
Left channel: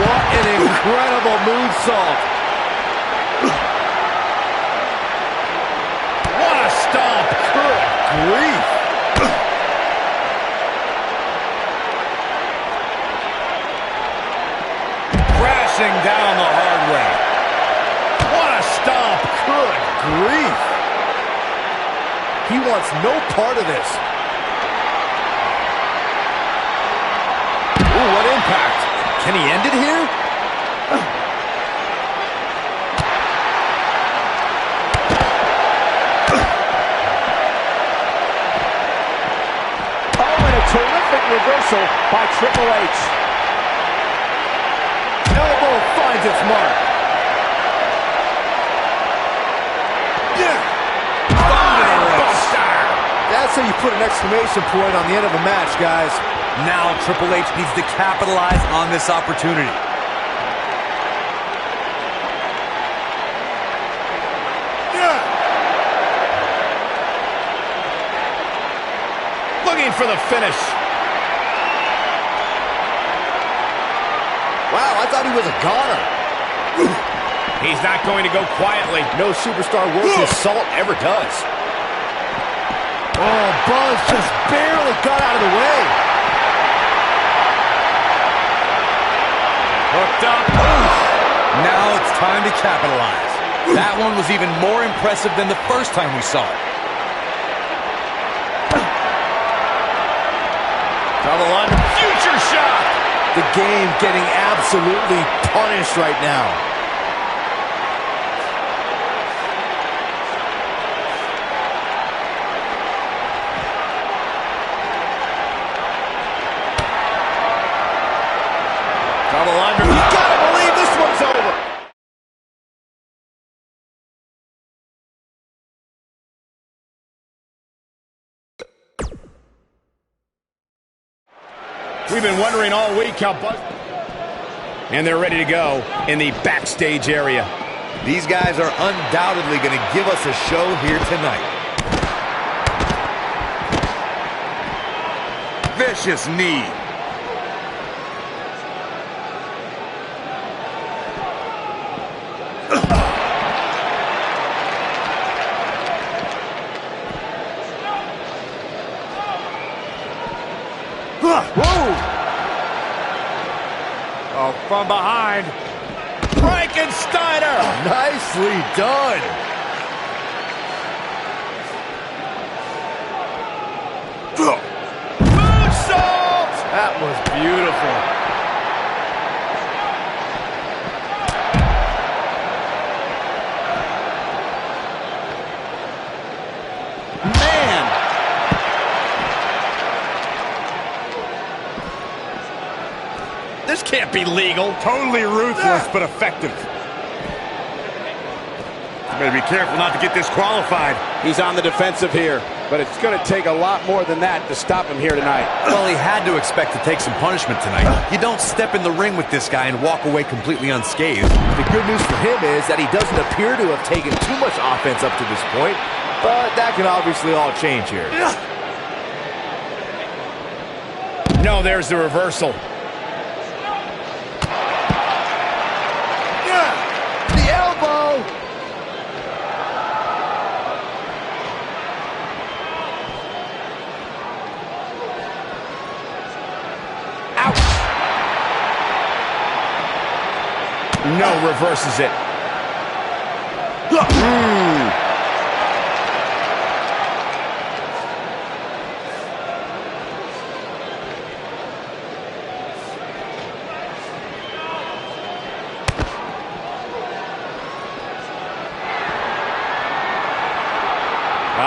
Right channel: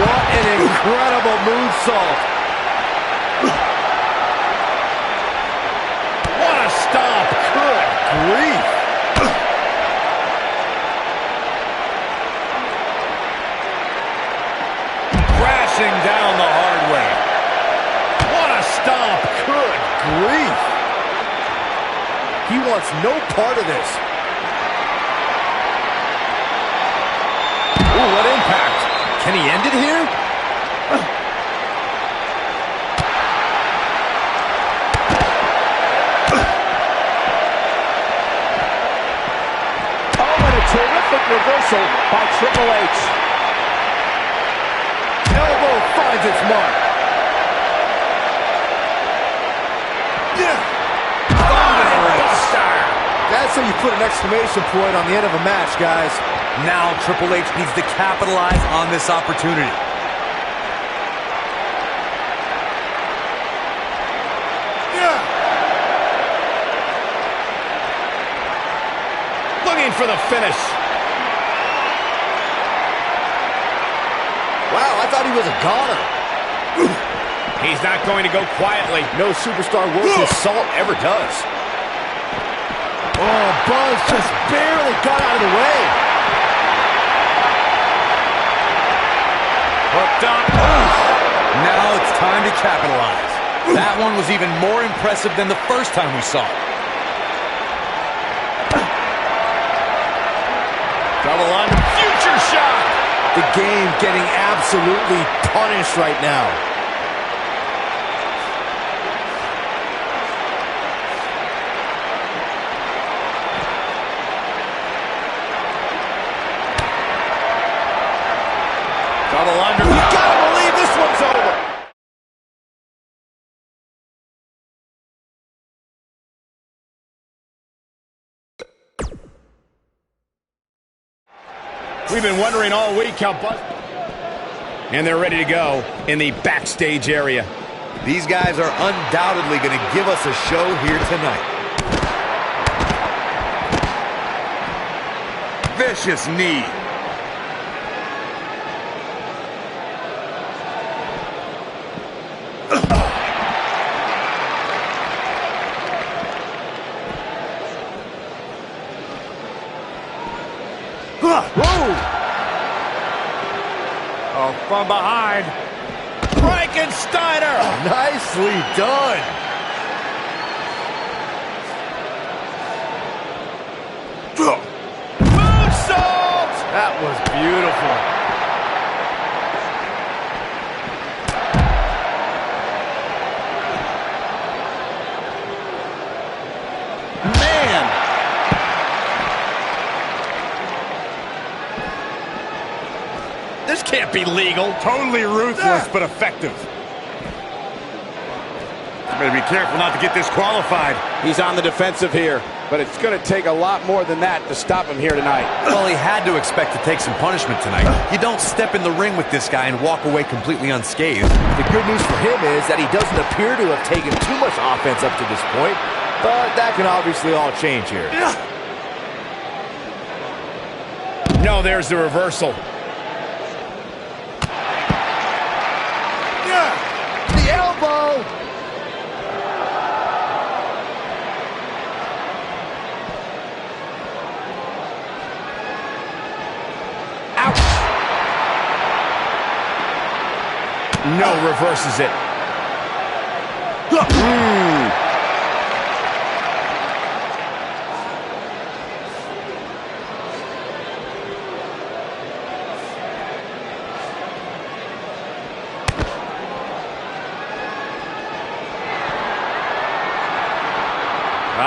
What an incredible moonsault. What a stomp. Good grief. Crashing down the hard way. What a stomp. Good grief. He wants no part of this. Ooh, what impact. Can he end it here? Oh, and a terrific reversal by Triple H. Elbow finds its mark. Buster! That's how you put an exclamation point on the end of a match, guys. Now Triple H needs to capitalize on this opportunity. Looking for the finish. Wow, I thought he was a goner. He's not going to go quietly. No superstar worth his salt ever does. Oh, Buzz just barely got out of the way. Hooked up. Now it's time to capitalize. That one was even more impressive than the first time we saw it. Double under. Future shock. The game getting absolutely punished right now. Double under. You gotta believe this one's over. We've been wondering all week how Buzz... And they're ready to go in the backstage area. These guys are undoubtedly going to give us a show here tonight. Vicious knee. Whoa! Oh, from behind. Frankensteiner! Nicely done. Moonsault! That was beautiful. This can't be legal. Totally ruthless, but effective. You better be careful not to get disqualified. He's on the defensive here, but it's going to take a lot more than that to stop him here tonight. Well, he had to expect to take some punishment tonight. You don't step in the ring with this guy and walk away completely unscathed. The good news for him is that he doesn't appear to have taken too much offense up to this point, but that can obviously all change here. No, there's the reversal. The elbow! No, reverses it.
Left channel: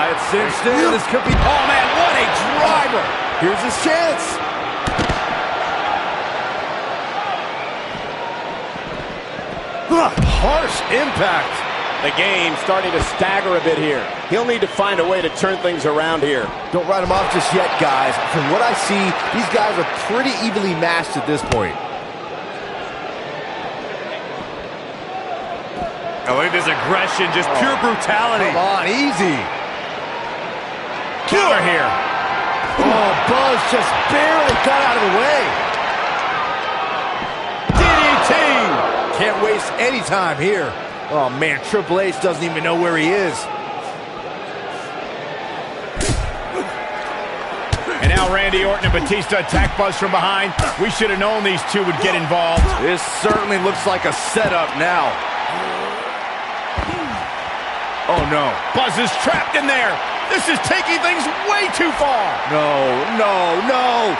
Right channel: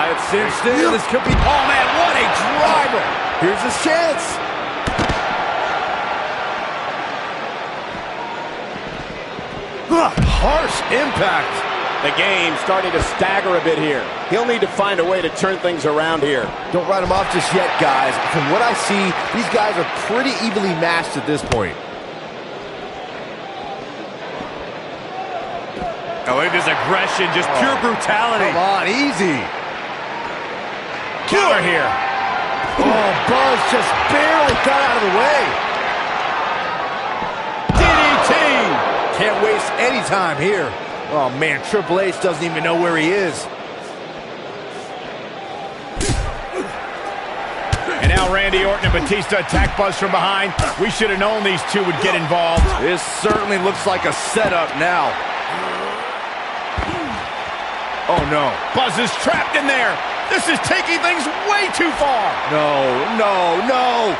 It's cinched in. This could be... Oh, man, what a driver. Here's his chance. Harsh impact. The game's starting to stagger a bit here. He'll need to find a way to turn things around here. Don't write him off just yet, guys. From what I see, these guys are pretty evenly matched at this point. Oh, look at this aggression, just pure brutality. Come on, easy. Counter here. Oh, Buzz just barely got out of the way. DDT. Can't waste any time here. Oh, man, Triple H doesn't even know where he is. And now Randy Orton and Batista attack Buzz from behind. We should have known these two would get involved. This certainly looks like a setup now. Oh, no. Buzz is trapped in there. This is taking things way too far. No, no, no.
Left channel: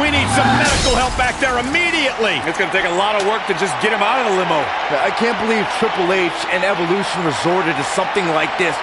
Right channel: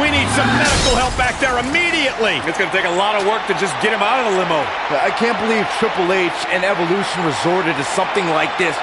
We need some medical help back there immediately. It's going to take a lot of work to just get him out of the limo. I can't believe Triple H and Evolution resorted to something like this.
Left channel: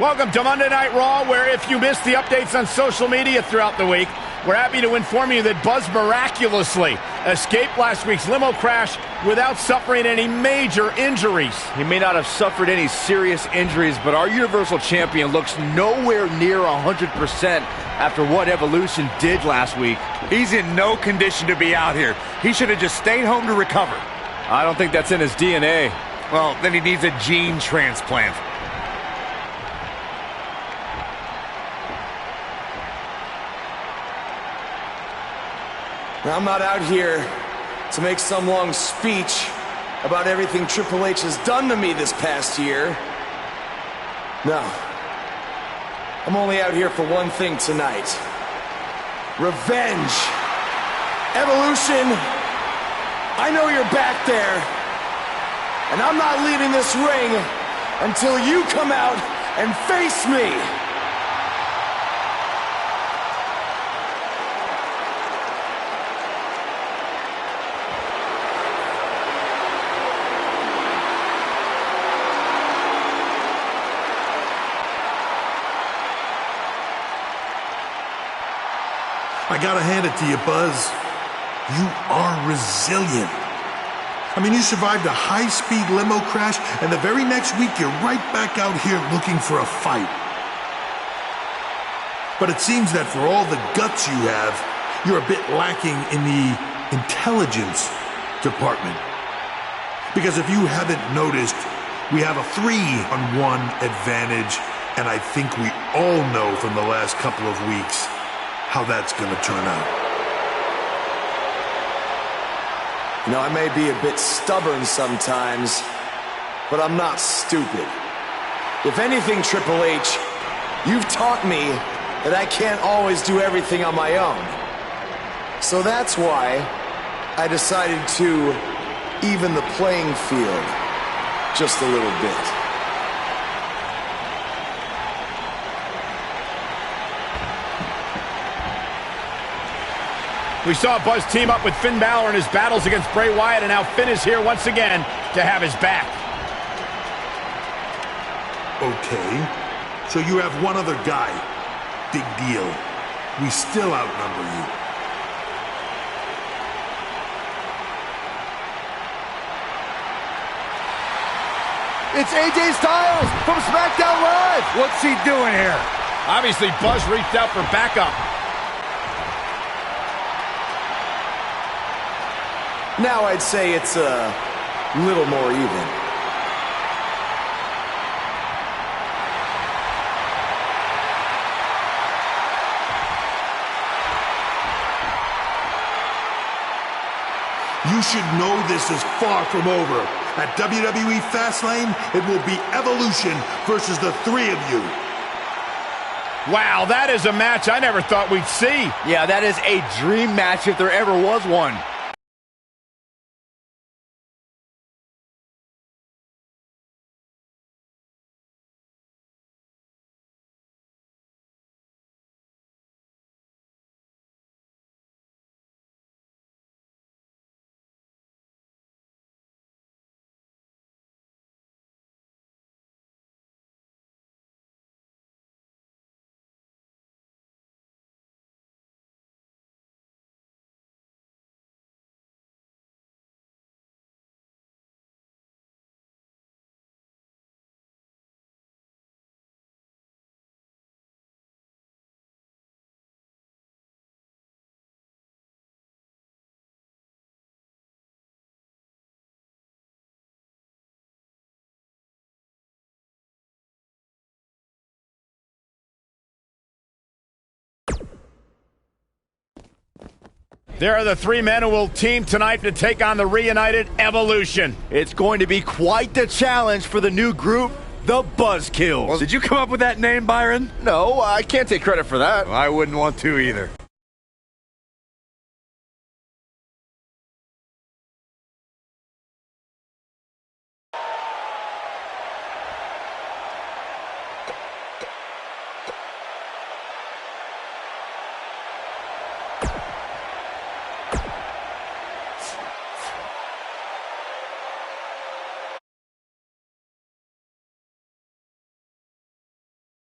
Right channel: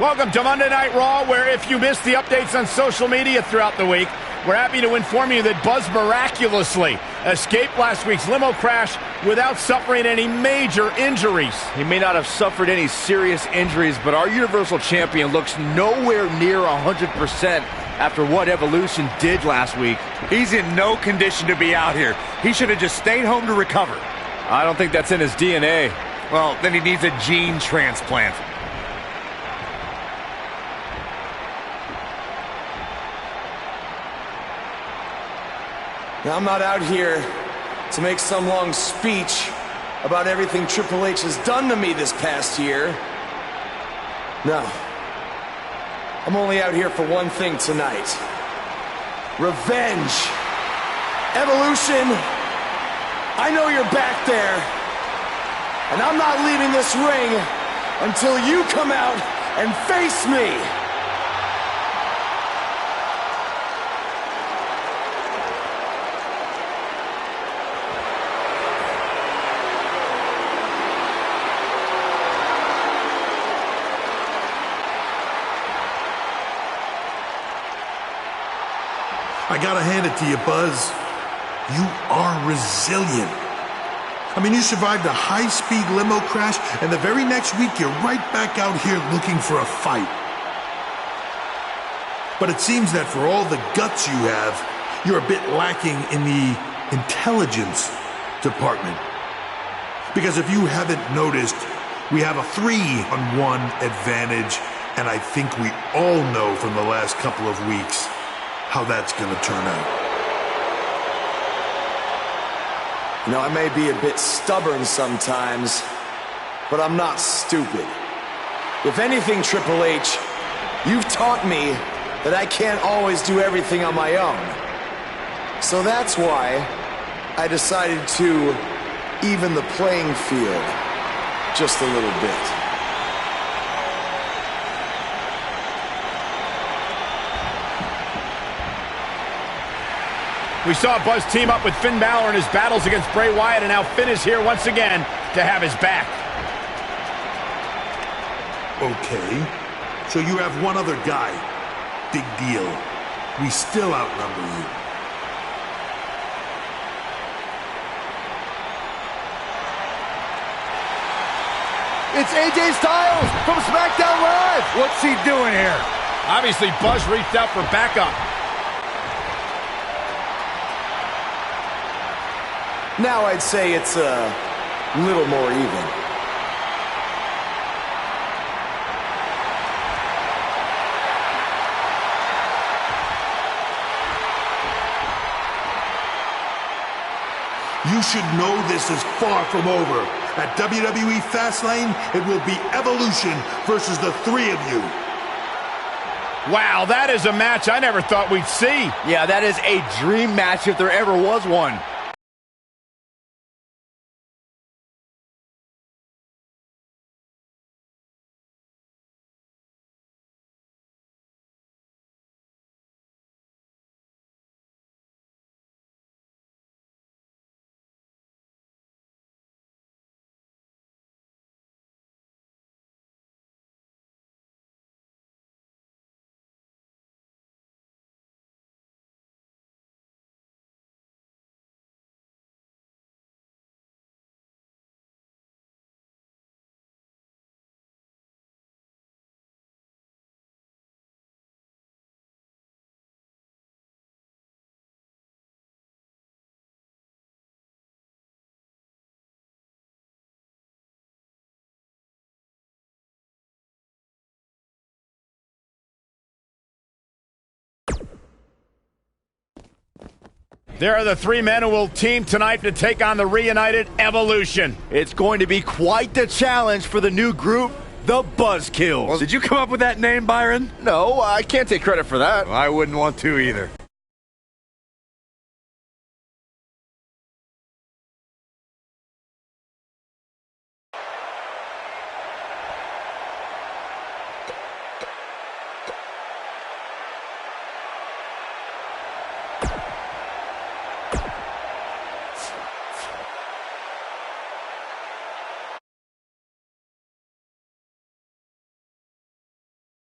Welcome to Monday Night Raw, where if you missed the updates on social media throughout the week, we're happy to inform you that Buzz miraculously escaped last week's limo crash without suffering any major injuries. He may not have suffered any serious injuries, but our Universal Champion looks nowhere near 100% after what Evolution did last week. He's in no condition to be out here. He should have just stayed home to recover. I don't think that's in his DNA. Well, then he needs a gene transplant. Now, I'm not out here to make some long speech about everything Triple H has done to me this past year. No. I'm only out here for one thing tonight. Revenge. Evolution, I know you're back there. And I'm not leaving this ring until you come out and face me. I gotta hand it to you, Buzz. You are resilient. I mean, you survived a high-speed limo crash, and the very next week you're right back out here looking for a fight. But it seems that for all the guts you have, you're a bit lacking in the intelligence department. Because if you haven't noticed, we have a 3-on-1 advantage, and I think we all know from the last couple of weeks how that's going to turn out. You know, I may be a bit stubborn sometimes, but I'm not stupid. If anything, Triple H, you've taught me that I can't always do everything on my own. So that's why I decided to even the playing field just a little bit. We saw Buzz team up with Finn Balor in his battles against Bray Wyatt, and now Finn is here once again to have his back. Okay, so you have one other guy. Big deal. We still outnumber you. It's AJ Styles from SmackDown Live. What's he doing here? Obviously, Buzz reached out for backup. Now I'd say it's a little more even. You should know this is far from over. At WWE Fastlane, it will be Evolution versus the three of you. Wow, that is a match I never thought we'd see. Yeah, that is a dream match if there ever was one. There are the three men who will team tonight to take on the reunited Evolution. It's going to be quite the challenge for the new group, the Buzzkills. Did you come up with that name, Byron? No, I can't take credit for that. I wouldn't want to either.